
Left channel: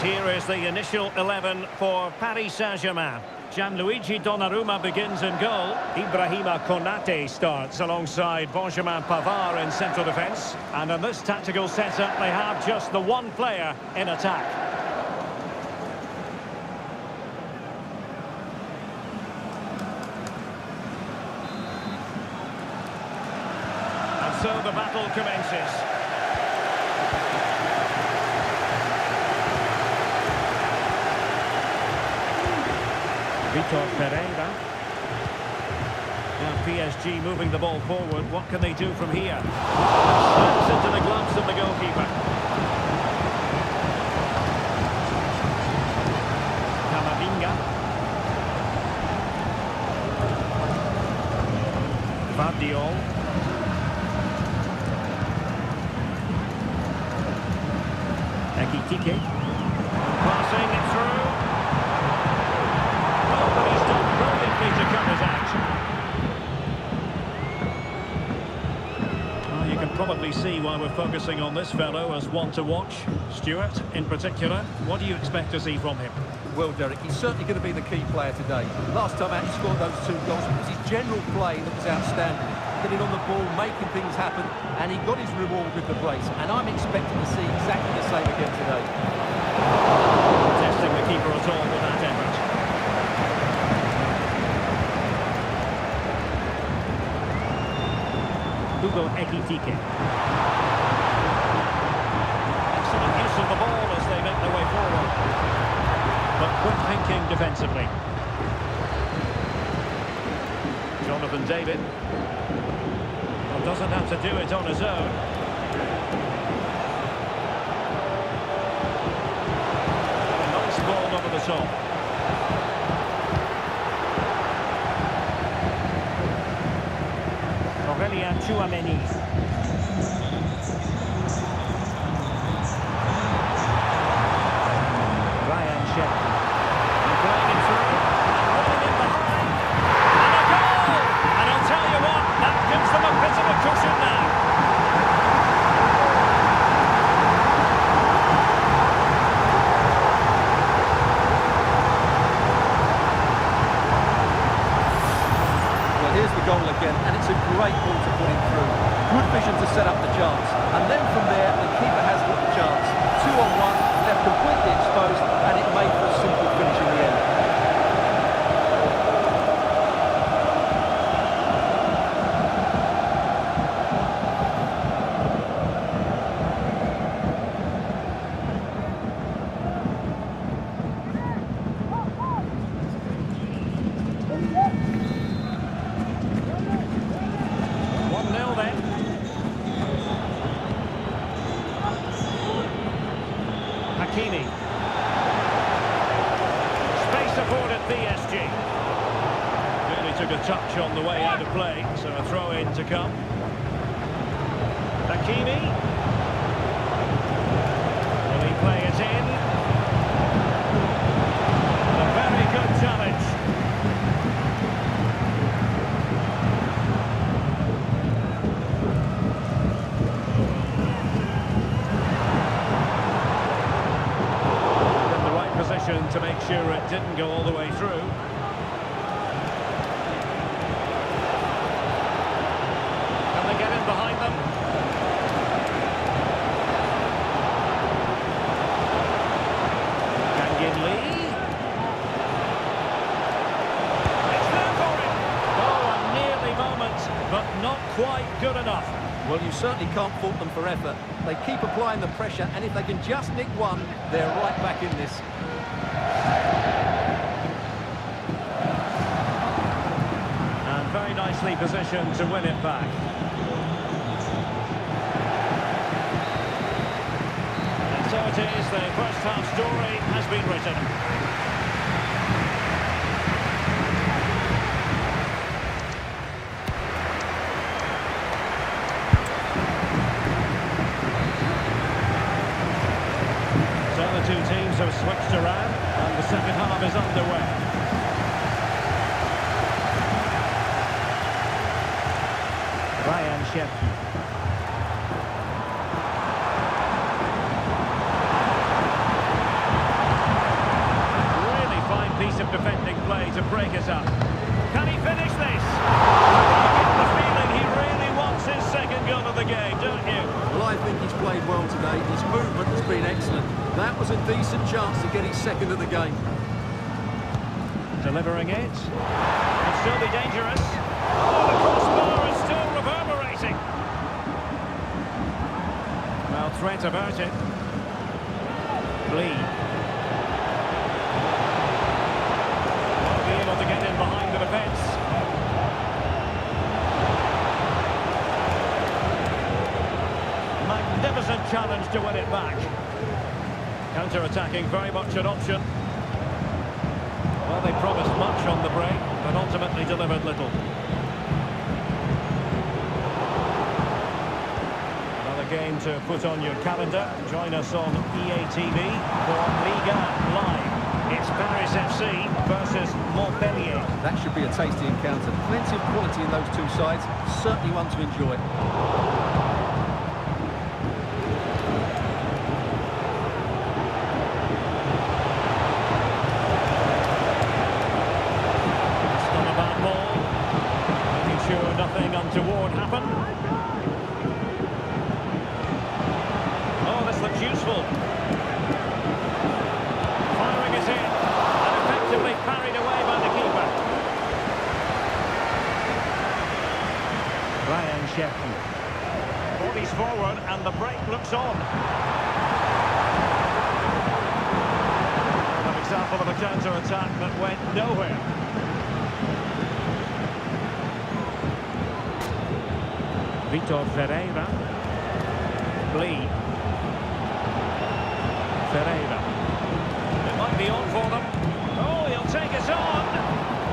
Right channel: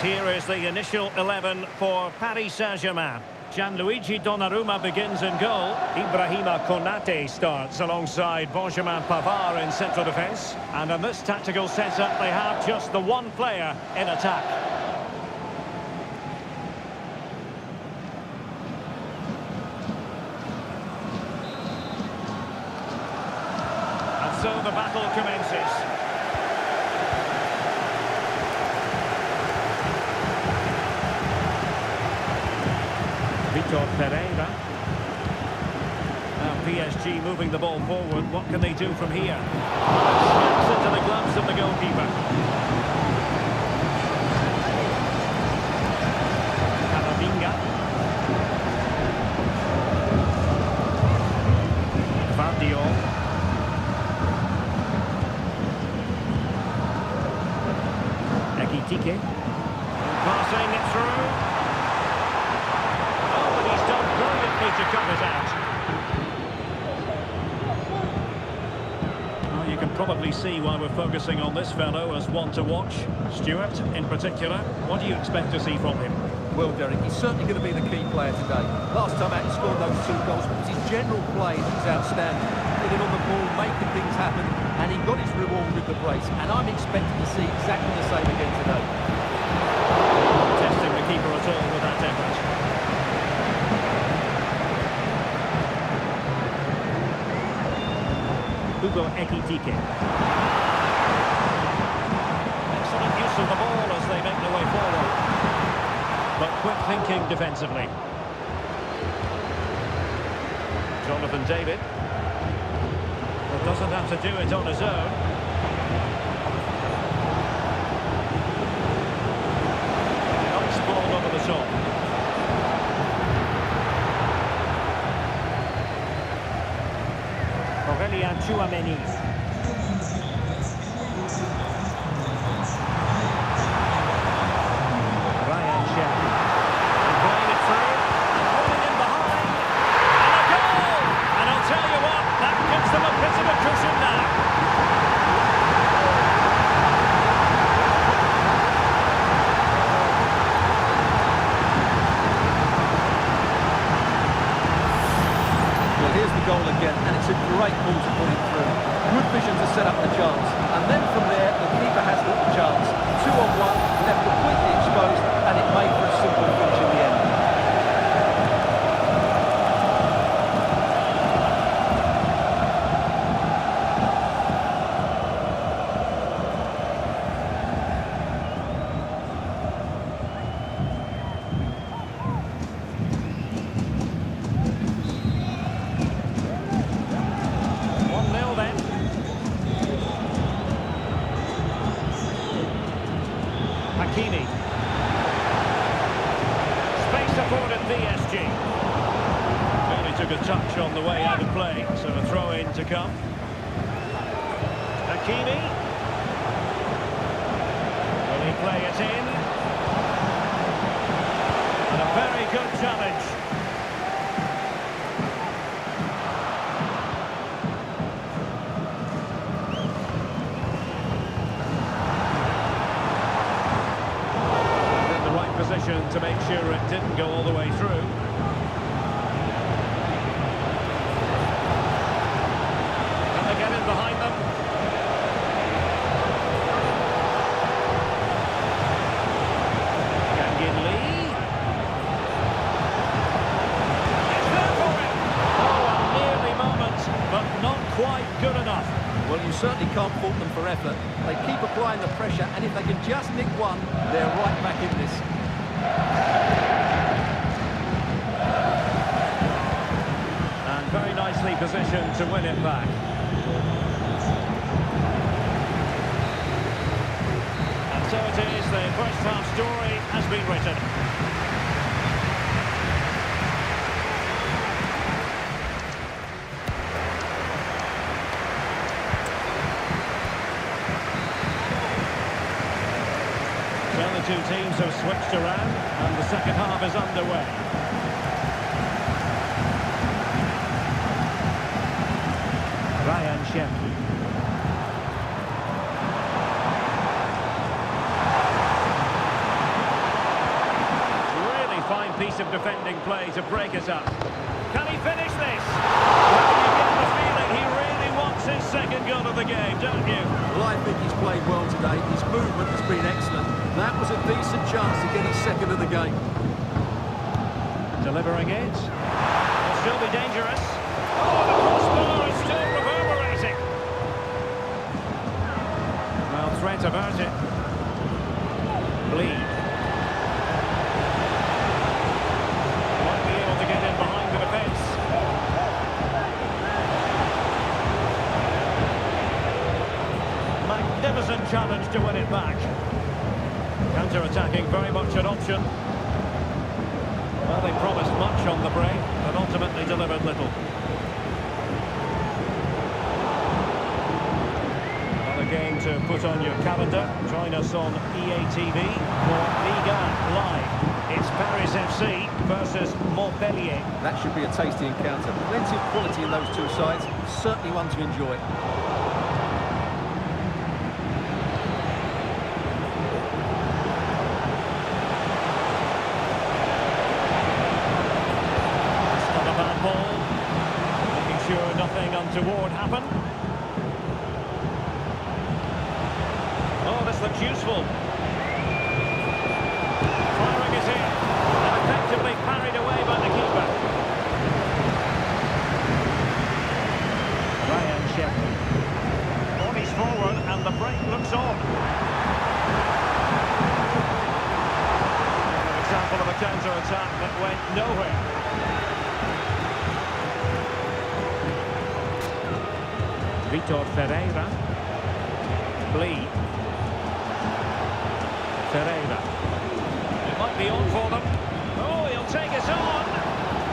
Here is the initial 11 for Paris Saint-Germain. Gianluigi Donnarumma begins in goal. Ibrahima Konate starts alongside Benjamin Pavard in central defence. And in this tactical setup, they have just the one player in attack. And so the battle commences. Vitor Pereira. Now PSG moving the ball forward. What can they do from here? Smacks into the gloves of the goalkeeper. Camavinga. Gvardiol. Ekitike. Passing it through. Brilliantly to cut it out. Well, you can probably see why we're focusing on this fellow as one to watch. Stuart, in particular, what do you expect to see from him? Well, Derek, he's certainly going to be the key player today. Last time out, he scored those 2 goals. It was his general play that was outstanding. Getting on the ball, making things happen, and he got his reward with the brace. And I'm expecting to see exactly the same again today. Not testing the keeper at all with that effort. Hugo Ekitike. Excellent use of the ball as they make their way forward. But quick thinking defensively. Jonathan David. Well, doesn't have to do it on his own. Nice ball over the top. Aurélien Tchouameni. Ryan Sheffield. And playing it through. And running in behind. And a goal! And I'll tell you what, that gives them a bit of a cushion now. Well, here's the goal again, and it's a great ball to put him through. Good vision to set up the chance. And then from there, the keeper has got the chance. 2-on-1, left completely exposed, and it made for a simple finish in the end. Hakimi. Space afforded PSG. Barely took a touch on the way out of play, so a throw in to come. Hakimi. Will he play it in? And a very good challenge. Position to make sure it didn't go all the way through. Can they get in behind them? Kangin Lee. It's there for him. Oh, a nearly moment, but not quite good enough. Well, you certainly can't fault them for effort. They keep applying the pressure, and if they can just nick one, they're right back in this. And very nicely positioned to win it back. And so it is, the first half story has been written. So the two teams have switched around and the second half is underway. Ryan Cherki. Really fine piece of defending play to break it up. Can he finish this? Well, you get the feeling he really wants his second goal of the game, don't you? Well, I think he's played well today. His movement has been excellent. That was a decent chance to get his second of the game. Delivering it. It'll still be dangerous. Oh, the crossbar is still reverberating. Well, threat averted. Lee. Won't be able to get in behind the defence. Magnificent challenge to win it back. Counter-attacking, very much an option. Well, they promised much on the break, but ultimately delivered little. Another game to put on your calendar. Join us on EA TV for Liga Live. It's Paris FC versus Montpellier. That should be a tasty encounter. Plenty of quality in those two sides. Certainly one to enjoy. Sure nothing untoward happened. Oh, this looks useful. Firing it in and effectively parried away by the keeper. Ryan Cherki. Bodies forward and the break looks on. An example of a counter-attack that went nowhere. Vitor Ferreira. Lee. Ferreira. It might be on for them. Oh, he'll take it on.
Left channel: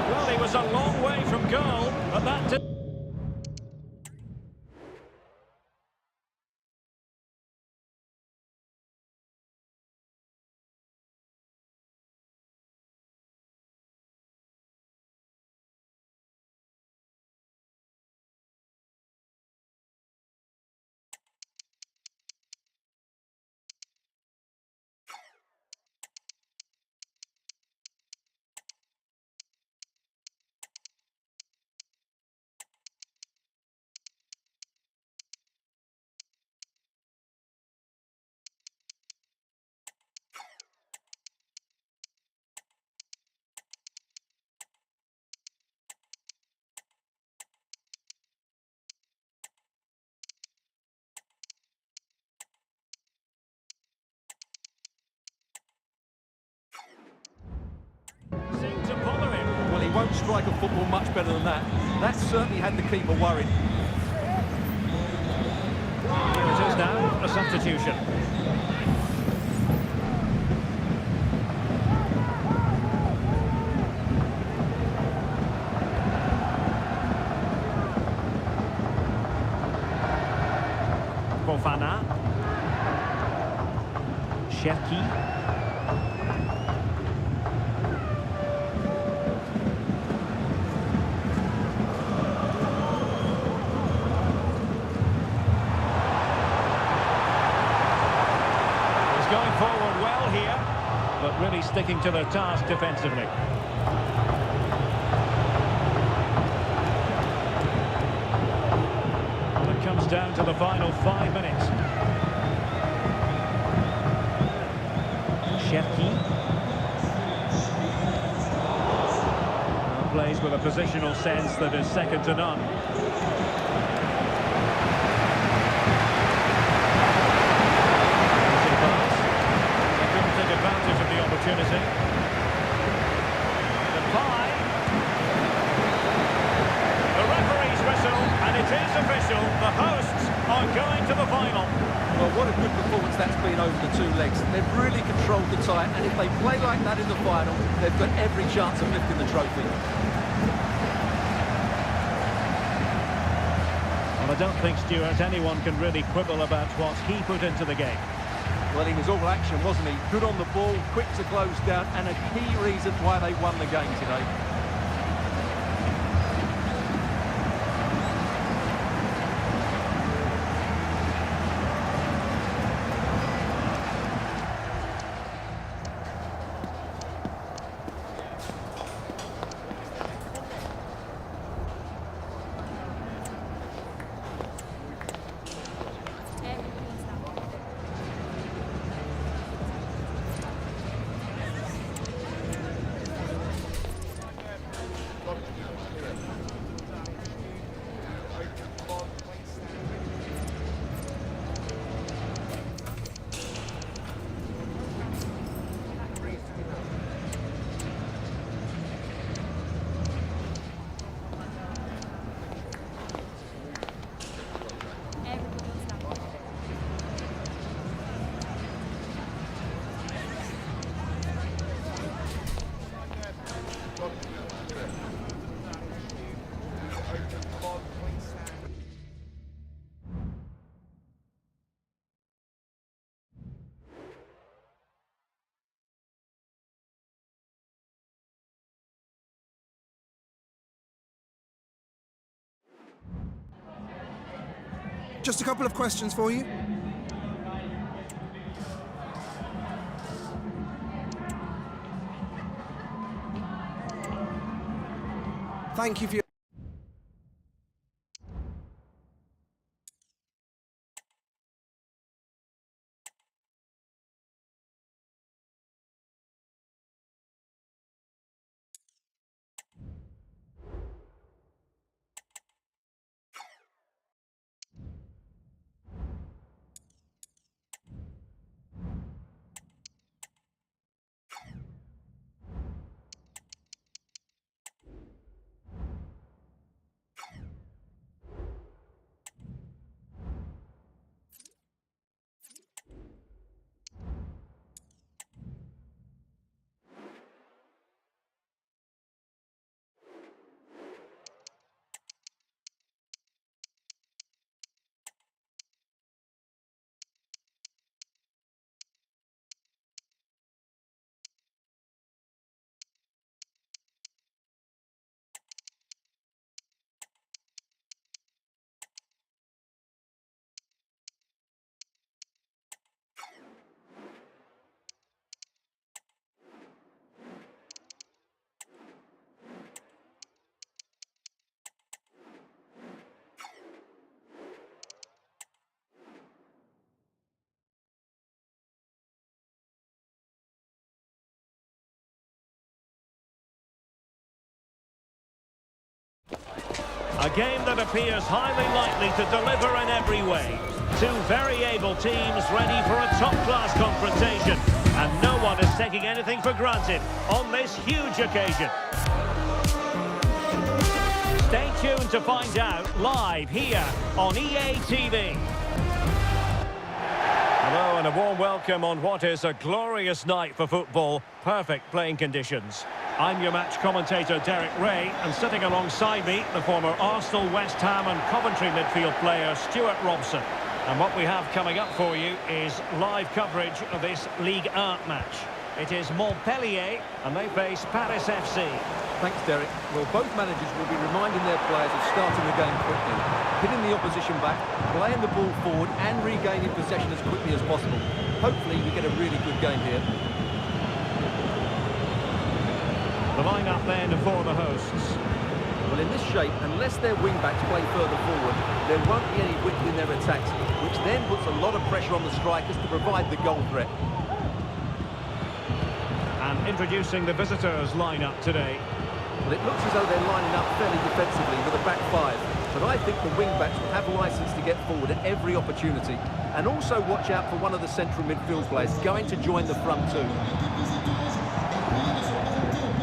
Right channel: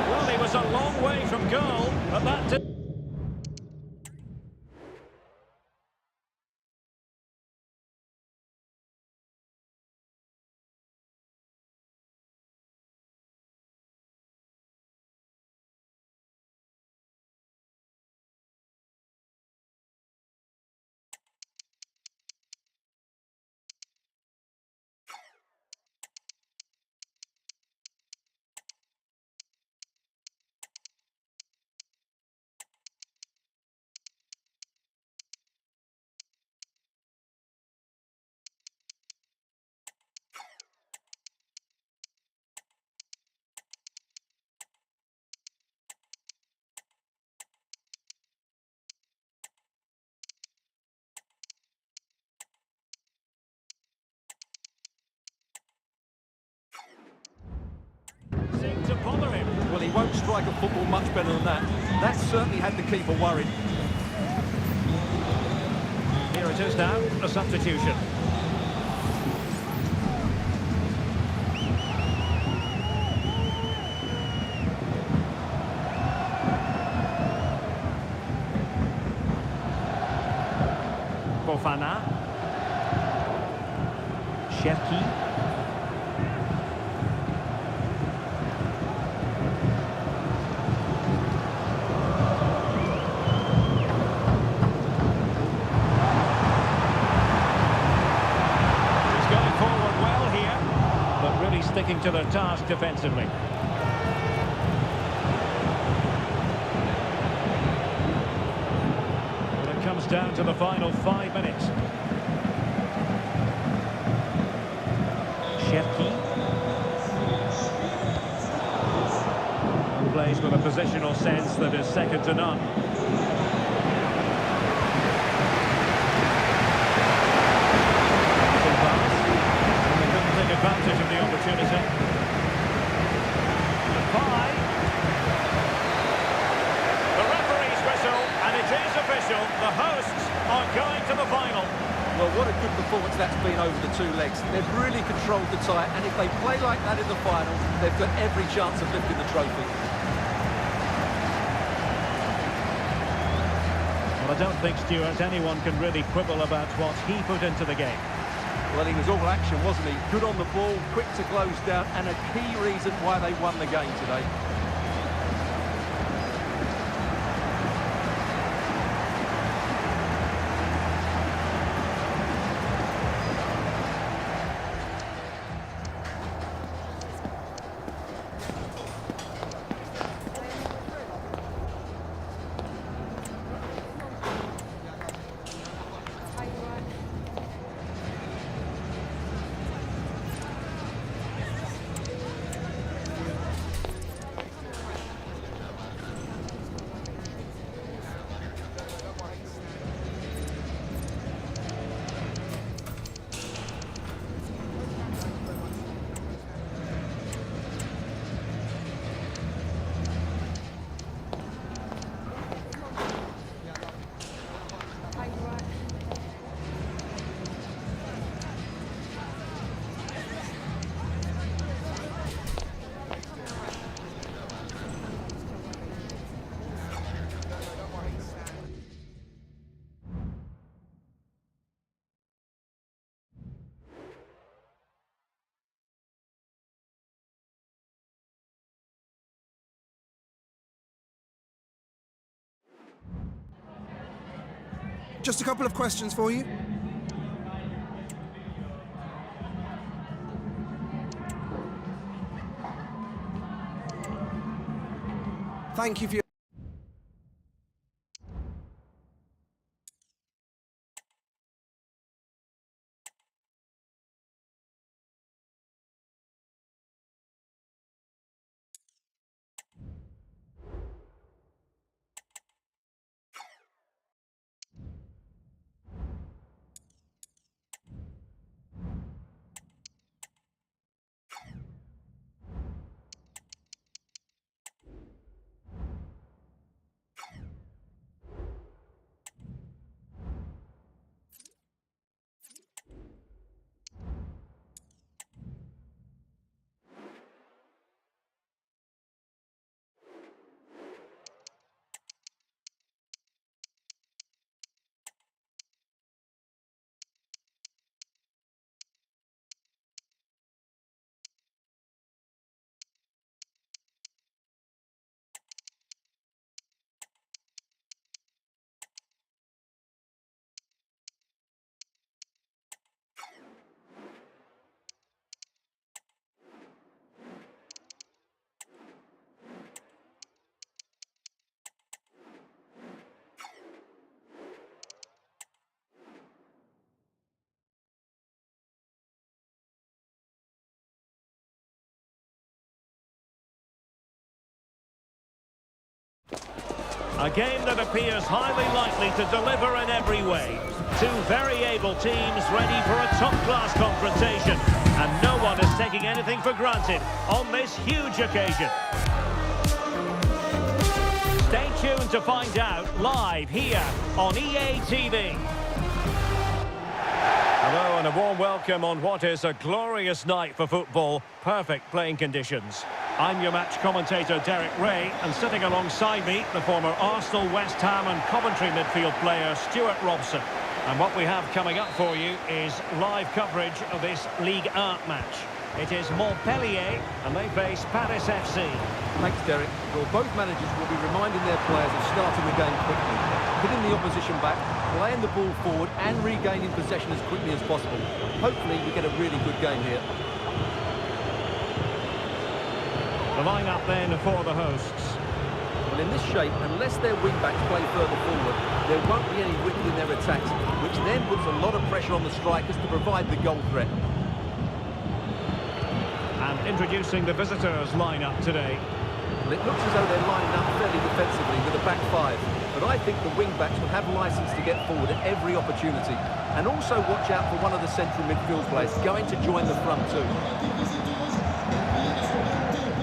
Well, he was a long way from goal, but that did. Seemed to bother him. Well, he won't strike a football much better than that. That certainly had the keeper worried. Here it is now, a substitution. Fofana. Cherki. Going forward well here, but really sticking to their task defensively. Well, it comes down to the final 5 minutes. Cherki. And plays with a positional sense that is second to none. advantage of the opportunity. The pie. The referee's whistle, and it is official. The hosts are going to the final. Well, what a good performance that's been over the two legs. They've really controlled the tie, and if they play like that in the final, they've got every chance of lifting the trophy. Well, I don't think, Stuart, anyone can really quibble about what he put into the game. Well, he was all action, wasn't he? Good on the ball, quick to close down, and a key reason why they won the game today. Just a couple of questions for you. Thank you for your... A game that appears highly likely to deliver in every way. Two very able teams ready for a top-class confrontation. And no one is taking anything for granted on this huge occasion. Stay tuned to find out live here on EA TV. Hello and a warm welcome on what is a glorious night for football. Perfect playing conditions. I'm your match commentator Derek Ray, and sitting alongside me, the former Arsenal, West Ham and Coventry midfield player Stuart Robson. And what we have coming up for you is live coverage of this Ligue 1 match. It is Montpellier, and they face Paris FC. Thanks, Derek. Well, both managers will be reminding their players of starting the game quickly, hitting the opposition back, playing the ball forward and regaining possession as quickly as possible. Hopefully we get a really good game here. The line-up then for the hosts. Well, in this shape, unless their wing-backs play further forward, there won't be any width in their attacks, which then puts a lot of pressure on the strikers to provide the goal threat. And introducing the visitors' line-up today. Well, it looks as though they're lining up fairly defensively with a back five, but I think the wing-backs will have licence to get forward at every opportunity, And also watch out for one of the central midfield players going to join the front two.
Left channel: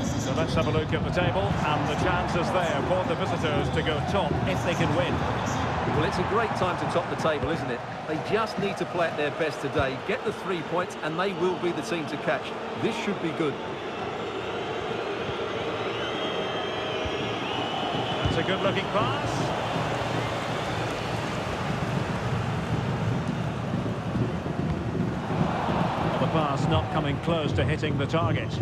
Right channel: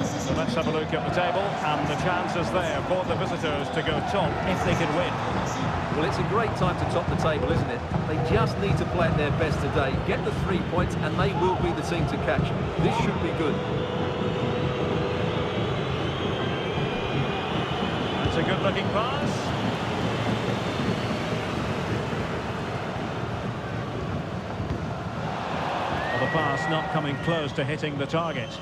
So let's have a look at the table, and the chances there for the visitors to go top if they can win. Well, it's a great time to top the table, isn't it? They just need to play at their best today, get the 3 points, and they will be the team to catch. This should be good. That's a good-looking pass. Well, the pass not coming close to hitting the target.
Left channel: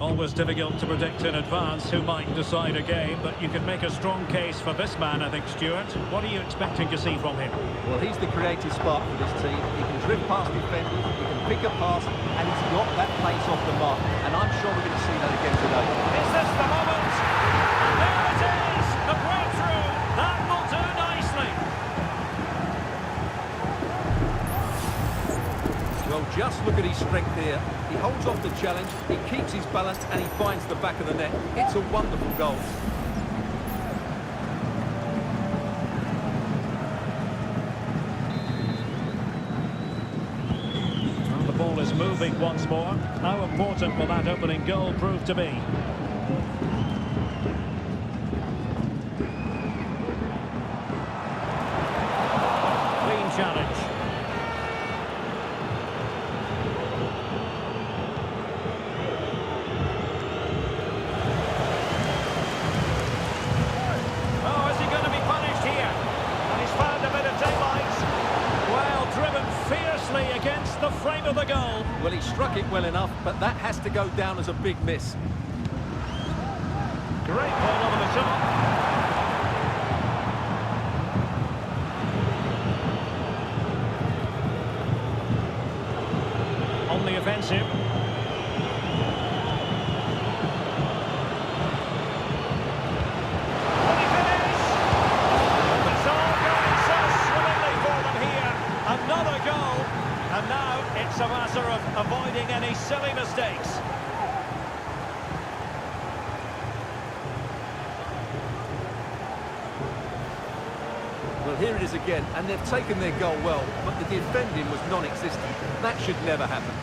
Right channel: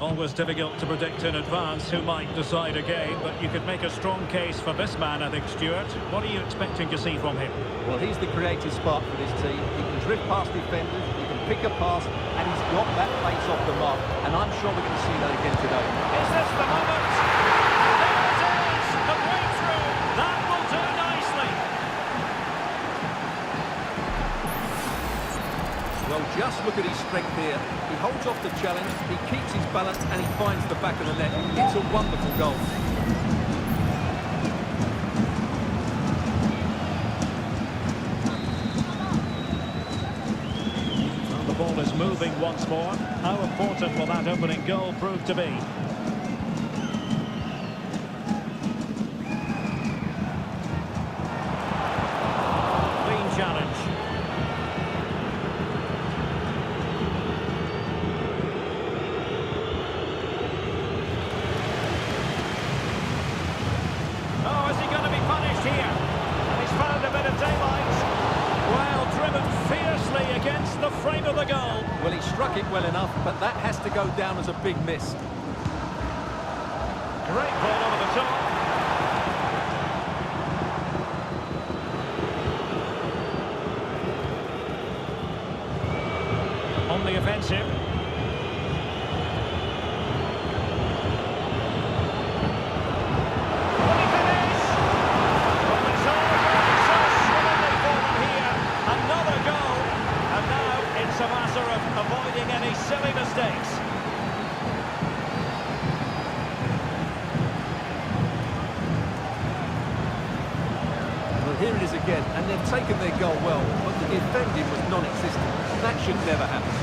Always difficult to predict in advance who might decide a game, but you could make a strong case for this man, I think, Stuart. What are you expecting to see from him? Well, he's the creative spark for this team. He can drift past defenders, he can pick a pass, and he's got that pace off the mark. And I'm sure we're going to see that again today. Is this the moment? And there it is! The breakthrough! That will do nicely! Well, just look at his strength here. He holds off the challenge, he keeps his balance, and he finds the back of the net. It's a wonderful goal. Well, the ball is moving once more. How important will that opening goal prove to be? Clean challenge. Oh, is he going to be punished here? And he's found a bit of daylight. Well, driven fiercely against the frame of the goal. Well, he struck it well enough, but that has to go down as a big miss. Great ball over the top. On the offensive. Will he finish? Well, it's all going so swimmingly for them here. Another goal. And now it's a matter of avoiding any silly mistakes. Well, here it is again, and they've taken their goal well, but the defending was non-existent. That should never happen.